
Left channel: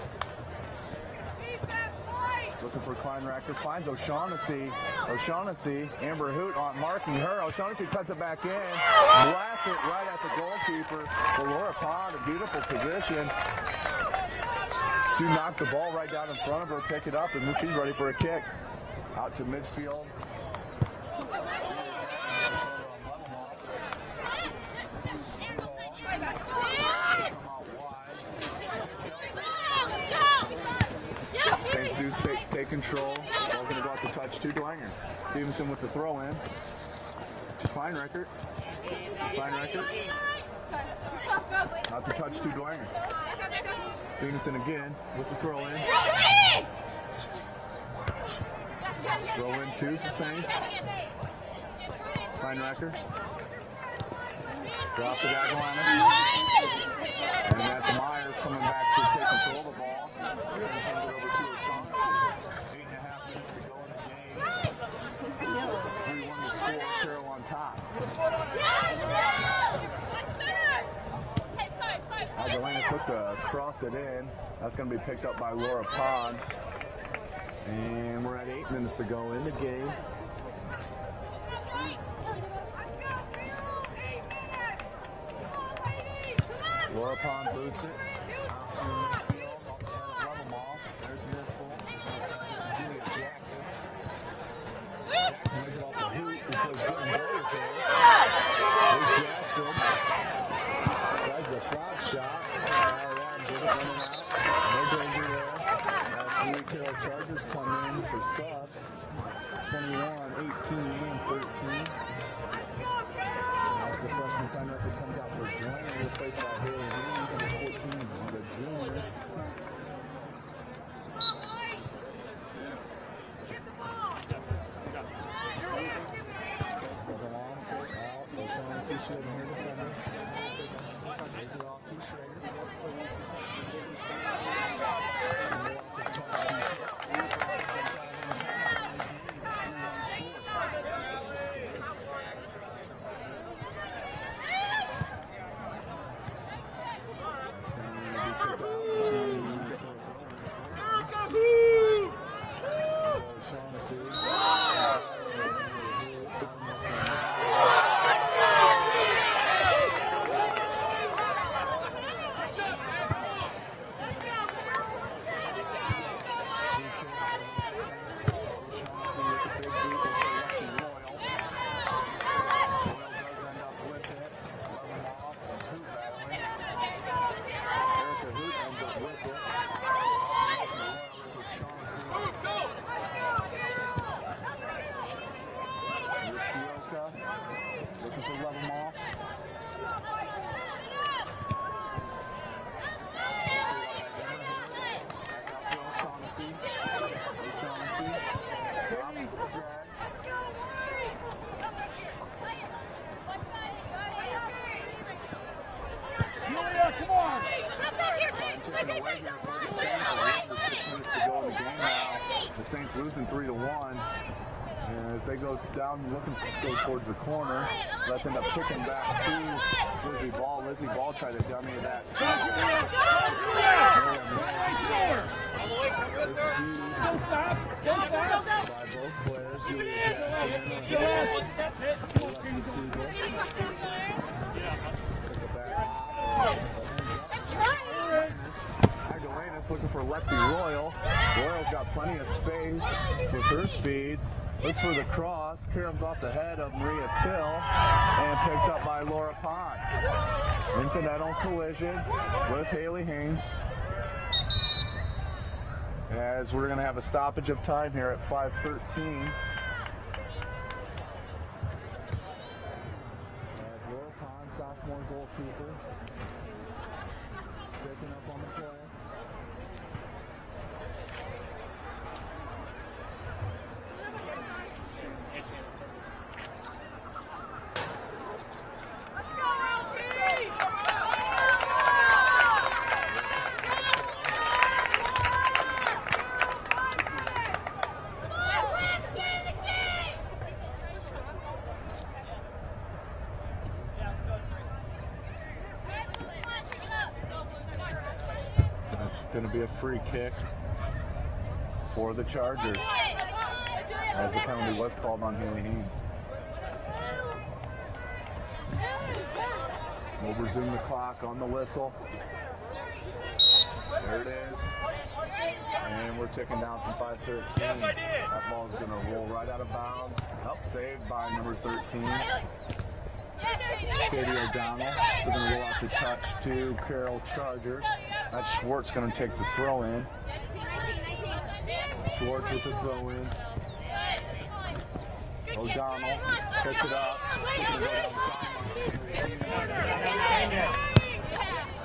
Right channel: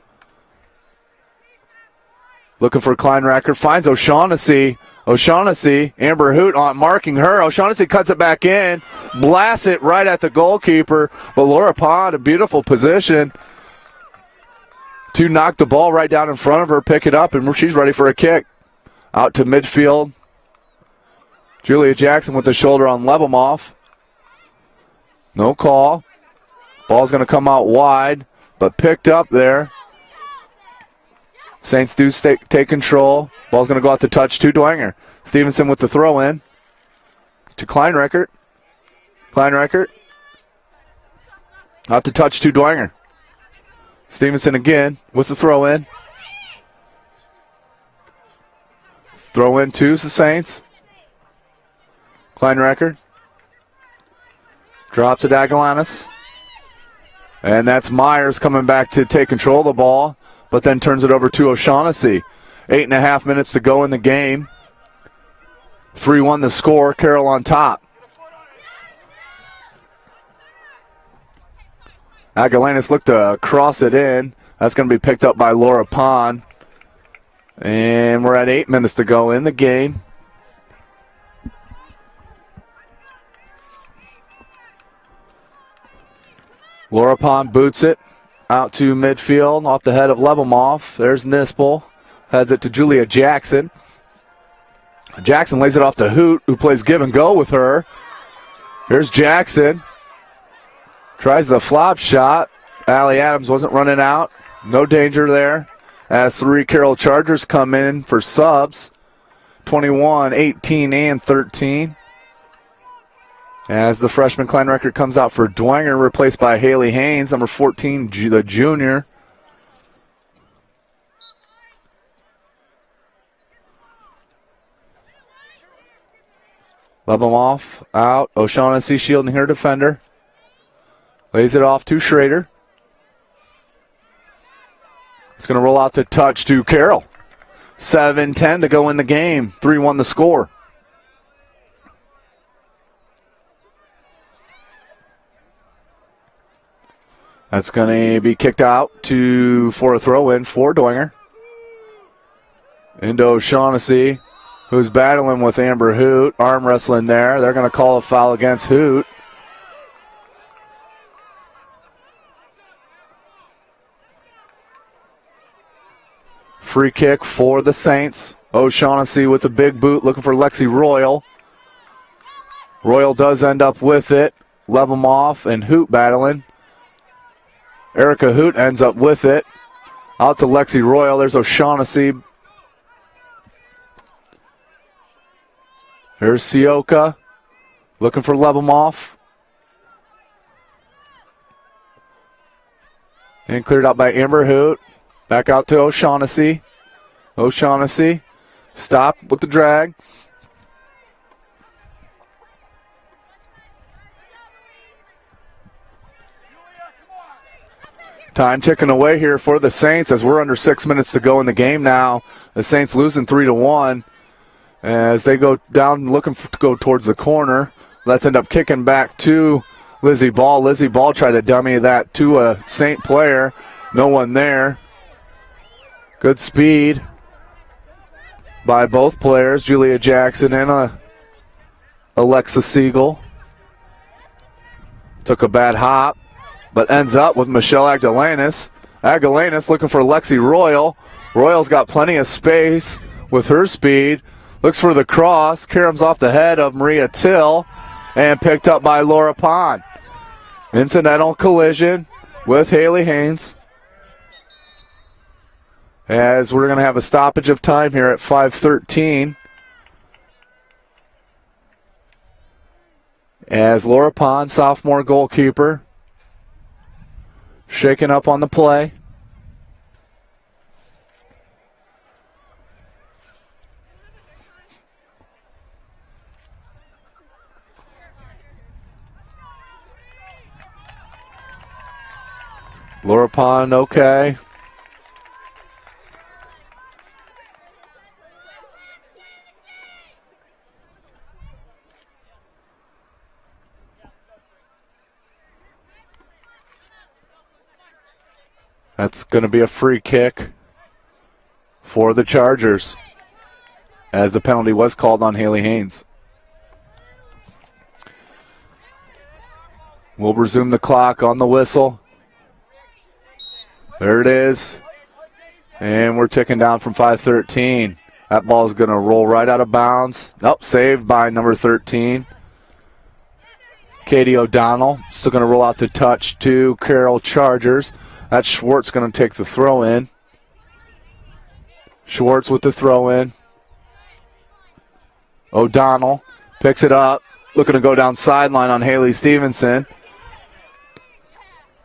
looking for Kleinreckert, finds O'Shaughnessy. O'Shaughnessy, Amber Hoot on marking her. O'Shaughnessy cuts it back in, blasts it right at the goalkeeper, but Laura Pond, a beautiful position to knock the ball right down in front of her, pick it up, and she's ready for a kick. Out to midfield. Julia Jackson with the shoulder on Lebemoff. No call. Ball's going to come out wide, but picked up there. Saints do take control. Ball's going to go out to touch to Dwenger. Stevenson with the throw in to Kleinreckert. Kleinreckert out to touch to Dwenger. Stevenson again with the throw in. Throw in to the Saints. Kleinreckert drops to Dagalanis. And that's Myers coming back to take control of the ball, but then turns it over to O'Shaughnessy. 8.5 minutes to go in the game. 3-1 the score, Carroll on top. Agalanis looked to cross it in. That's going to be picked up by Laura Pond. And we're at 8 minutes to go in the game. Laura Pond boots it out to midfield off the head of Lebemoff. There's Nispel. Has it to Julia Jackson. Jackson lays it off to Hoot, who plays give and go with her. Here's Jackson. Tries the flop shot. Allie Adams wasn't running out. No danger there. As 3 Carroll Chargers come in for subs. 21, 18, and 13. As the freshman Klein record comes out for Dwenger, replaced by Haley Haynes, number 14, the junior. Lebemoff out. O'Shaughnessy shielding her defender. Lays it off to Schrader. It's going to roll out to touch to Carroll. 7-10 to go in the game. 3-1 the score. That's going to be kicked out for a throw-in for Dwenger. Into O'Shaughnessy, who's battling with Amber Hoot. Arm wrestling there. They're going to call a foul against Hoot. Free kick for the Saints. O'Shaughnessy with a big boot looking for Lexi Royal. Royal does end up with it. Lebemoff and Hoot battling. Erica Hoot ends up with it. Out to Lexi Royal. There's O'Shaughnessy. Here's Sioka looking for Lebemoff. And cleared out by Amber Hoot. Back out to O'Shaughnessy. O'Shaughnessy stopped with the drag. Time ticking away here for the Saints as we're under 6 minutes to go in the game now. The Saints losing 3-1 as they go down looking to go towards the corner. Let's end up kicking back to Lizzie Ball. Lizzie Ball tried to dummy that to a Saint player. No one there. Good speed by both players, Julia Jackson and Alexa Siegel. Took a bad hop, but ends up with Michelle Agdalanis. Agdalanis looking for Lexi Royal. Royal's got plenty of space with her speed. Looks for the cross. Caroms off the head of Maria Till and picked up by Laura Pond. Incidental collision with Haley Haynes. As we're going to have a stoppage of time here at 5:13. As Laura Pond, sophomore goalkeeper, shaken up on the play. Laura Pond, okay. That's going to be a free kick for the Chargers as the penalty was called on Haley Haynes. We'll resume the clock on the whistle. There it is. And we're ticking down from 5:13. That ball is going to roll right out of bounds. Saved by number 13. Katie O'Donnell. Still going to roll out to touch to Carroll Chargers. That's Schwartz going to take the throw in. Schwartz with the throw in. O'Donnell picks it up. Looking to go down sideline on Haley Stevenson.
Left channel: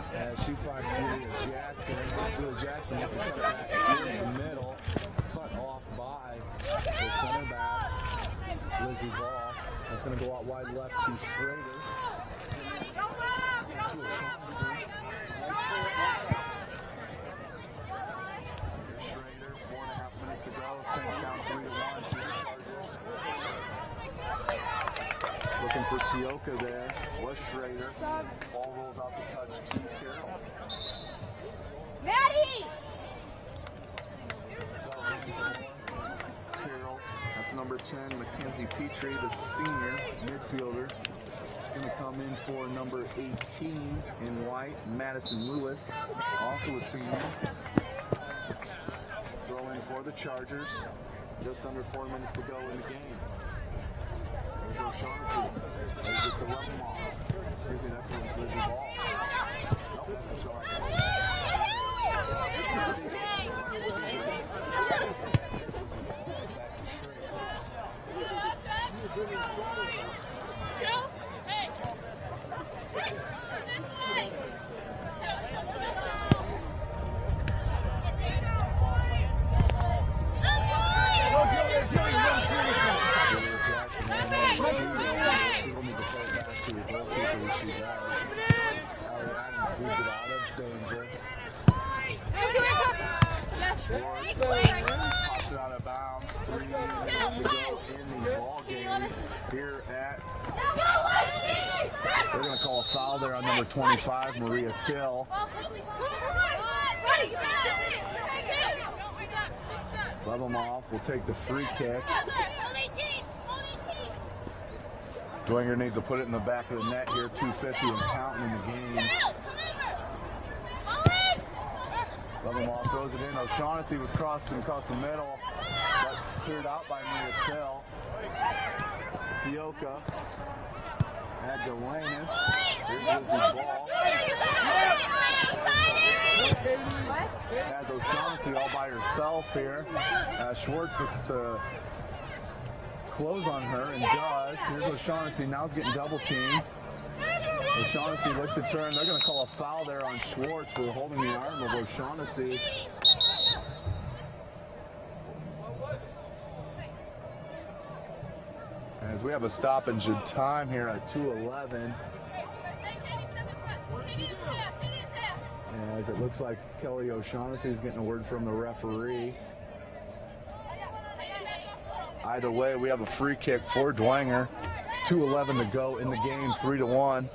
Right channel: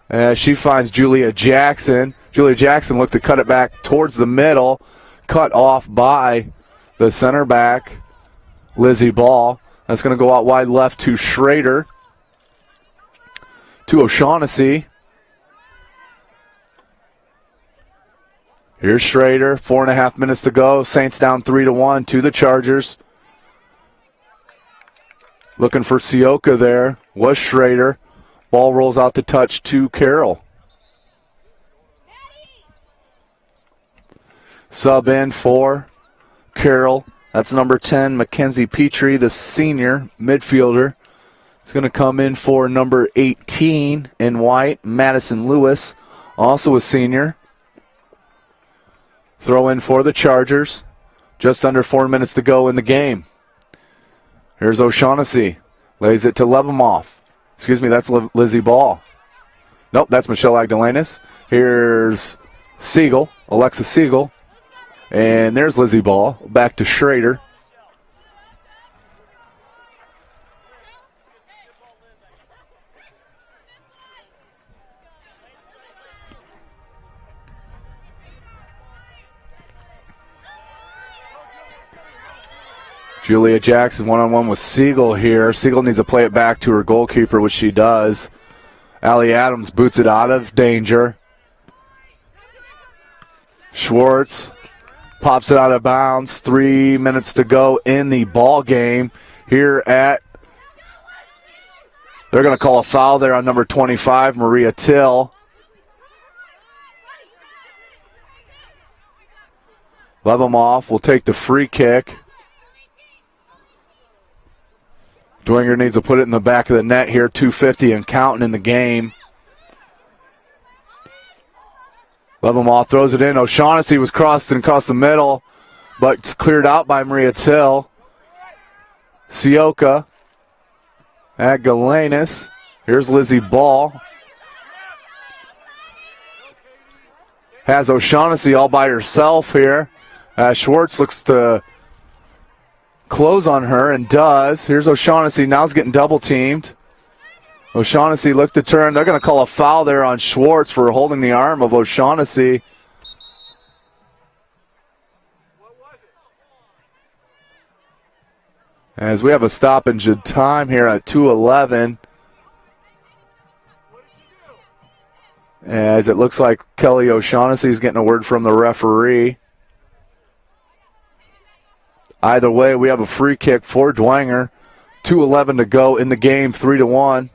As she finds Julia Jackson. Julia Jackson looked to cut it back towards the middle. Cut off by the center back, Lizzie Ball. That's going to go out wide left to Schrader. To O'Shaughnessy. Here's Schrader, 4.5 minutes to go. Saints down 3-1 to the Chargers. Looking for Sioka there, was Schrader. Ball rolls out to touch to Carroll. Sub in for Carroll. That's number 10, Mackenzie Petrie, the senior midfielder. He's going to come in for number 18 in white, Madison Lewis, also a senior. Throw in for the Chargers. Just under 4 minutes to go in the game. Here's O'Shaughnessy. Lays it to Lebemoff. Excuse me, that's Lizzie Ball. Nope, that's Michelle Agdalanis. Here's Siegel, Alexa Siegel. And there's Lizzie Ball. Back to Schrader. Julia Jackson one-on-one with Siegel here. Siegel needs to play it back to her goalkeeper, which she does. Allie Adams boots it out of danger. Schwartz pops it out of bounds. 3 minutes to go in the ball game here at... They're going to call a foul there on number 25, Maria Till. Lebemoff will take the free kick. Dwenger needs to put it in the back of the net here, 2:50 and counting in the game. Lebemoff throws it in. O'Shaughnessy was crossed across the middle, but it's cleared out by Maria Till. Sioka at Galenis. Here's Lizzie Ball. Has O'Shaughnessy all by herself here. Schwartz looks to close on her and does. Here's O'Shaughnessy. Now he's getting double teamed. O'Shaughnessy looked to turn. They're going to call a foul there on Schwartz for holding the arm of O'Shaughnessy. As we have a stoppage of time here at 2:11. As it looks like Kelly O'Shaughnessy is getting a word from the referee. Either way, we have a free kick for Dwenger. 2:11 to go in the game, 3-1.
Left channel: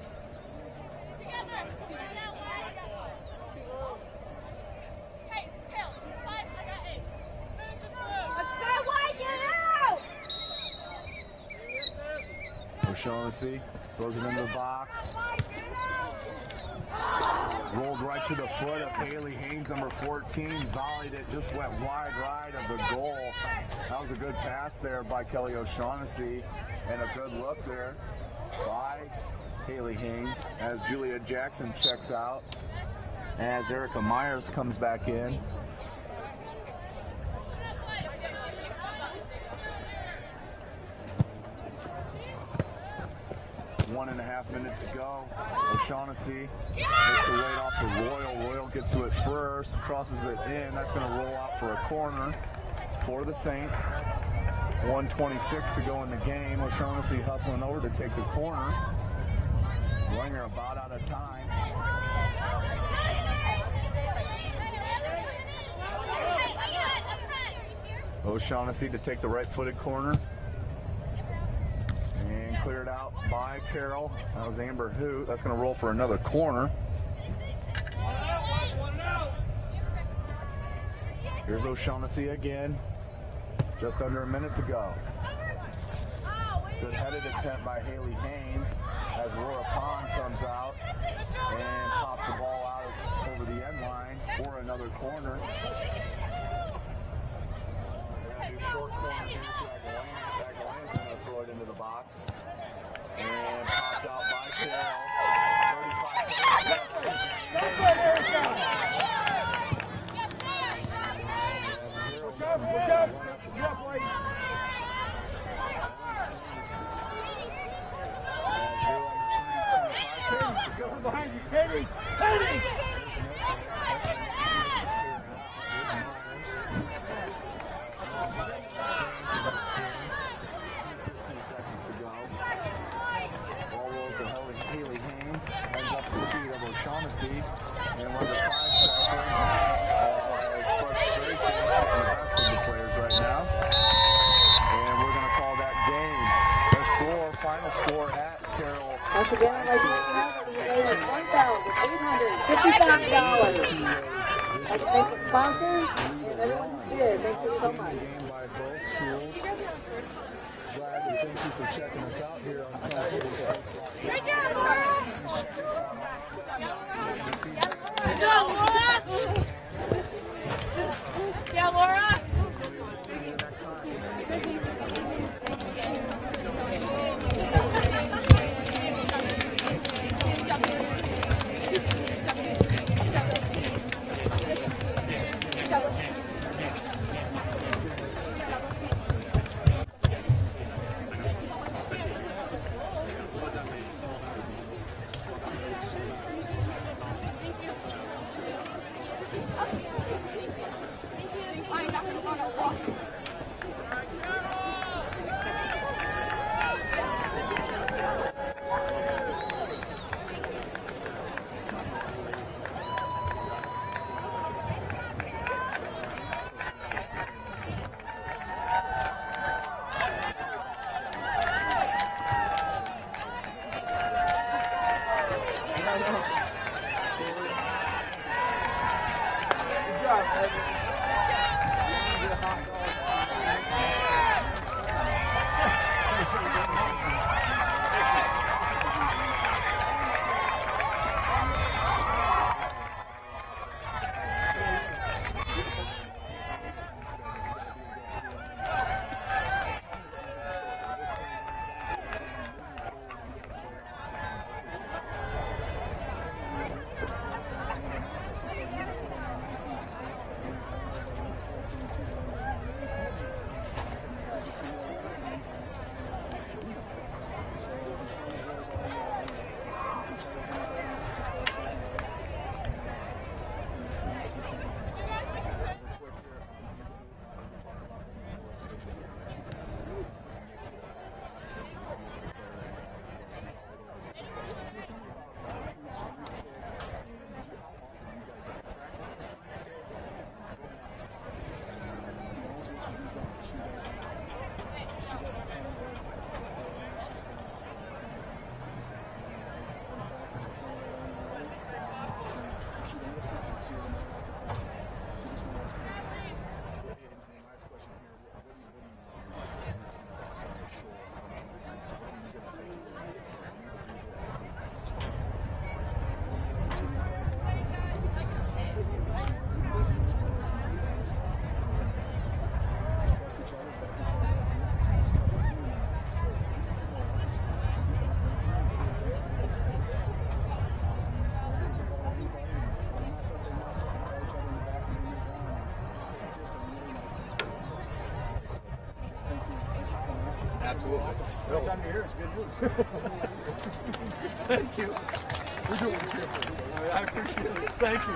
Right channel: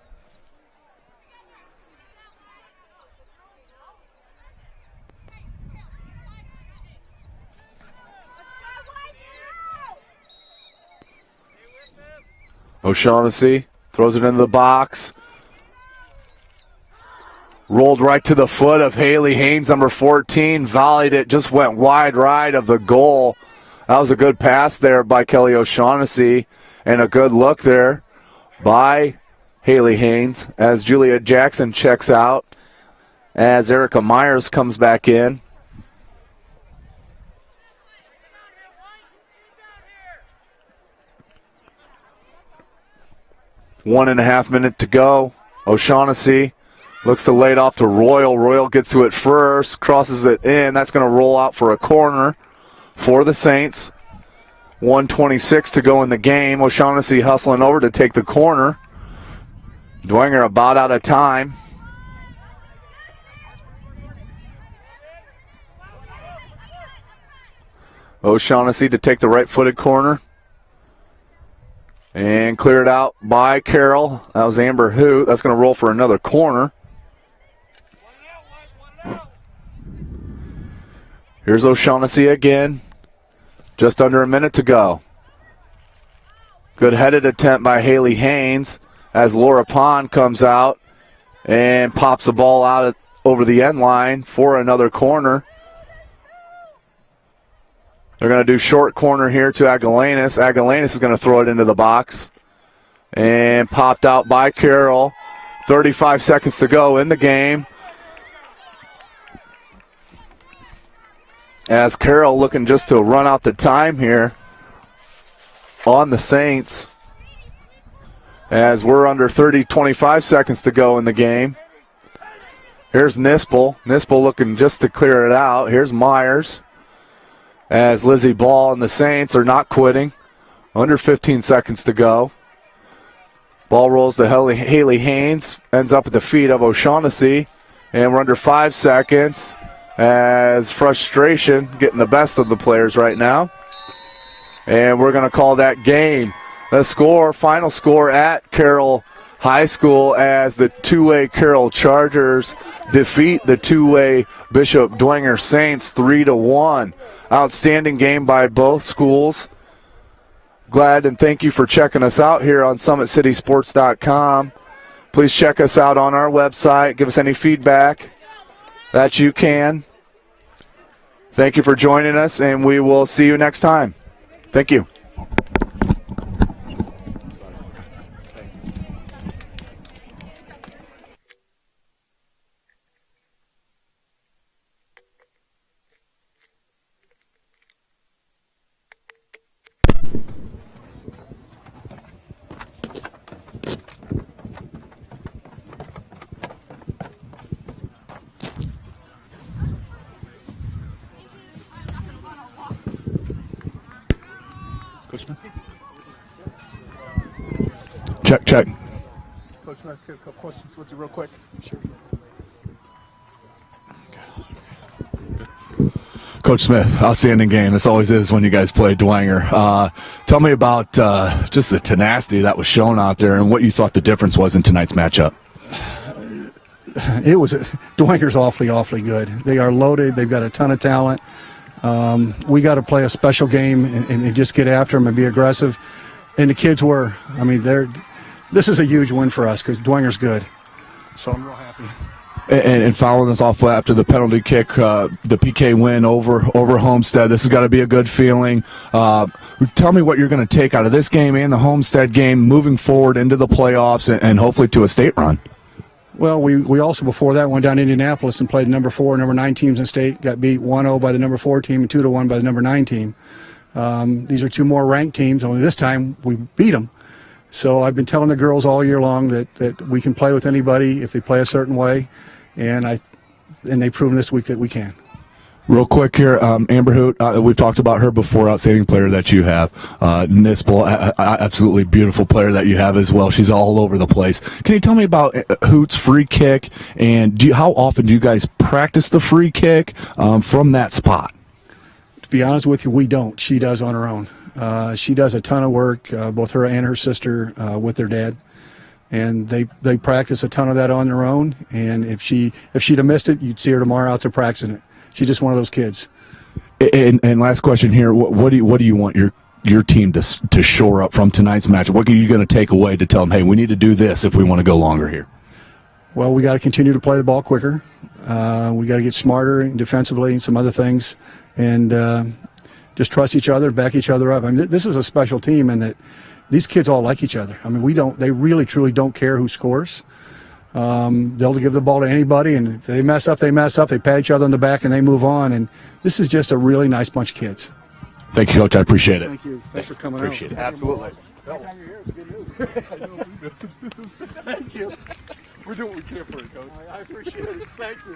O'Shaughnessy throws it into the box. Rolled right to the foot of Haley Haynes, number 14. Volleyed it, just went wide right of the goal. That was a good pass there by Kelly O'Shaughnessy and a good look there by Haley Haynes as Julia Jackson checks out as Erica Myers comes back in. One and a half minute to go. O'Shaughnessy looks to lay it off to Royal. Royal gets to it first, crosses it in. That's going to roll out for a corner for the Saints. 1:26 to go in the game. O'Shaughnessy hustling over to take the corner. Dwenger about out of time. O'Shaughnessy to take the right-footed corner. And clear it out by Carroll. That was Amber Hoot. That's going to roll for another corner. Here's O'Shaughnessy again. Just under a minute to go. Good headed attempt by Haley Haynes as Laura Pond comes out and pops the ball out over the end line for another corner. They're going to do short corner here to Agalanis. Agalanis is going to throw it into the box. And popped out by Carroll. 35 seconds to go in the game. As Carroll looking just to run out the time here on the Saints. As we're under 25 seconds to go in the game. Here's Nispel. Nispel looking just to clear it out. Here's Myers. As Lizzie Ball and the Saints are not quitting. Under 15 seconds to go. Ball rolls to Haley Haynes. Ends up at the feet of O'Shaughnessy. And we're under 5 seconds. As frustration getting the best of the players right now. And we're going to call that game. The score, final score at Carroll High School as the two-way Carroll Chargers defeat the two-way Bishop Dwenger Saints 3-1. Outstanding game by both schools. Glad and thank you for checking us out here on SummitCitySports.com. Please check us out on our website. Give us any feedback that you can. Thank you for joining us, and we will see you next time. Thank you. Check. Coach Smith, outstanding game. This always is when you guys play Dwenger. Tell me about just the tenacity that was shown out there and what you thought the difference was in tonight's matchup. Dwenger's awfully good. They are loaded. They've got a ton of talent. We got to play a special game and just get after them and be aggressive. And the kids were. I mean, this is a huge win for us because Dwenger's good. So I'm real happy. And following us off after the penalty kick, the PK win over Homestead, this has got to be a good feeling. Tell me what you're going to take out of this game and the Homestead game moving forward into the playoffs and hopefully to a state run. Well, we also before that went down to Indianapolis and played number 4, number 9 teams in state. Got beat 1-0 by the number 4 team and 2-1 by the number 9 team. These are 2 more ranked teams. Only this time we beat them. So I've been telling the girls all year long that we can play with anybody if they play a certain way, and they've proven this week that we can. Real quick here, Amber Hoot, we've talked about her before, outstanding player that you have. Nispel, absolutely beautiful player that you have as well. She's all over the place. Can you tell me about Hoot's free kick, and how often do you guys practice the free kick from that spot? To be honest with you, we don't. She does on her own. She does a ton of work, both her and her sister with their dad, and they practice a ton of that on their own. And if she'd have missed it, you'd see her tomorrow out there practicing it. She's just one of those kids. And last question here: what do you want your team to shore up from tonight's match? What are you going to take away to tell them, hey, we need to do this if we want to go longer here? Well, we got to continue to play the ball quicker. We got to get smarter defensively and some other things, and just trust each other, back each other up. I mean, this is a special team, and that these kids all like each other. I mean, they really truly don't care who scores. They'll give the ball to anybody, and if they mess up, they mess up. They pat each other on the back, and they move on. And this is just a really nice bunch of kids. Thank you, Coach. I appreciate it. Thank you. Thanks for coming Appreciate out. it. Absolutely. Thank you. We're doing it here for you, Coach. I appreciate it. Thank you.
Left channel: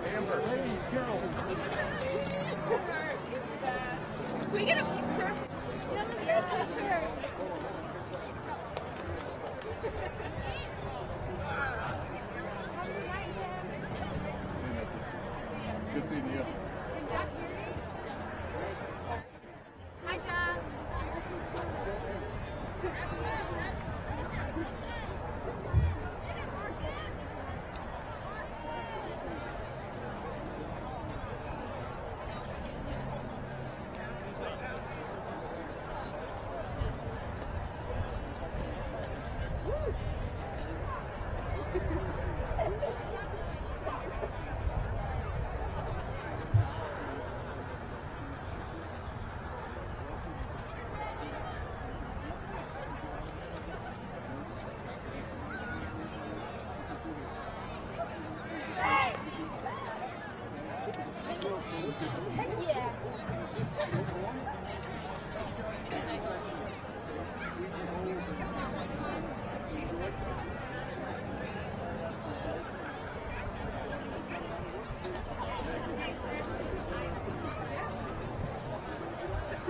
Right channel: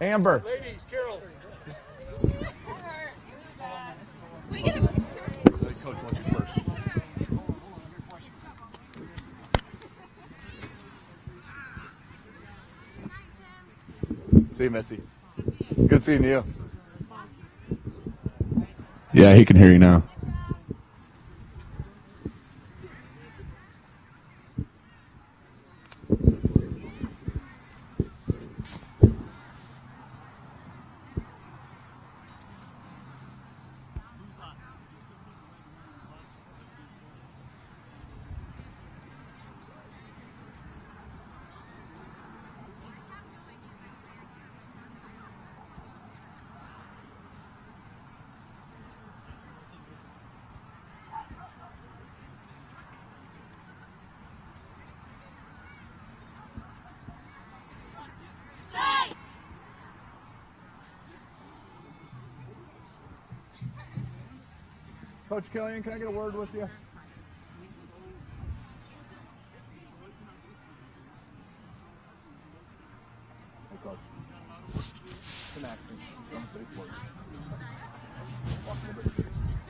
Amber. Ladies, Carroll. We get a picture. See you, Missy. Good seeing you. Yeah, he can hear you now.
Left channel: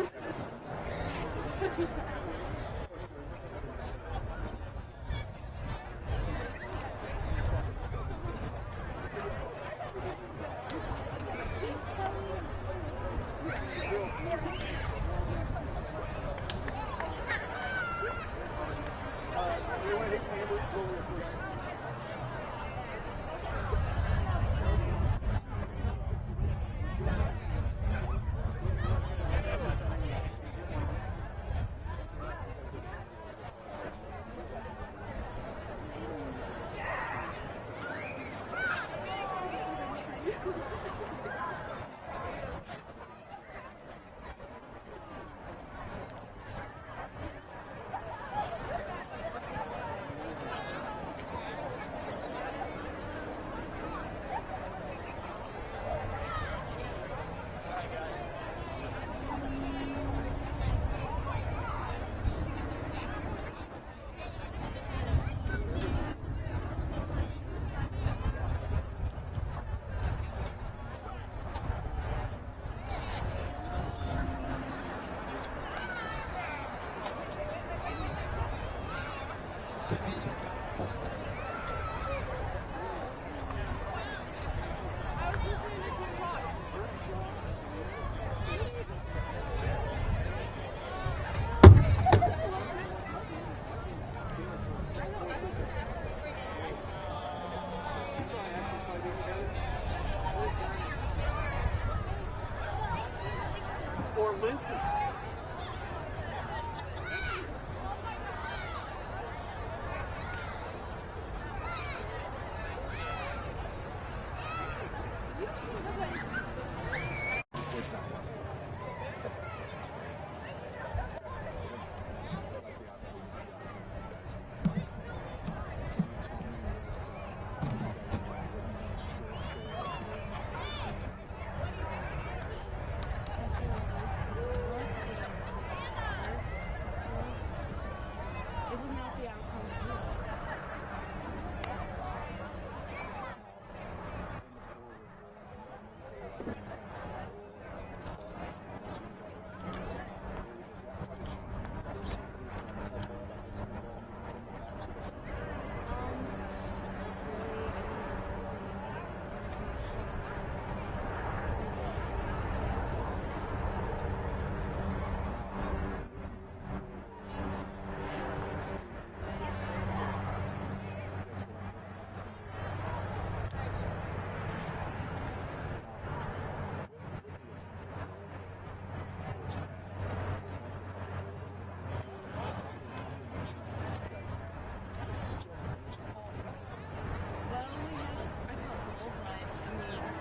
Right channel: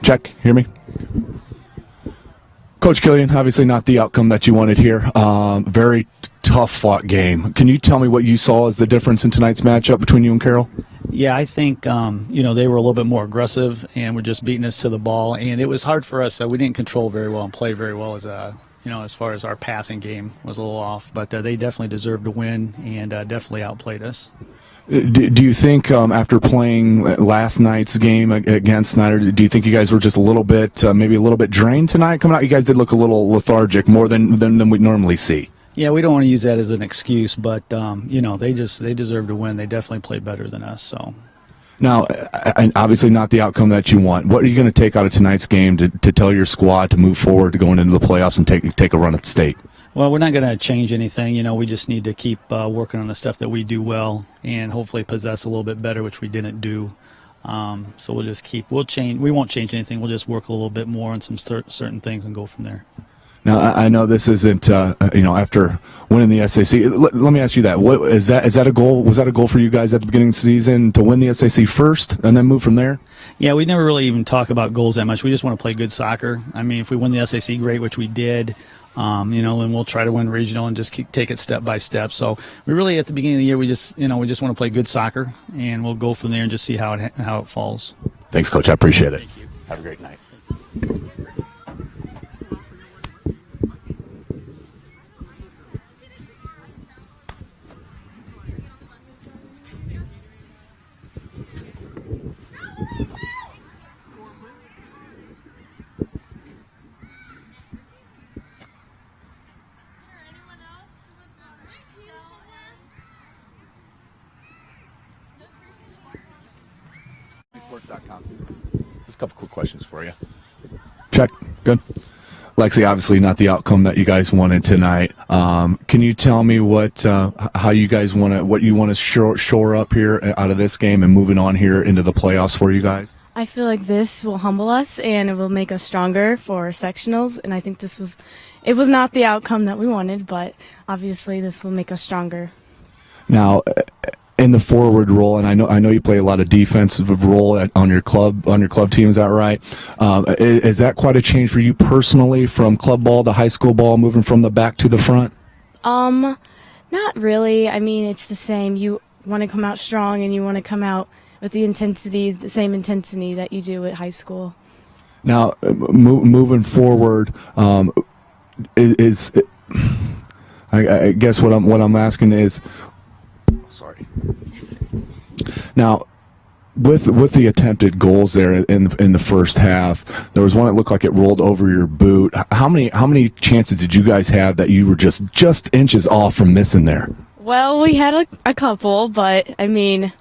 Check. Hear me? Coach Killian, obviously not the outcome that you wanted here. Very tough fought game. Can you tell me what you saw as the difference in tonight's matchup between you and Carroll? Yeah, I think, they were a little bit more aggressive and were just beating us to the ball. And it was hard for us. We didn't control very well and play very well as far as our passing game was a little off. But they definitely deserved to win and definitely outplayed us. Do you think after playing last night's game against Snyder, do you think you guys were just a little bit, maybe a little bit drained tonight coming out? You guys did look a little lethargic, more than we normally see. Yeah, we don't want to use that as an excuse, but they deserve to win. They definitely played better than us. So. Now, obviously not the outcome that you want. What are you going to take out of tonight's game to tell your squad to move forward to going into the playoffs and take a run at the state? Well, we're not going to change anything. We just need to keep working on the stuff that we do well and hopefully possess a little bit better, which we didn't do. So we'll just we'll change. We won't change anything. We'll just work a little bit more on some certain things and go from there. Now, I know this isn't, after winning the SAC. Let me ask you that. Is that a goal? Was that a goal for you guys at the beginning of the season to win the SAC first and then move from there? Yeah, we never really even talk about goals that much. We just want to play good soccer. I mean, if we win the SAC, great, which we did. Then we'll try to win regional and just take it step by step. So we really, at the beginning of the year, we just want to play good soccer, and we'll go from there and just see how it falls. Thanks, Coach. I appreciate it. Have a great night. Just a couple quick questions for you. Check. Good. Lexi, obviously not the outcome that you guys wanted tonight. Can you tell me what you want to shore up here out of this game and moving on here into the playoffs for you guys? I feel like this will humble us and it will make us stronger for sectionals, and I think it was not the outcome that we wanted, but obviously this will make us stronger. Now, in the forward role, and I know you play a lot of defensive role on your club team. Is that right? Is that quite a change for you personally from club ball to high school ball, moving from the back to the front? Not really. I mean, it's the same. You want to come out strong, and you want to come out with the same intensity that you do at high school. Now, moving forward, I guess what I'm asking is. Now, with the attempted goals there in the first half, there was one that looked like it rolled over your boot. How many chances did you guys have that you were just inches off from missing there? Well, we had a couple, but I mean,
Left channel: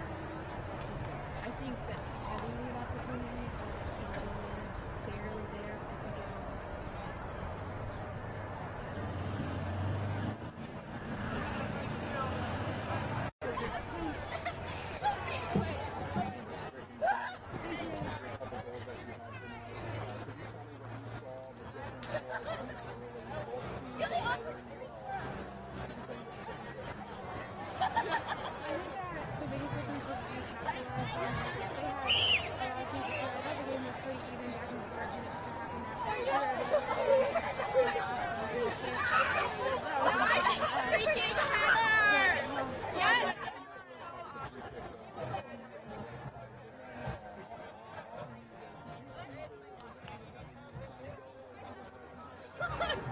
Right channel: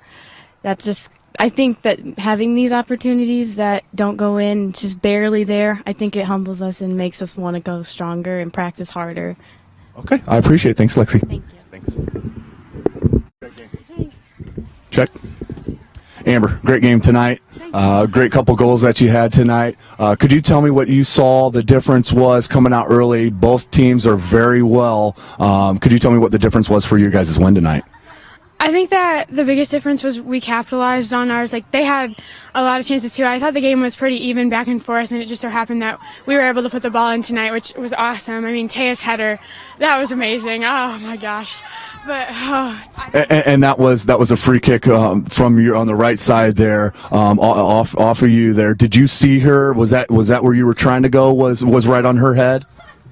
I think that having these opportunities that don't go in, just barely there, I think it humbles us and makes us want to go stronger and practice harder. Okay, I appreciate it. Thanks, Lexi. Thanks. Check. Amber, great game tonight. Great couple goals that you had tonight. Could you tell me what you saw the difference was coming out early? Both teams are very well. Could you tell me what the difference was for your guys' win tonight? I think that the biggest difference was we capitalized on ours. Like, they had a lot of chances too. I thought the game was pretty even back and forth, and it just so happened that we were able to put the ball in tonight, which was awesome. I mean, Taya's header, that was amazing. Oh my gosh. But, And that was a free kick from you on the right side there, off of you there. Did you see her? Was that where you were trying to go? Was right on her head?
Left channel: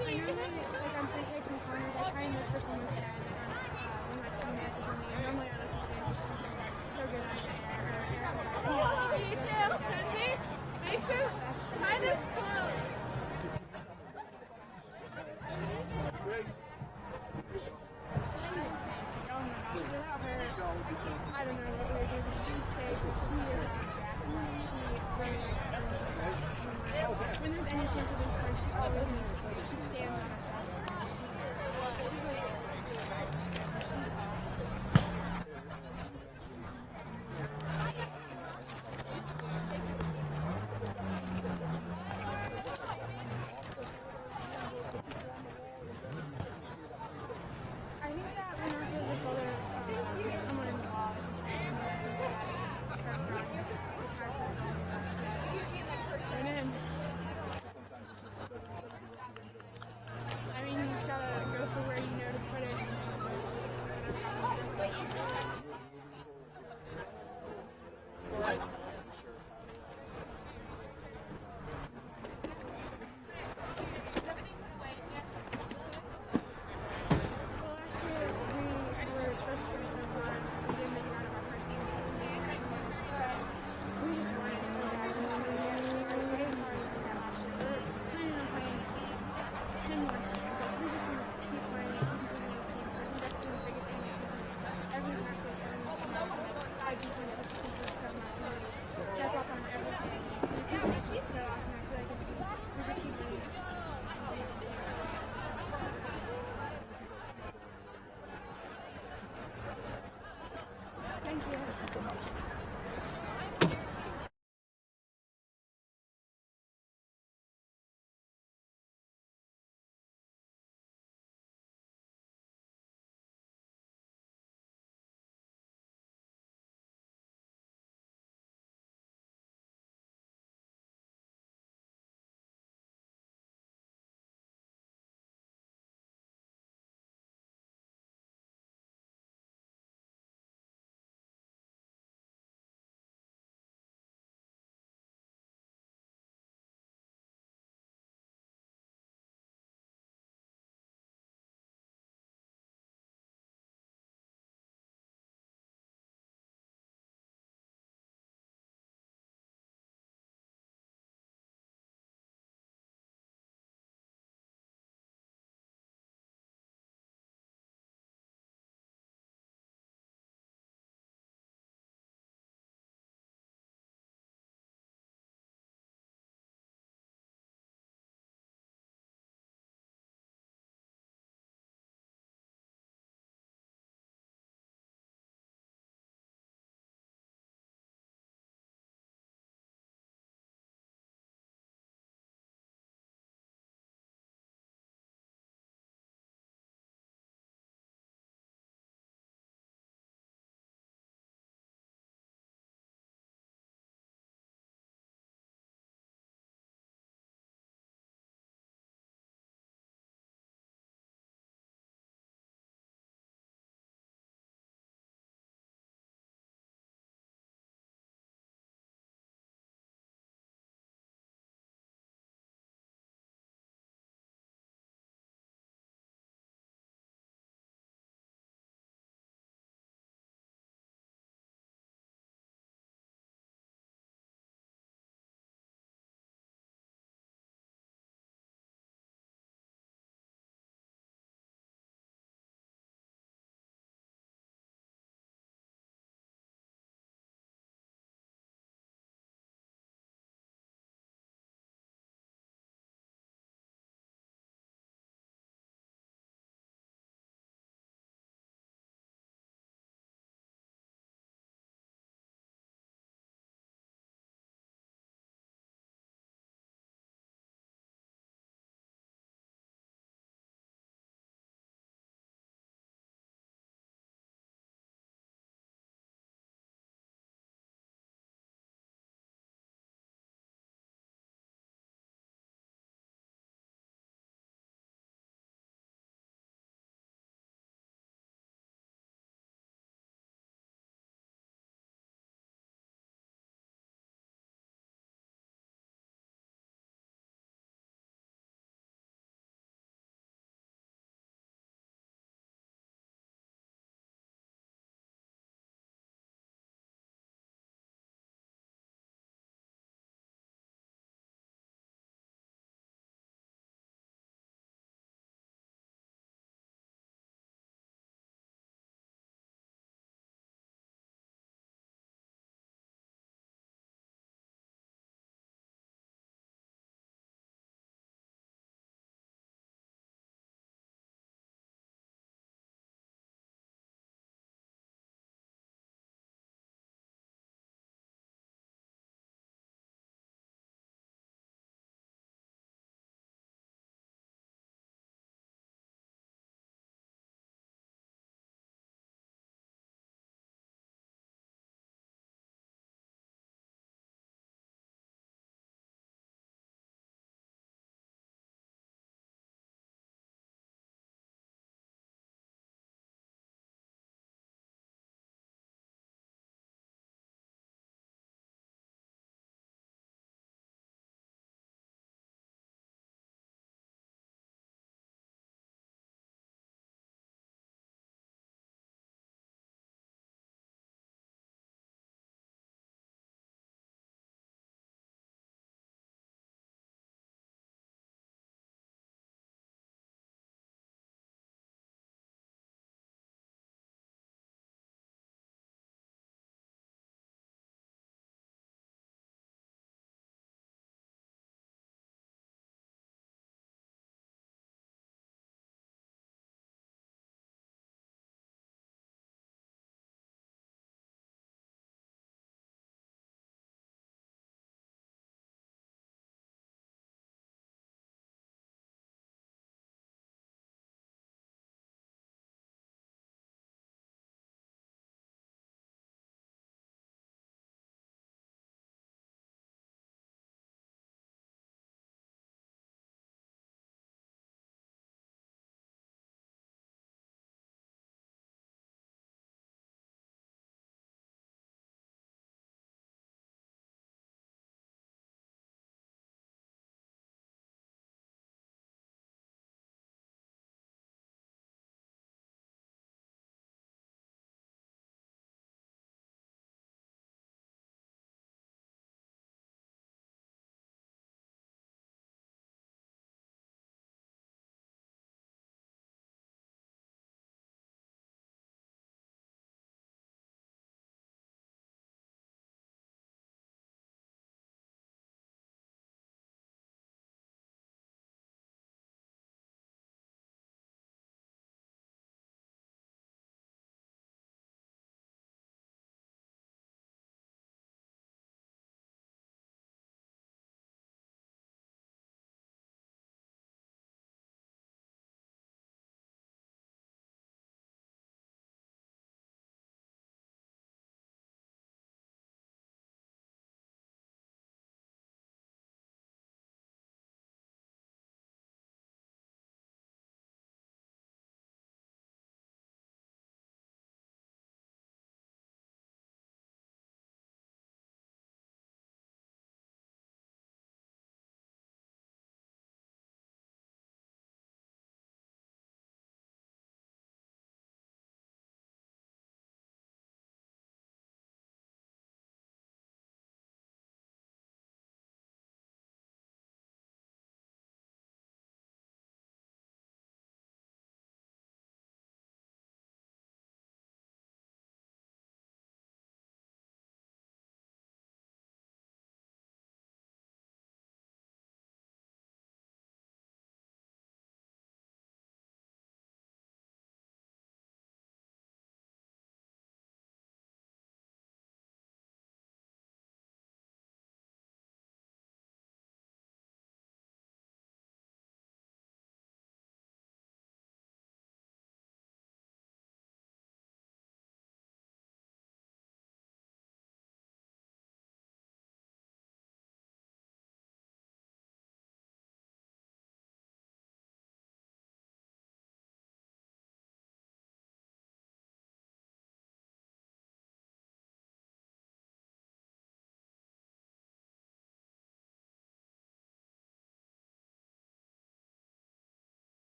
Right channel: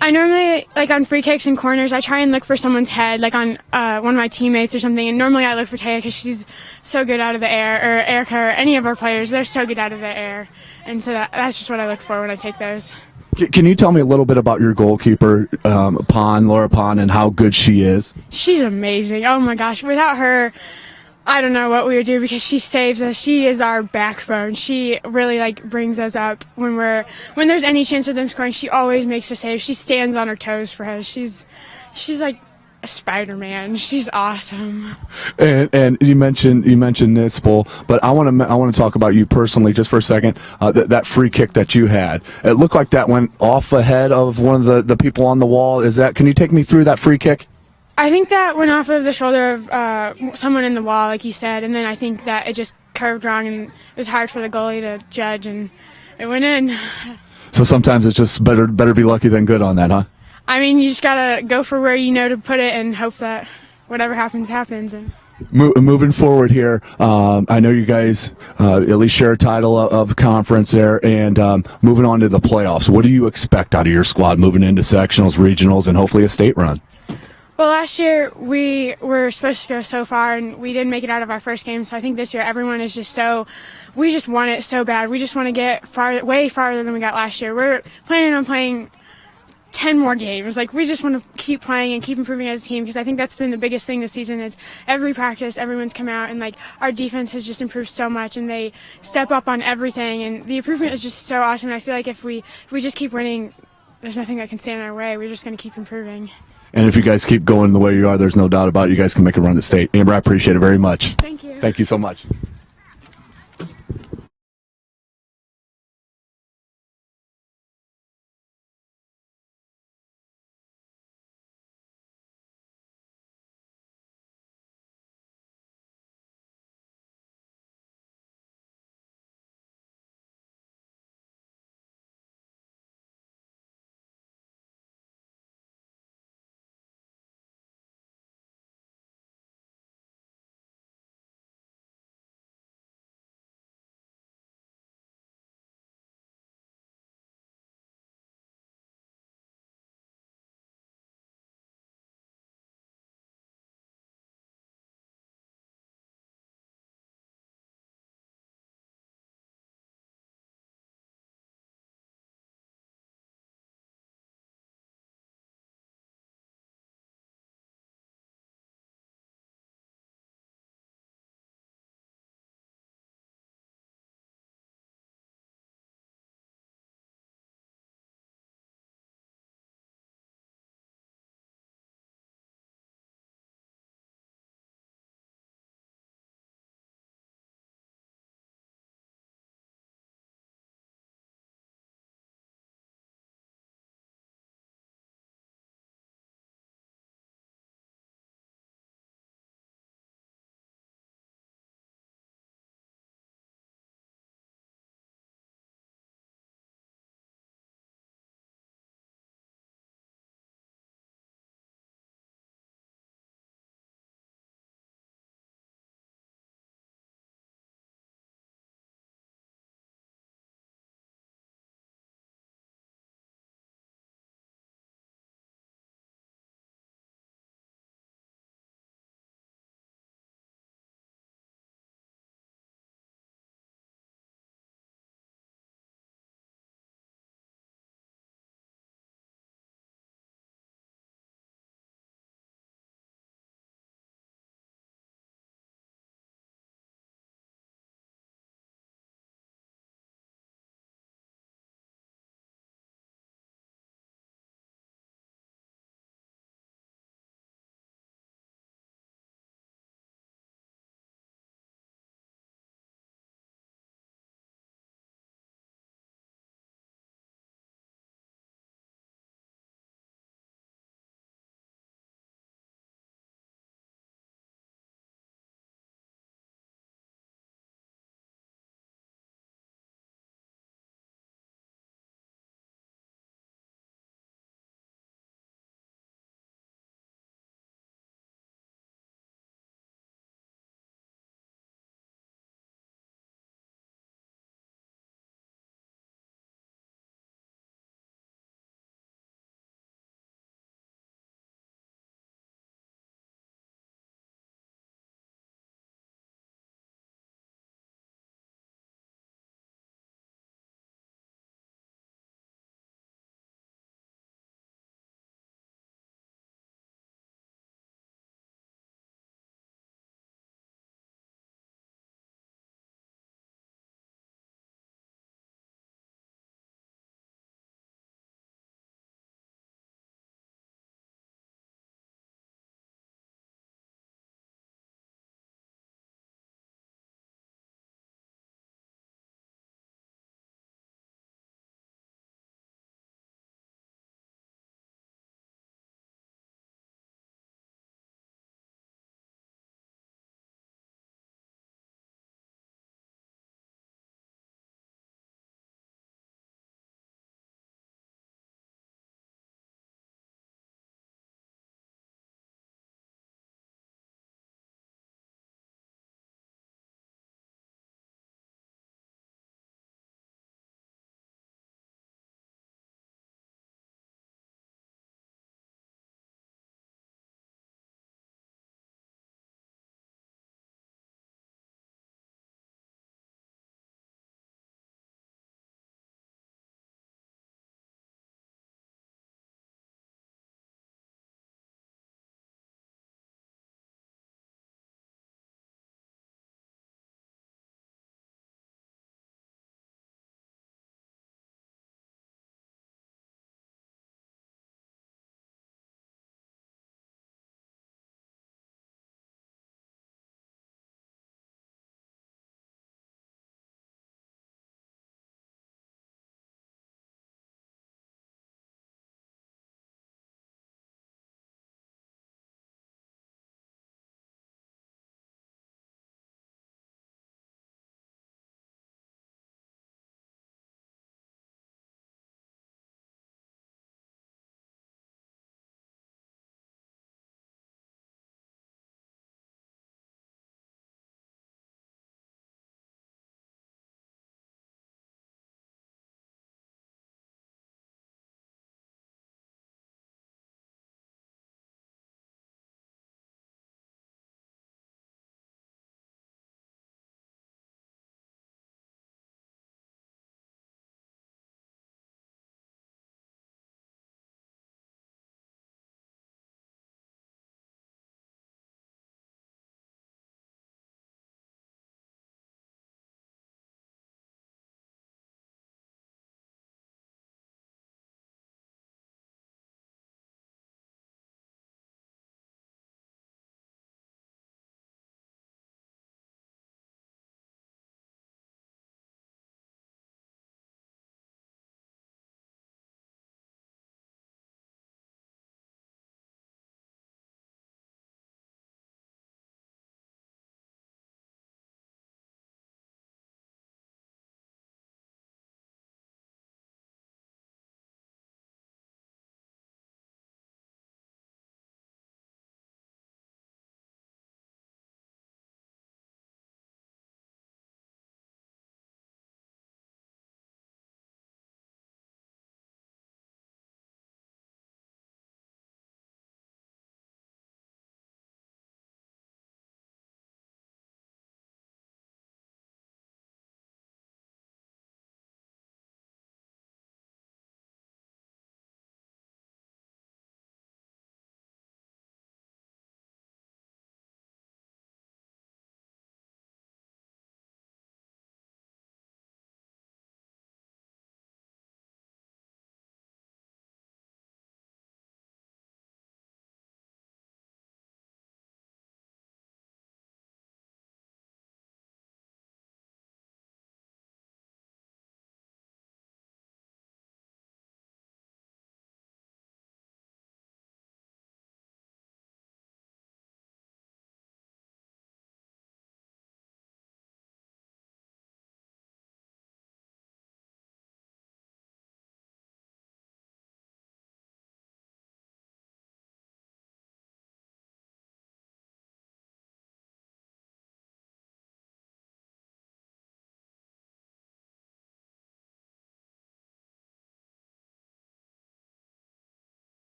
I normally, like on free kicks and corners, I try and look for someone's head, like on one of my teammates or something. And normally I look for Taya because she's so good out of the air, or Erica, or any of our players. They're so good out of the air, and so that's just what I look for when I take those. Can you tell me a little bit about your goalkeeper, Laura Pond, and how good she is? She's amazing. Oh my gosh. Without her, I don't know what we would do, because she saves us. She is our backbone. She really brings us up when there's any chance of them scoring. She always makes the save. She stands on her toes for us. She's like a Spider-Man. She's awesome. And you mentioned Nispel, but I want to talk about you personally just for a second. That free kick that you had, it looked like that went off ahead of one of the people on the wall. Can you take me through that free kick? I think that went off of the shoulder of someone in the wall, like you said, and then I think that it just curved wrong, and it was hard for the goalie to judge, and it went in. So sometimes it's just better be lucky than good on that, huh? I mean, you just gotta go for where you know to put it and hope that whatever happens, happens. And Moving forward here, I know you guys at least share a title of conference there, and moving on to the playoffs. What do you expect out of your squad moving into sectionals, regionals, and hopefully a state run? well, last year we were supposed to go so far, and we didn't make it out of our first game. So I think this year everyone is just we just want it so bad. We just want to get way farther than we got last year. We're planning on playing 10 more games. Like, we just want to keep playing and keep improving as a team, because I think that's been the biggest thing this season is every practice, everyone's come out, and like our defense has just improved so much, and they step up on everything, and the improvement is just so awesome. And I feel like if we just keep winning, there's nothing that can stand in our way. We're just going to keep improving. And if you guys keep going the way you are, there's no doubt about it, you guys can make a run at state. Amber, I appreciate it very much. Thank you. Thank you so much.